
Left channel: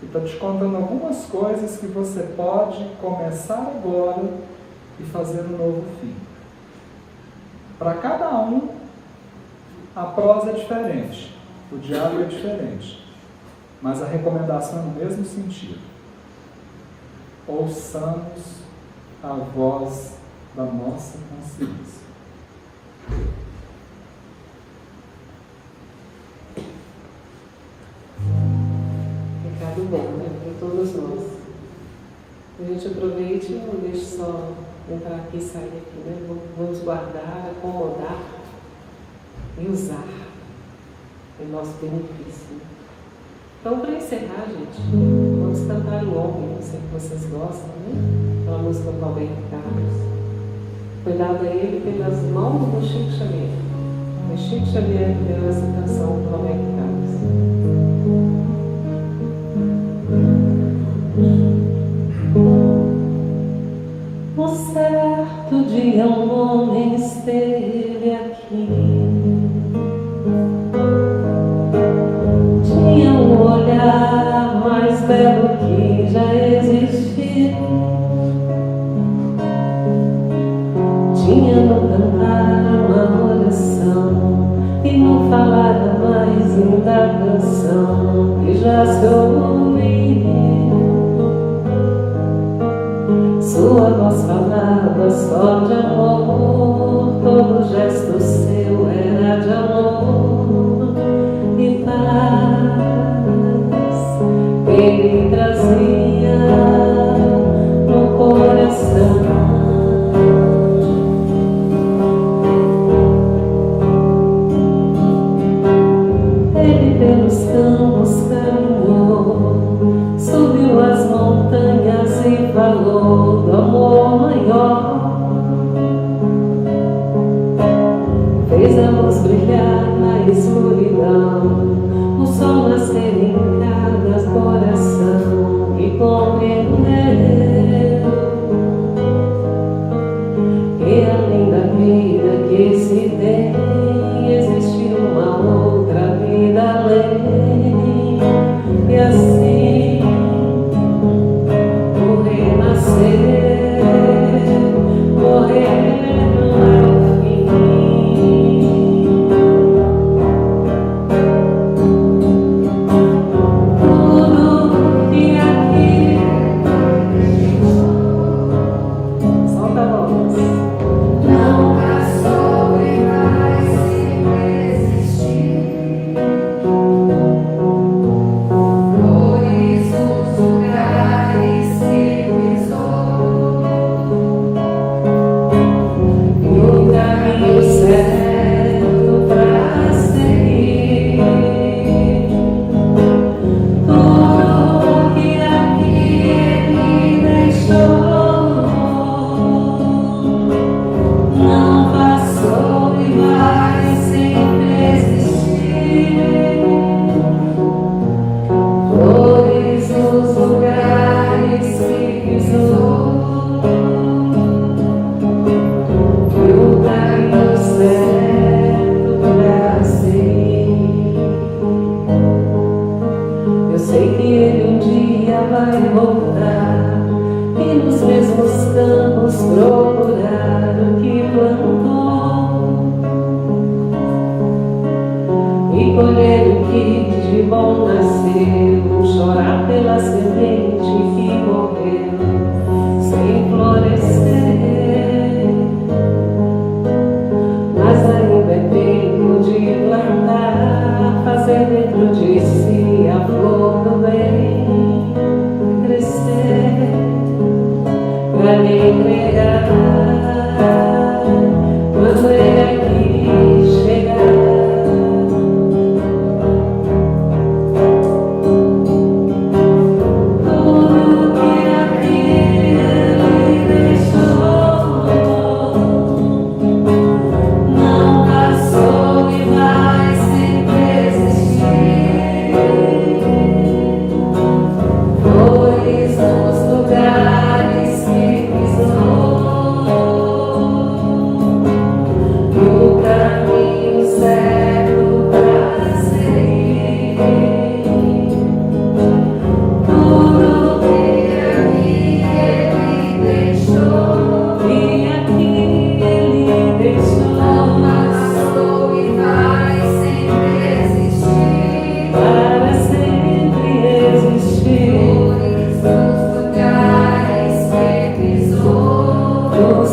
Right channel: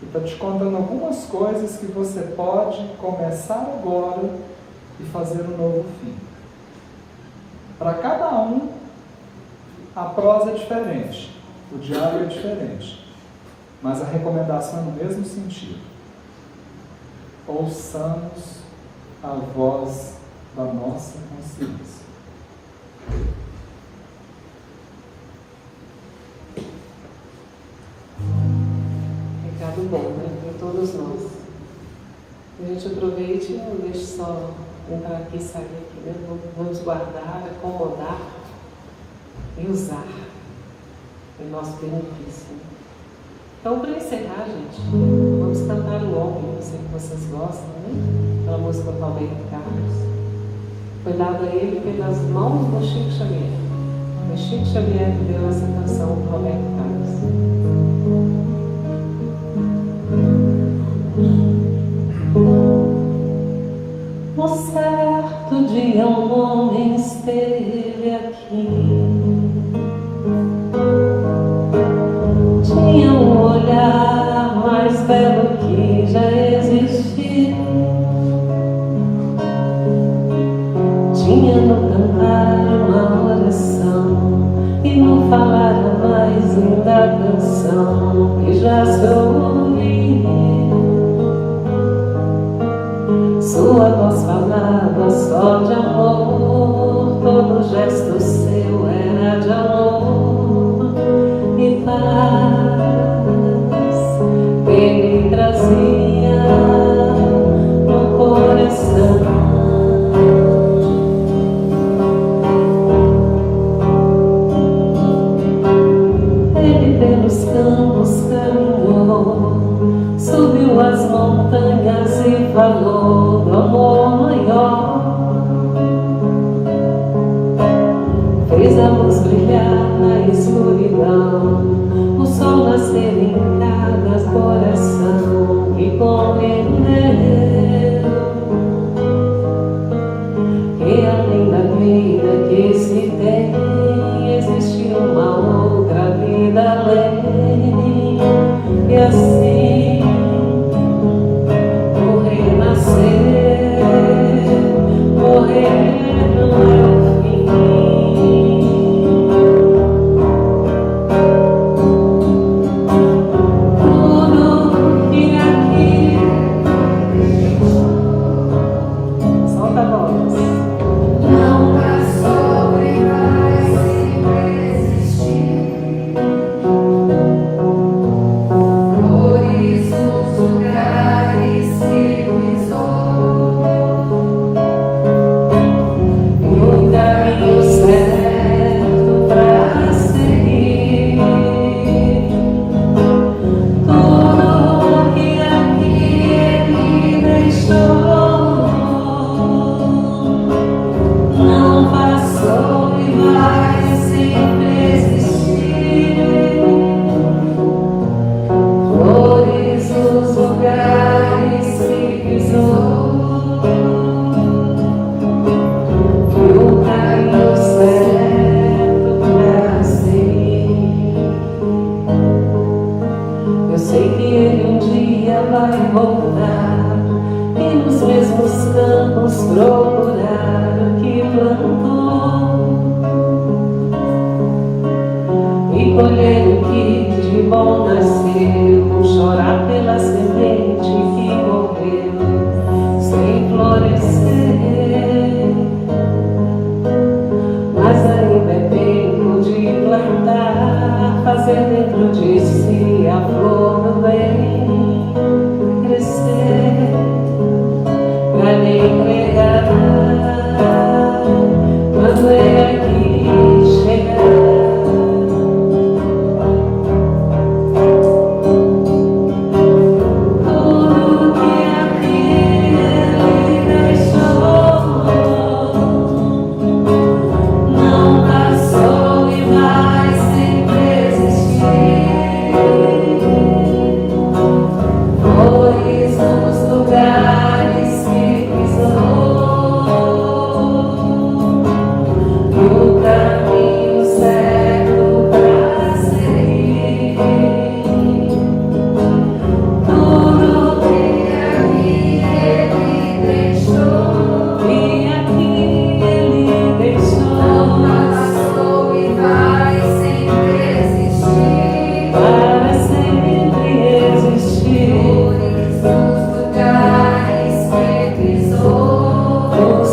E está te contando algumas coisas que você pode começar agora e fazer um novo fim. Para cada um, a prosa é diferente, o diário é diferente, mas a recomendação é no mesmo sentido. Ouçamos a voz da nossa consciência. Recado bom, né, para todos nós. A gente aproveite e não deixe só entrar aqui e sair aqui, né? Vamos guardar, acomodar e usar em nosso benefício. Então, para encerrar, gente, vamos cantar em homem, eu sei que vocês gostam, né? Aquela música do Roberto Carlos. Foi dada a ele pelas mãos do Chico Xavier. Foi Chico Xavier que deu essa canção do Roberto Carlos. No certo dia um homem esteve aqui. Tinha um olhar mais belo que já existiu. Tinha no cantar uma oração e no falar a mais linda canção que já soube. Sua voz falava só de amor, todo gesto seu era de amor e paz. Ele trazia no coração. Ele pelos campos caminhou, subiu as montanhas e falou do amor maior. Fez a luz brilhar na escuridão, o sol nascer em cada coração e compreendeu que além da vida que se tem, existe uma outra vida além. E assim o renascer, morrer ao fim. Tudo que aqui solta a voz. Não há sobre mais se existir. Flores os lugares que pisou, e o caminho certo para seguir. Tudo que aqui ele deixou não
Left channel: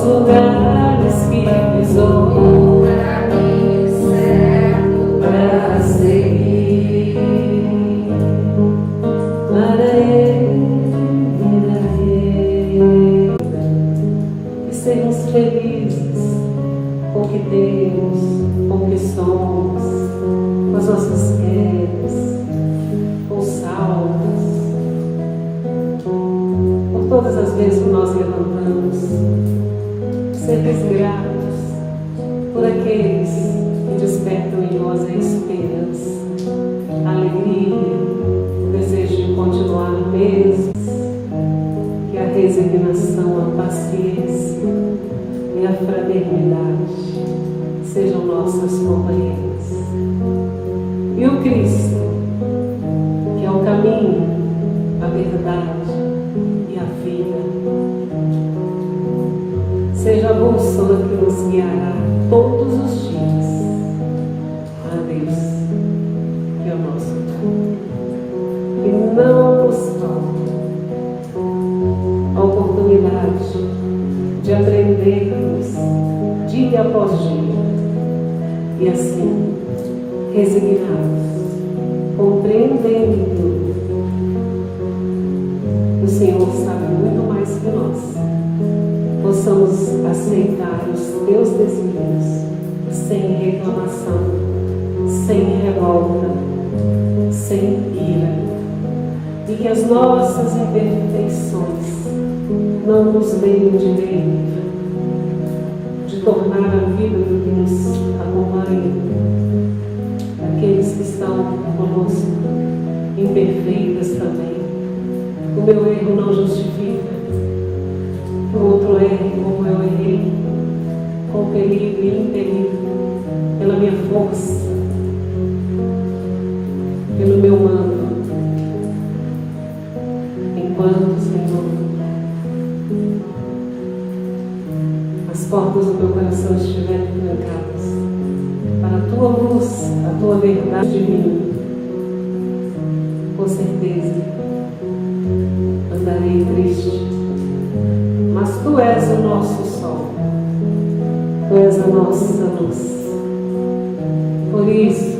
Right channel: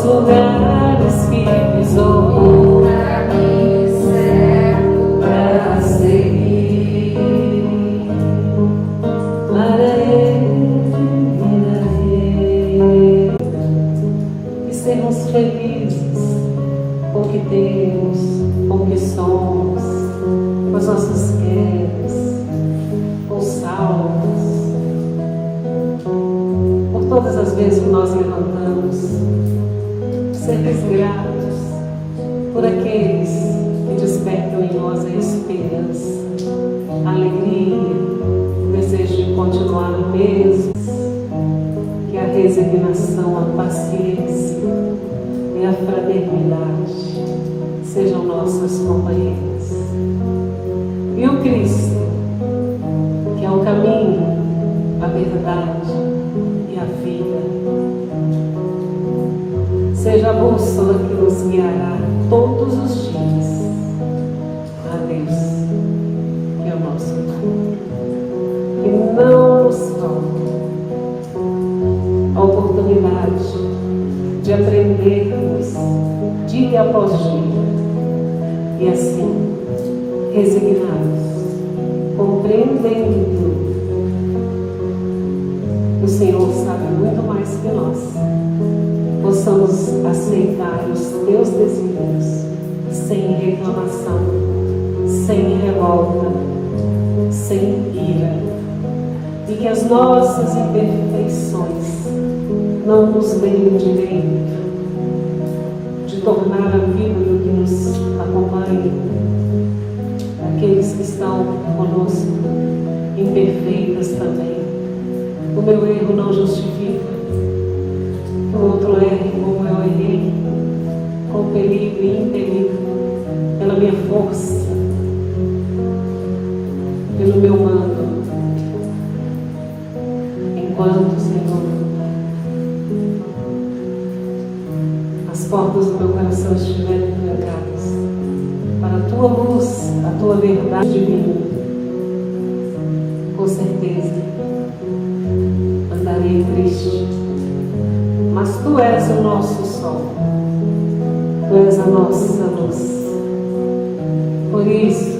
lugares que pisou para seguir para Ele e sermos felizes com o que temos, com o que somos, com as nossas quedas, com os salmos, por todas as vezes que nós levantamos, sermos gratos por aqueles que despertam em nós a esperança, a alegria, o desejo de continuar no mesmo, que a resignação, a paciência e a fraternidade sejam nossas companheiras. E o Cristo, que é o caminho, a verdade e a vida, seja a bússola que nos guiará todos os dias a Deus, que é o nosso Pai. Que não nos falte a oportunidade de aprendermos dia após dia e assim resignados, compreendendo que o Senhor sabe muito mais que nós, possamos aceitar os teus desígnios sem reclamação, sem revolta, sem ira, e que as nossas imperfeições não nos deem o direito de tornar a vida do que nos acompanha, aqueles que estão conosco, imperfeitas também. O meu erro não justifica que o outro erre como eu errei, compelido e impelido pela minha força, pelo meu âmago. Enquanto, Senhor, as portas do meu coração estiverem trancadas para a tua luz, a tua verdade divina, com certeza andarei triste, mas tu és o nosso sol, tu és a nossa luz. Por isso,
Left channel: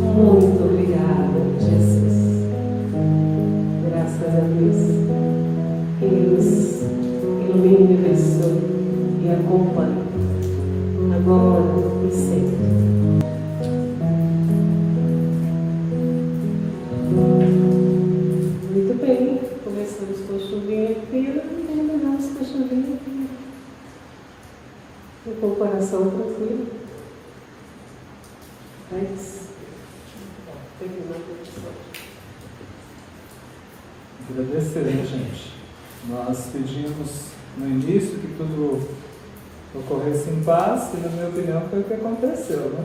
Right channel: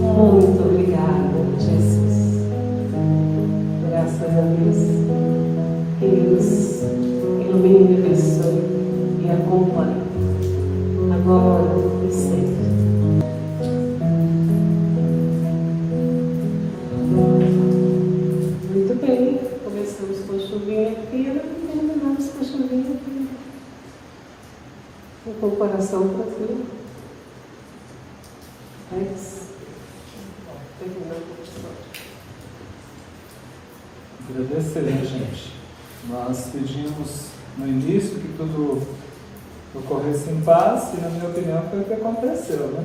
muito obrigada, Jesus. Graças a Deus, que Ele nos ilumine e abençoe e acompanhe, agora e sempre. Muito bem, começamos com a chuvinha fria e terminamos com a chuvinha fria. Com o coração tranquilo. Agradecer, gente. Nós pedimos no início que tudo ocorresse em paz, e na minha opinião foi o que aconteceu, né?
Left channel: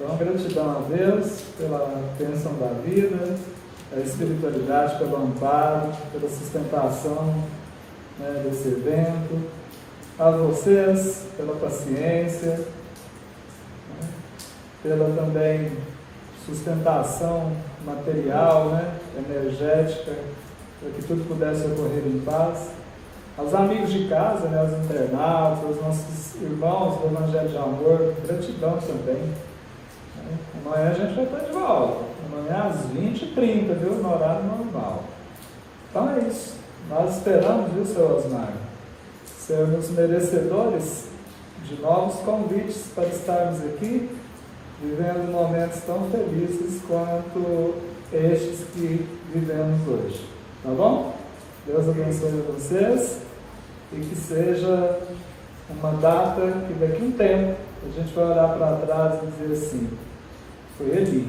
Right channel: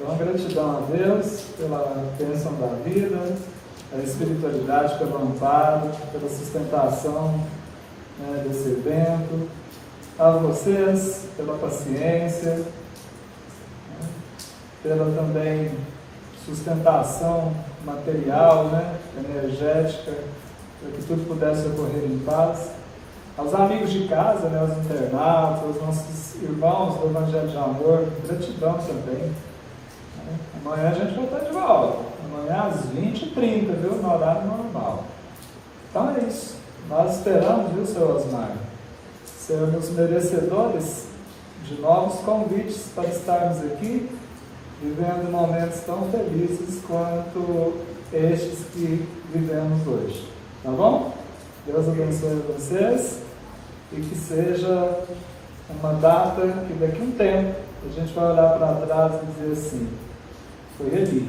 Então, gratidão a Deus pela bênção da vida, a espiritualidade pelo amparo, pela sustentação, né, desse evento, a vocês pela paciência, né, pela também sustentação material, né, energética, para que tudo pudesse ocorrer em paz. Aos amigos de casa, né, aos internautas, aos nossos irmãos do Evangelho de Amor, gratidão também. Amanhã a gente vai estar de volta. Amanhã às 20h30, viu? No horário normal. Então é isso. Nós esperamos, viu, seu Osmar, sermos merecedores de novos convites para estarmos aqui, vivendo momentos tão felizes quanto estes que vivemos hoje. Tá bom? Deus abençoe vocês e que seja uma data que daqui a um tempo a gente vai olhar para trás e dizer assim: foi ali.